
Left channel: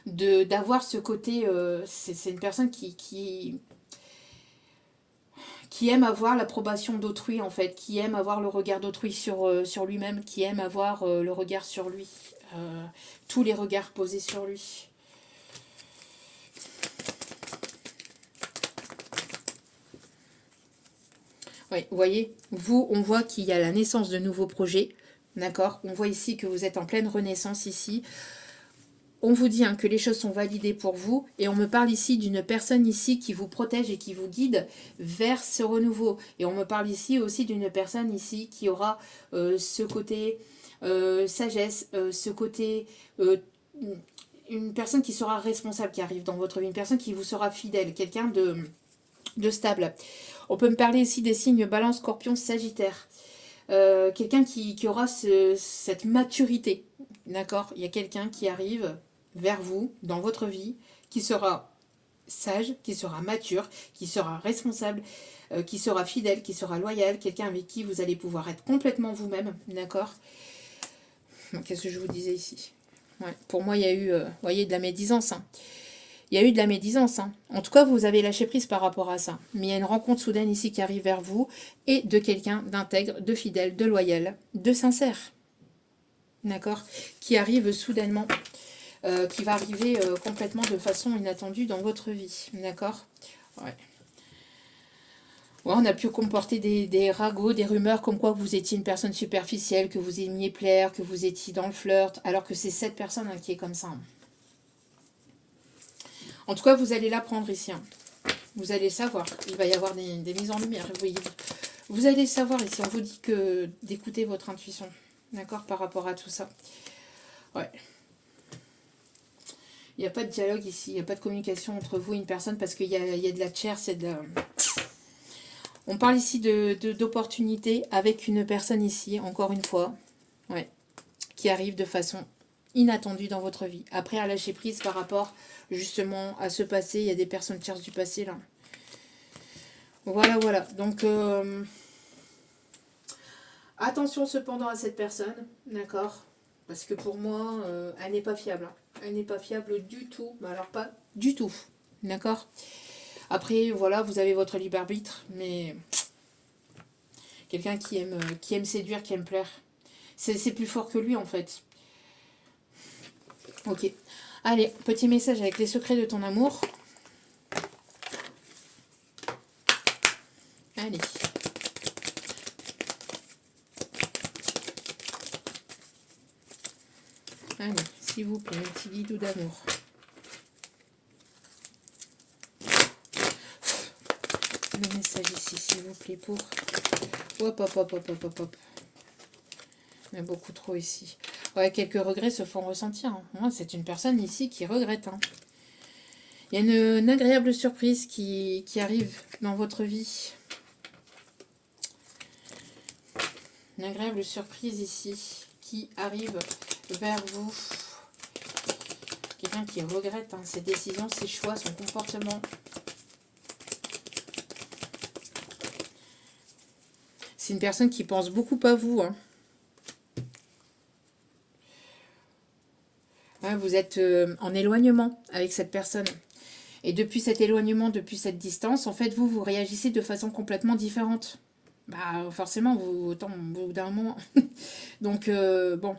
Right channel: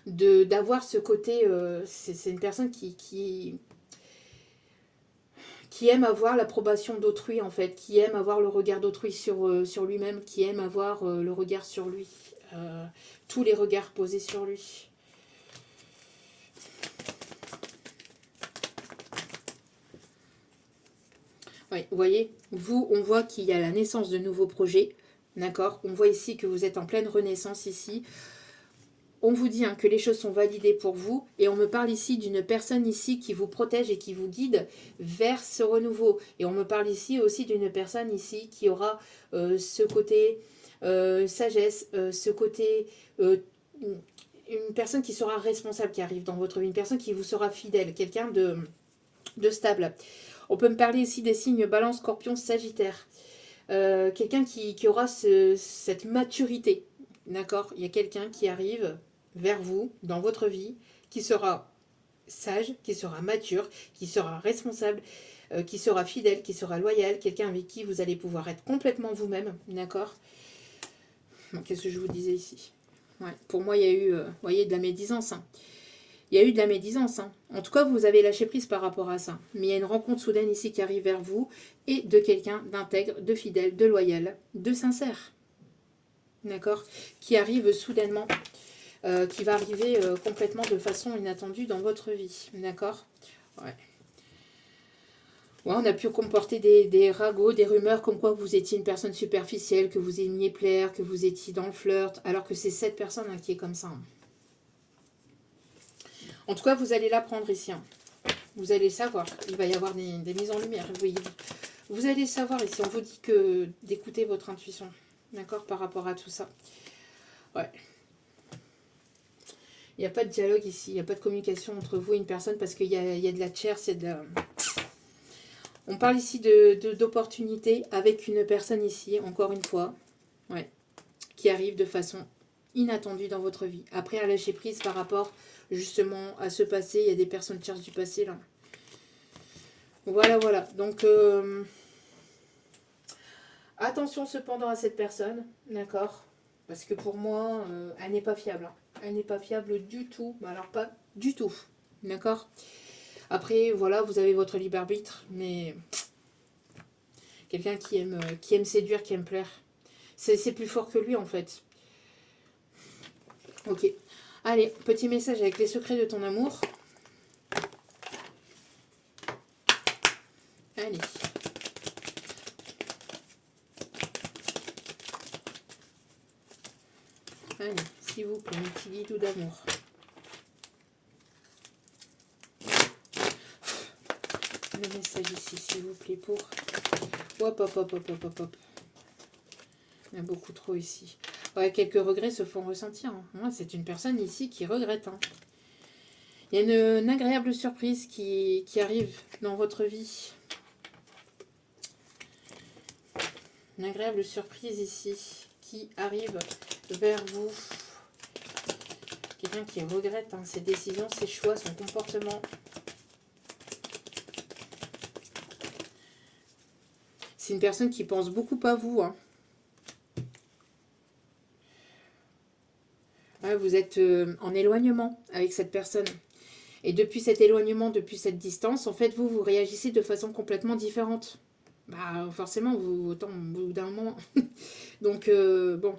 d'avoir ce côté... c'est une personne qui aime avoir l'approbation d'autrui, en fait, qui aime avoir le regard d'autrui sur lui-même, qui aime avoir le regard sur lui, tous les regards posés sur lui. Oui, vous voyez, vous, on voit qu'il y a la naissance de nouveaux projets, d'accord? On voit ici que vous êtes en pleine renaissance ici. On vous dit hein, que les choses sont validées pour vous et on me parle ici d'une personne ici qui vous protège et qui vous guide vers ce renouveau. Et on me parle ici aussi d'une personne ici qui aura ce côté sagesse, ce côté... une personne qui sera responsable qui arrive dans votre vie, une personne qui vous sera fidèle, quelqu'un de stable. On peut me parler ici des signes Balance, Scorpion, Sagittaire. Quelqu'un qui aura cette maturité. D'accord? Il y a quelqu'un qui arrive vers vous, dans votre vie, qui sera sage, qui sera mature, qui sera responsable, qui sera fidèle, qui sera loyal, quelqu'un avec qui vous allez pouvoir être complètement vous-même, d'accord? Qu'est-ce que je vous disais ici? Ouais, pour moi, il y a eu, voyez, de la médisance. Hein. Il y a eu de la médisance. Hein. En tout cas, vous avez lâché prise par rapport à ça. Mais il y a une rencontre soudaine ici qui arrive vers vous et de quelqu'un d'intègre, de fidèle, de loyal, de sincère. d'accord, qui arrive soudainement, qui va arriver complètement de façon inattendue dans votre vie, d'accord. Ouais. Ouais, on a pu comporter des ragots, des rumeurs comme quoi vous étiez une personne superficielle, que vous aimiez plaire, que vous étiez dans le flirt, alors que c'est cette personne hein, qui est comme ça. Hein. En tout cas, vous allez l'apprendre ici. Hein. Vous allez savoir. Il va y avoir des mises en lumière. Vous allez savoir ici. On vous dit que d'écouter votre intuition. D'accord, par rapport à tout ça. Ouais. Il n'y a pas de dialogue ici. Il n'y a pas de communication entre vous et une personne parce qu'il y a de la chair, c'est de la... On parle ici d'opportunité avec une personne ici, encore une fois, ouais, qui arrive de façon inattendue dans votre vie. Après, à lâcher prise par rapport justement à ce passé, il y a des personnes tierces du passé là. Voilà, voilà. Donc, attention cependant à cette personne, d'accord? Parce que pour moi, elle n'est pas fiable. Hein. Elle n'est pas fiable du tout. Mais alors pas du tout, d'accord? Après, voilà, vous avez votre libre arbitre, mais... Quelqu'un qui aime séduire, qui aime plaire. C'est plus fort que lui, en fait. Ok. Allez, petit message avec les secrets de ton amour. Allez. Allez, s'il vous plaît, un petit guidou d'amour. Le message ici, s'il vous plaît, pour... Hop, hop, hop, hop, hop, hop, hop. Il y a beaucoup trop ici. Ouais, quelques regrets se font ressentir. Hein. Moi, c'est une personne ici qui regrette. Hein. Il y a une agréable surprise qui arrive dans votre vie. Une agréable surprise ici qui arrive vers vous. Quelqu'un qui regrette hein, ses décisions, ses choix, son comportement. C'est une personne qui pense beaucoup à vous. Hein. Ouais, vous êtes en éloignement avec cette personne. Et depuis cet éloignement, depuis cette distance, en fait, vous réagissez de façon complètement différente. Bah, forcément, autant au bout d'un moment. Donc, bon.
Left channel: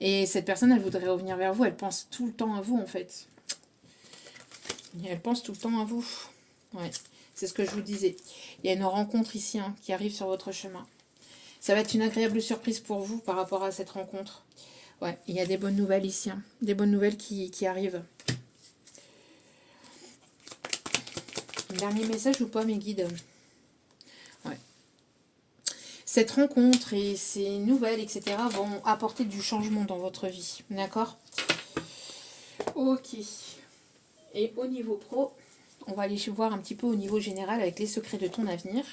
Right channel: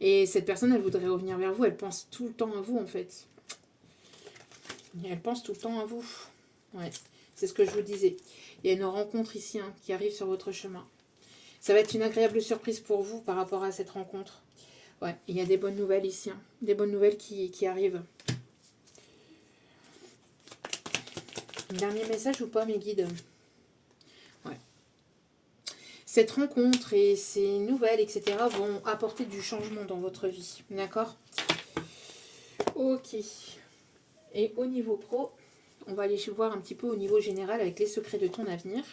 Et cette personne, elle voudrait revenir vers vous. Elle pense tout le temps à vous, en fait. Et elle pense tout le temps à vous. Ouais, c'est ce que je vous disais. Il y a une rencontre ici hein, qui arrive sur votre chemin. Ça va être une agréable surprise pour vous par rapport à cette rencontre. Ouais, il y a des bonnes nouvelles ici. Hein. Des bonnes nouvelles qui arrivent. Dernier message ou pas, mes guides? Ouais. Cette rencontre et ces nouvelles, etc. vont apporter du changement dans votre vie. D'accord? Ok. Et au niveau pro, on va aller voir un petit peu au niveau général avec les secrets de ton avenir.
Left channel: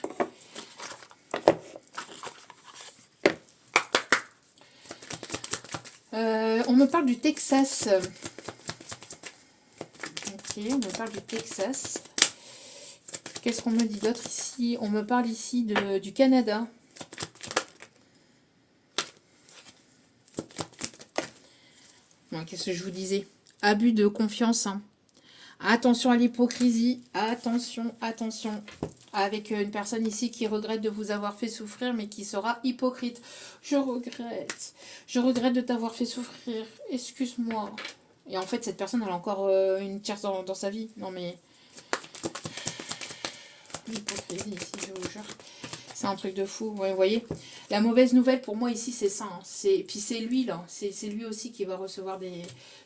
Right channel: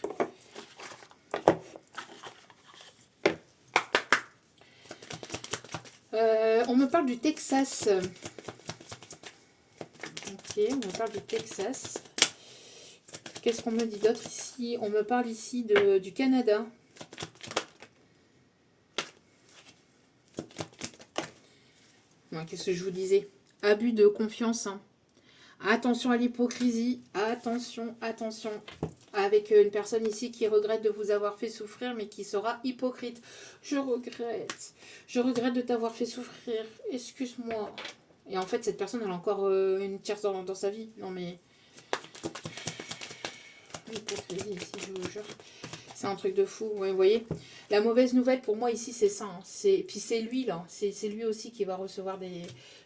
On me parle du Texas. Ok, on me parle du Texas. Qu'est-ce qu'on me dit d'autre ici? On me parle ici du Canada. Ouais, qu'est-ce que je vous disais? Abus de confiance. Hein. Attention à l'hypocrisie. Attention, attention. Avec une personne ici qui regrette de vous avoir fait souffrir, mais qui sera hypocrite. Je regrette. Je regrette de t'avoir fait souffrir. Excuse-moi. Et en fait, cette personne, elle a encore une tierce dans sa vie. Non, mais... L'hypocrisie ici, je vous jure. C'est un truc de fou. Ouais, vous voyez, la mauvaise nouvelle pour moi ici, c'est ça. Hein. Puis c'est lui, là. C'est lui aussi qui va recevoir des...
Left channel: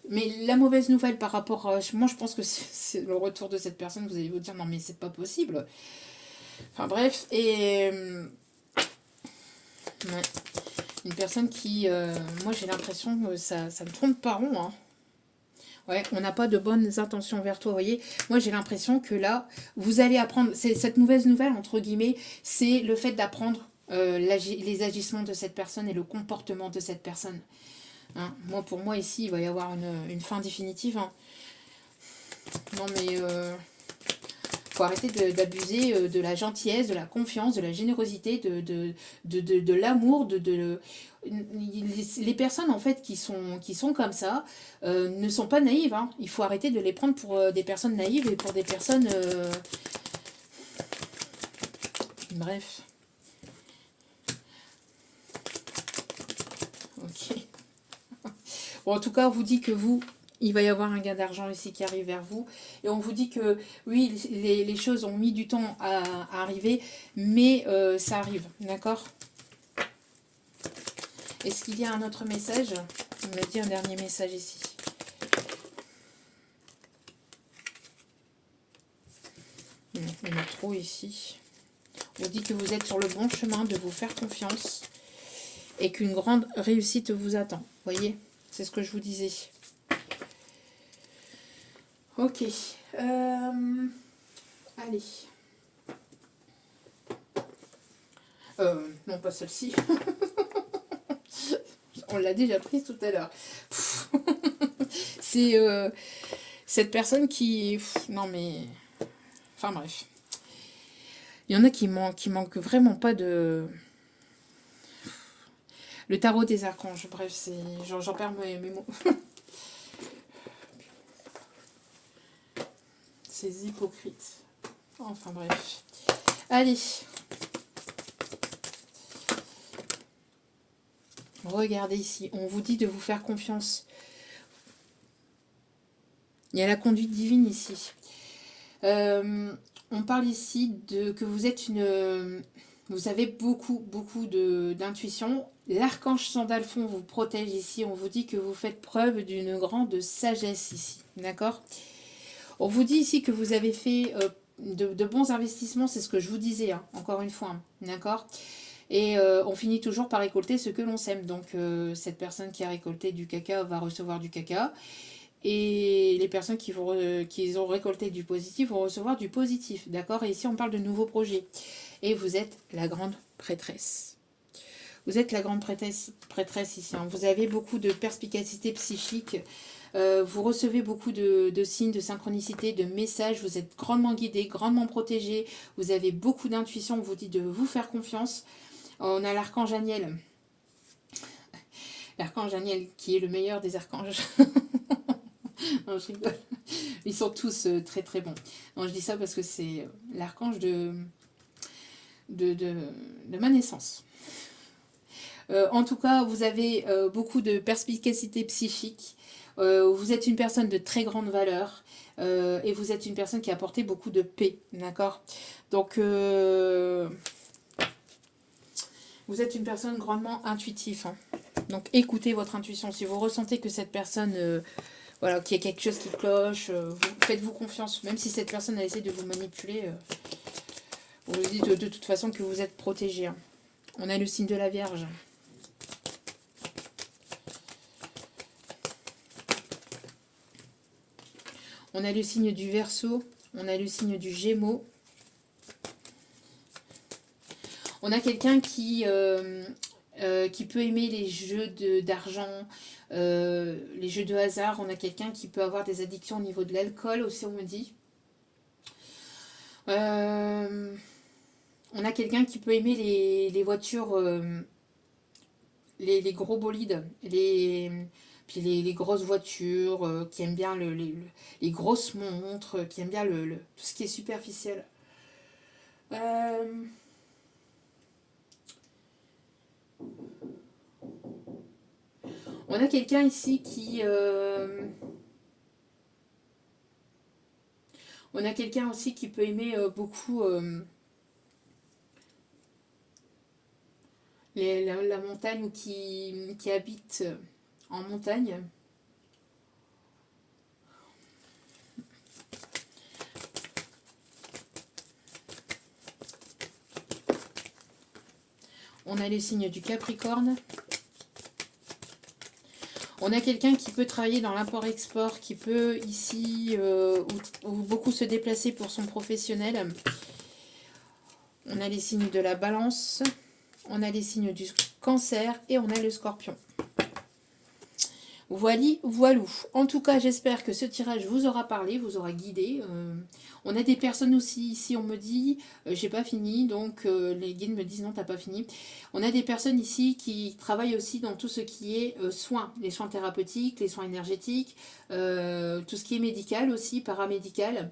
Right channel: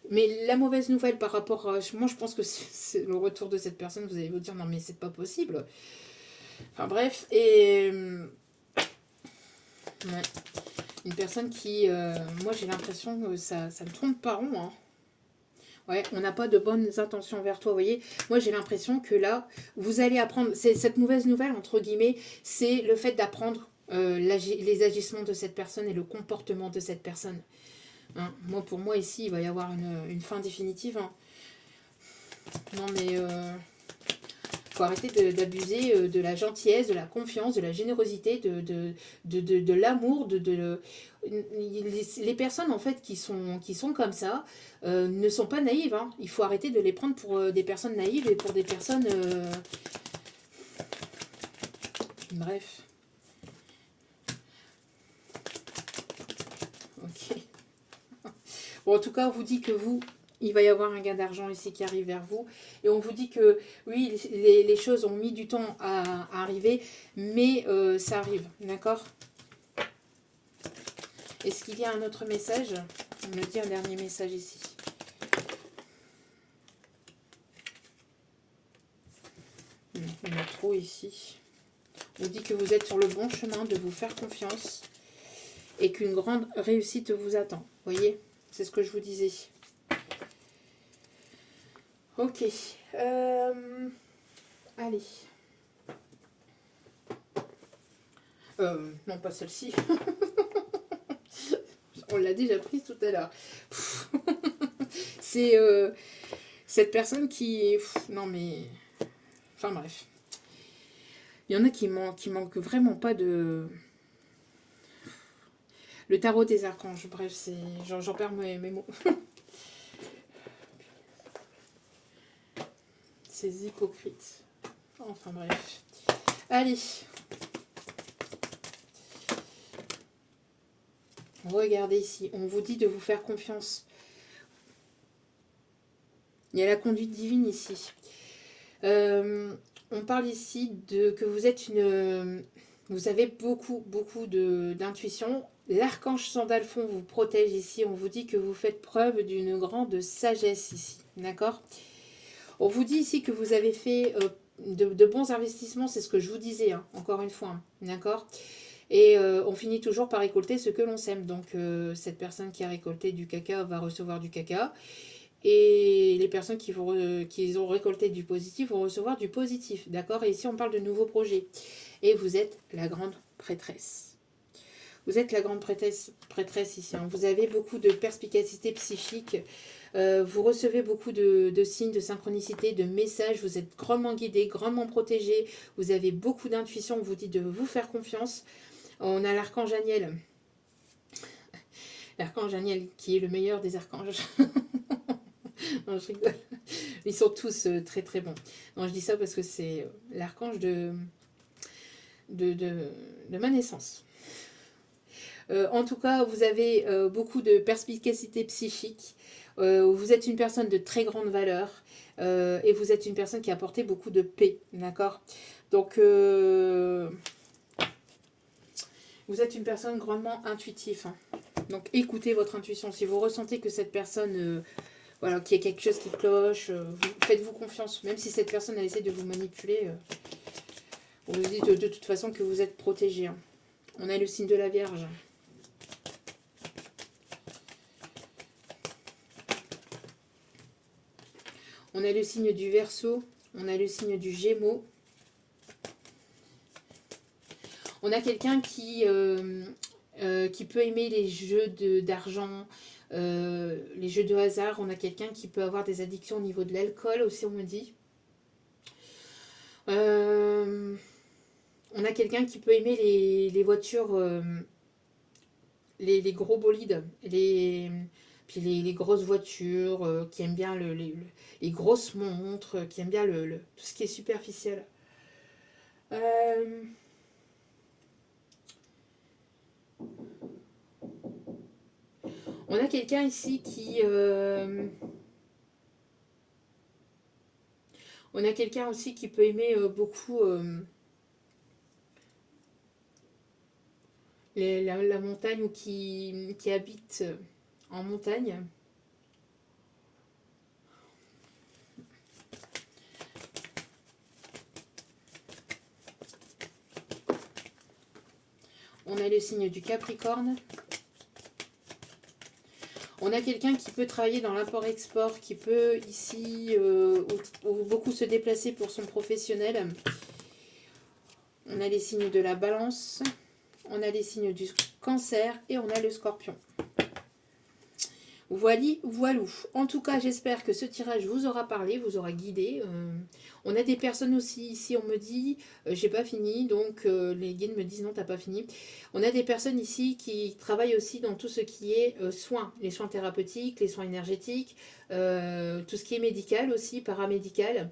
Mais la mauvaise nouvelle par rapport à... Moi, je pense que c'est le retour de cette personne. Vous allez vous dire, non, mais c'est pas possible. Enfin, bref. Et... ouais. Une personne qui... moi, j'ai l'impression que ça ne tourne pas rond, hein. Ouais, on n'a pas de bonnes intentions vers toi, vous voyez. Moi, j'ai l'impression que là, vous allez apprendre... Cette mauvaise nouvelle, entre guillemets, c'est le fait d'apprendre les agissements de cette personne et le comportement de cette personne. Hein, moi, pour moi, ici, il va y avoir une fin définitive. Hein. Non, mais... faut arrêter d'abuser de la gentillesse, de la confiance, de la générosité, de l'amour, les personnes en fait qui sont comme ça ne sont pas naïves. Hein. Il faut arrêter de les prendre pour des personnes naïves et pour des personnes... Bref. Ok. Bon, en tout cas, on vous dit que vous, il va y avoir un gain d'argent ici qui arrive vers vous. Et on vous dit que oui, les choses ont mis du temps à arriver, mais ça arrive, d'accord? Est-ce qu'il y a un autre message? On me dit un dernier message ici. Il y en a trop ici. On vous dit que vous êtes sur le bon chemin, de vous faire confiance et qu'une grande réussite vous attend. Vous voyez? C'est ce que je vous disais. Ok. Allez. Non, pas celle-ci. On l'a déjà prise tout à l'heure. C'est cette personne qui... non mais... Enfin bref. Il y en a qui manquent vraiment pas de... Le tarot des archanges. Bref, c'est... J'en perds mes mots. Ces hypocrites. Enfin bref. Allez. Regardez ici. On vous dit de vous faire confiance. Il y a la conduite divine ici. On parle ici de que vous êtes une... Vous avez beaucoup d'intuition. L'archange Sandalphon vous protège ici. On vous dit que vous faites preuve d'une grande sagesse ici. D'accord? On vous dit ici que vous avez fait de bons investissements. C'est ce que je vous disais, hein, encore une fois. Hein, d'accord? Et on finit toujours par récolter ce que l'on sème. Donc cette personne qui a récolté du caca va recevoir du caca. Et les personnes qui ont récolté du positif vont recevoir du positif. D'accord? Et ici, on parle de nouveaux projets. Et vous êtes la grande prêtresse. Vous êtes la grande prêtresse ici. Hein. Vous avez beaucoup de perspicacité psychique. Vous recevez beaucoup de signes, de synchronicité, de messages. Vous êtes grandement guidé, grandement protégé. Vous avez beaucoup d'intuition. On vous dit de vous faire confiance. On a l'archange Aniel. L'archange Aniel qui est le meilleur des archanges. Non, je rigole. Ils sont tous très très bons. Non, je dis ça parce que c'est l'archange de ma naissance. En tout cas, vous avez beaucoup de perspicacité psychique. Vous êtes une personne de très grande valeur. Et vous êtes une personne qui a apporté beaucoup de paix. D'accord? Donc, vous êtes une personne grandement intuitive. Hein. Donc, écoutez votre intuition. Si vous ressentez que cette personne... voilà, qu'il y a quelque chose qui cloche, faites-vous confiance. Même si cette personne a essayé de vous manipuler, vous lui dites de toute façon que vous êtes protégé. Hein. On a le signe de la Vierge. On a le signe du Verseau. On a le signe du Gémeaux. On a quelqu'un qui peut aimer les jeux d'argent, les jeux de hasard. On a quelqu'un qui peut avoir des addictions au niveau de l'alcool aussi, on me dit. On a quelqu'un qui peut aimer les voitures, les gros bolides, puis les grosses voitures, qui aiment bien les grosses montres, qui aiment bien tout ce qui est superficiel. On a quelqu'un ici qui... on a quelqu'un aussi qui peut aimer beaucoup la montagne ou qui habite en montagne. On a les signes du Capricorne. On a quelqu'un qui peut travailler dans l'import-export, qui peut ici ou beaucoup se déplacer pour son professionnel. On a les signes de la Balance. On a les signes du Cancer et on a le Scorpion. Voilou. En tout cas, j'espère que ce tirage vous aura parlé, vous aura guidé. On a des personnes aussi ici, on me dit, j'ai pas fini, donc les guides me disent non, t'as pas fini. On a des personnes ici qui travaillent aussi dans tout ce qui est soins, les soins thérapeutiques, les soins énergétiques, tout ce qui est médical aussi, paramédical.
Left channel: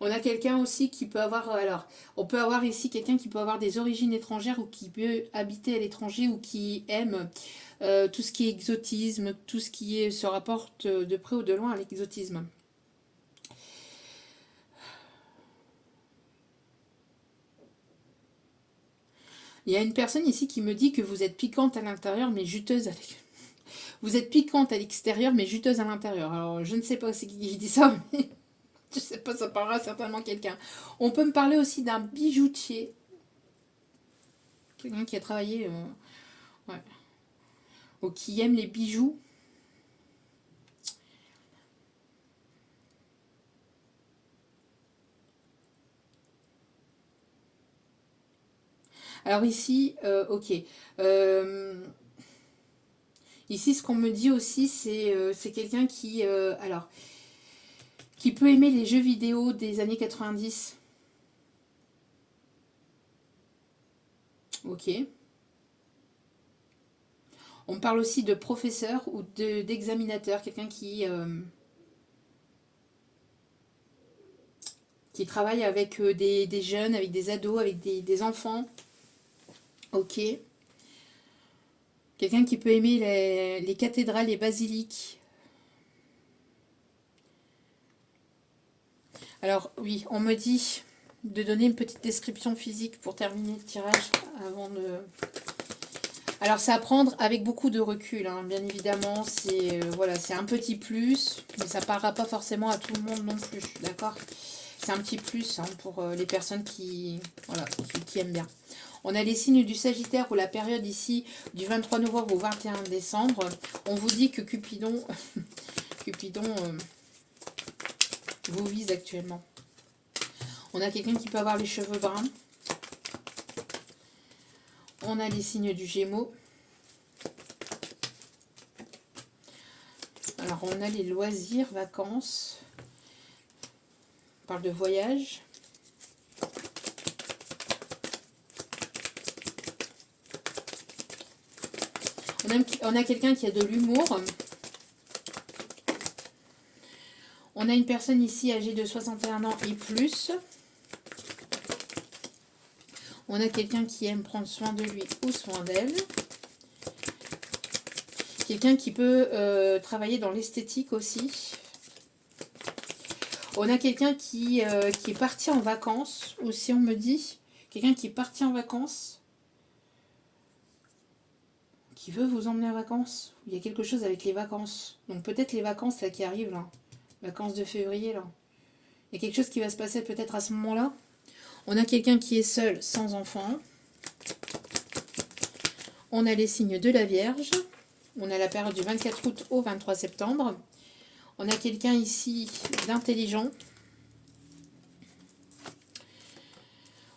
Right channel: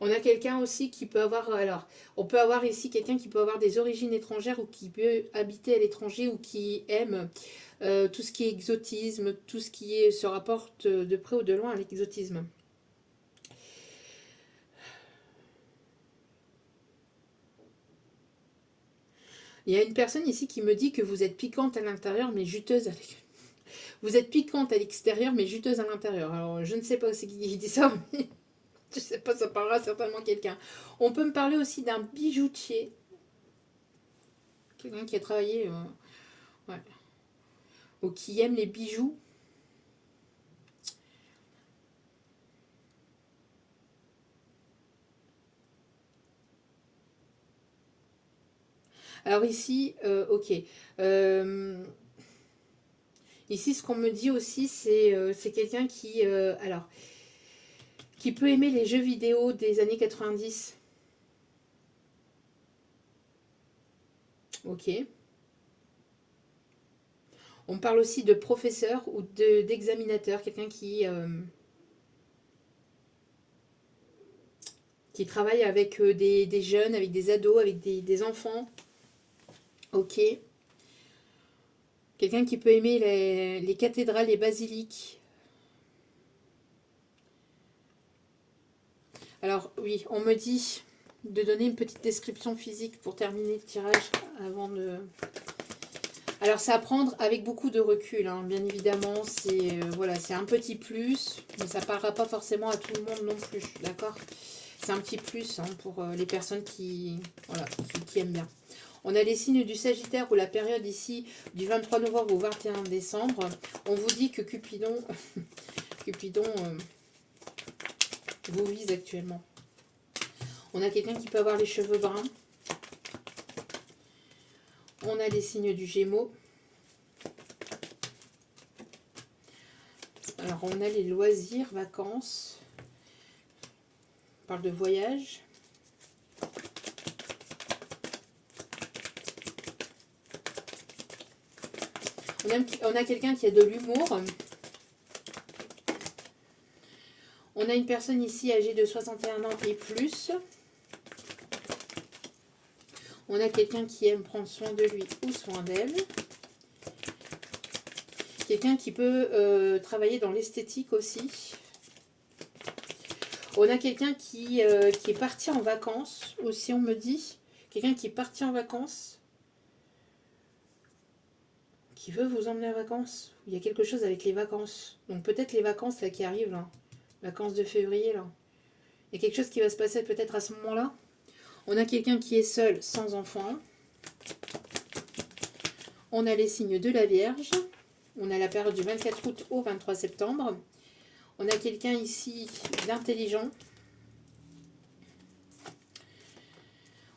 On a quelqu'un aussi qui peut avoir, alors, on peut avoir ici quelqu'un qui peut avoir des origines étrangères ou qui peut habiter à l'étranger ou qui aime tout ce qui est exotisme, tout ce qui est, se rapporte de près ou de loin à l'exotisme. Il y a une personne ici qui me dit que vous êtes piquante à l'intérieur mais juteuse à l'extérieur. Vous êtes piquante à l'extérieur mais juteuse à l'intérieur. Alors je ne sais pas c'est qui dit ça, mais je ne sais pas, ça parlera certainement quelqu'un. On peut me parler aussi d'un bijoutier. Quelqu'un qui a travaillé, ouais, ou qui aime les bijoux. Alors ici, ok. Euh, Ici, ce qu'on me dit aussi, c'est quelqu'un alors, qui peut aimer les jeux vidéo des années 90. Ok. On parle aussi de professeur ou d'examinateur, quelqu'un qui travaille avec des jeunes, avec des ados, avec des enfants. Ok. Quelqu'un qui peut aimer les cathédrales, les basiliques. Alors oui, on me dit de donner une petite description physique pour terminer le tirage avant de... Alors c'est à prendre avec beaucoup de recul, hein. Bien évidemment, c'est voilà, c'est un petit plus, mais ça ne parlera pas forcément à tout le monde non plus, d'accord? C'est un petit plus, hein, pour les personnes voilà, qui aiment bien. On a les signes du Sagittaire ou la période ici du 23 novembre au 21 décembre. On vous dit que Cupidon, Cupidon vous vise actuellement. On a quelqu'un qui peut avoir les cheveux bruns. On a les signes du Gémeaux. Alors, on a les loisirs, vacances. On parle de voyage. On a quelqu'un qui a de l'humour. On a une personne ici âgée de 61 ans et plus. On a quelqu'un qui aime prendre soin de lui ou soin d'elle. Quelqu'un qui peut travailler dans l'esthétique aussi. On a quelqu'un qui est parti en vacances aussi, on me dit. Quelqu'un qui est parti en vacances. Qui veut vous emmener en vacances. Il y a quelque chose avec les vacances. Donc peut-être les vacances là qui arrivent là. Vacances de février là. Il y a quelque chose qui va se passer peut-être à ce moment-là. On a quelqu'un qui est seul, sans enfant. On a les signes de la Vierge. On a la période du 24 août au 23 septembre. On a quelqu'un ici d'intelligent.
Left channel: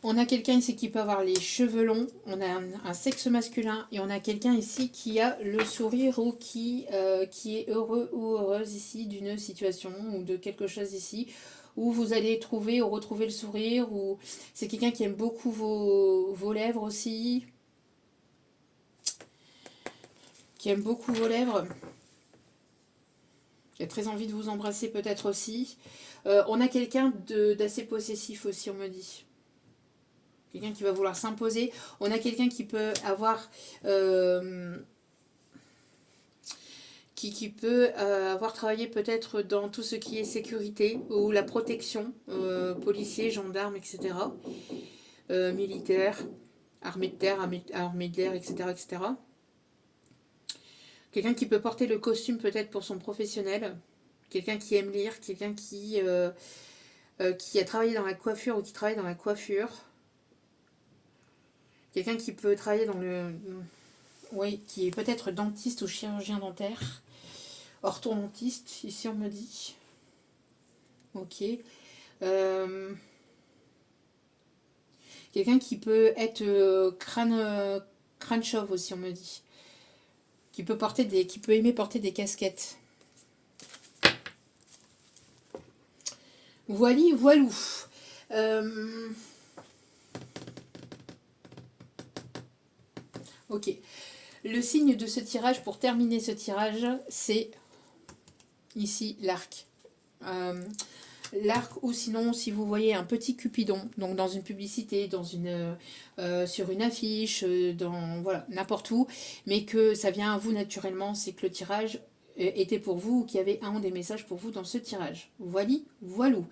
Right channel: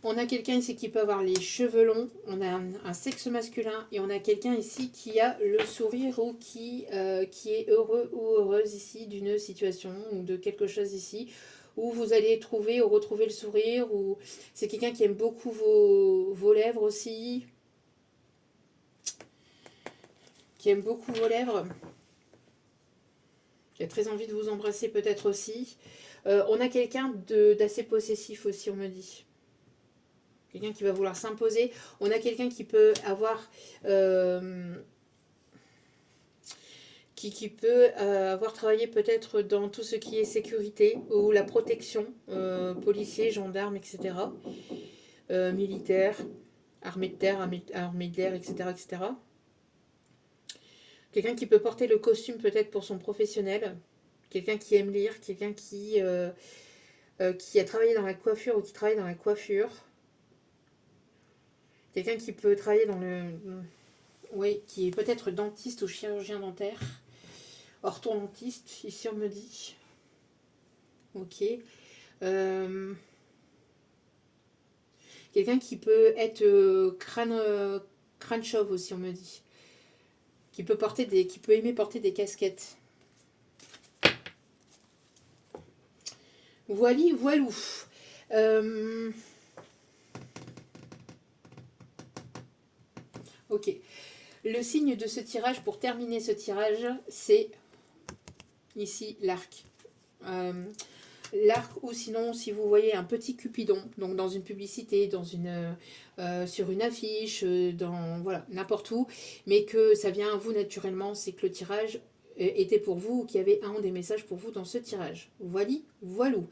On a quelqu'un ici qui peut avoir les cheveux longs. On a un sexe masculin. Et on a quelqu'un ici qui a le sourire ou qui est heureux ou heureuse ici d'une situation ou de quelque chose ici. Où vous allez trouver ou retrouver le sourire. Ou c'est quelqu'un qui aime beaucoup vos lèvres aussi. Qui aime beaucoup vos lèvres. Qui a très envie de vous embrasser peut-être aussi. On a quelqu'un d'assez possessif aussi, on me dit. Quelqu'un qui va vouloir s'imposer. On a quelqu'un qui peut avoir... qui peut avoir travaillé peut-être dans tout ce qui est sécurité ou la protection, policiers, gendarmes, etc. Militaires, armée de terre, armée de l'air, etc., etc. Quelqu'un qui peut porter le costume peut-être pour son professionnel. Quelqu'un qui aime lire, quelqu'un qui a travaillé dans la coiffure ou qui travaille dans la coiffure. Quelqu'un qui peut travailler dans le... Oui, qui est peut-être dentiste ou chirurgien dentaire. Orthodontiste, ici on me dit. Ok. Quelqu'un qui peut être crâne chauve aussi, on me dit. Qui peut aimer porter des casquettes. Voilou. Ok. Le signe de ce tirage, pour terminer ce tirage, c'est ici l'arc. l'arc, ou sinon si vous voyez un petit cupidon, donc dans une publicité, sur une affiche, voilà, n'importe où, mais que ça vient à vous naturellement, c'est que le tirage était pour vous, ou qu'il y avait un des messages pour vous dans ce tirage. Voilà, voilou.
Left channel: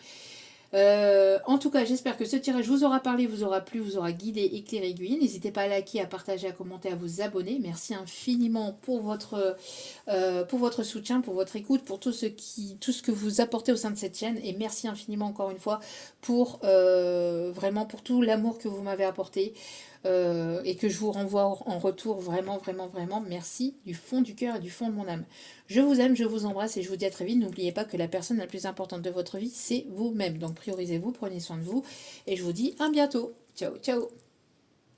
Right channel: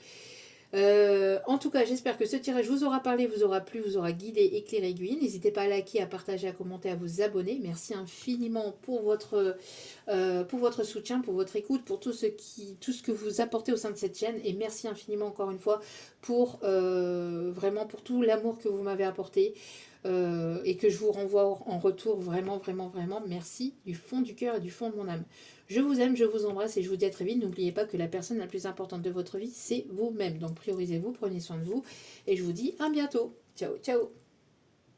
En tout cas, j'espère que ce tirage vous aura parlé, vous aura plu, vous aura guidé, éclairé, aiguillé. N'hésitez pas à liker, à partager, à commenter, à vous abonner. Merci infiniment pour votre soutien, pour votre écoute, pour tout ce que vous apportez au sein de cette chaîne. Et merci infiniment encore une fois pour vraiment pour tout l'amour que vous m'avez apporté. Et que je vous renvoie en retour vraiment, vraiment, vraiment. Merci du fond du cœur et du fond de mon âme. Je vous aime, je vous embrasse et je vous dis à très vite. N'oubliez pas que la personne la plus importante de votre vie, c'est vous-même. Donc priorisez-vous, prenez soin de vous et je vous dis à bientôt. Ciao, ciao.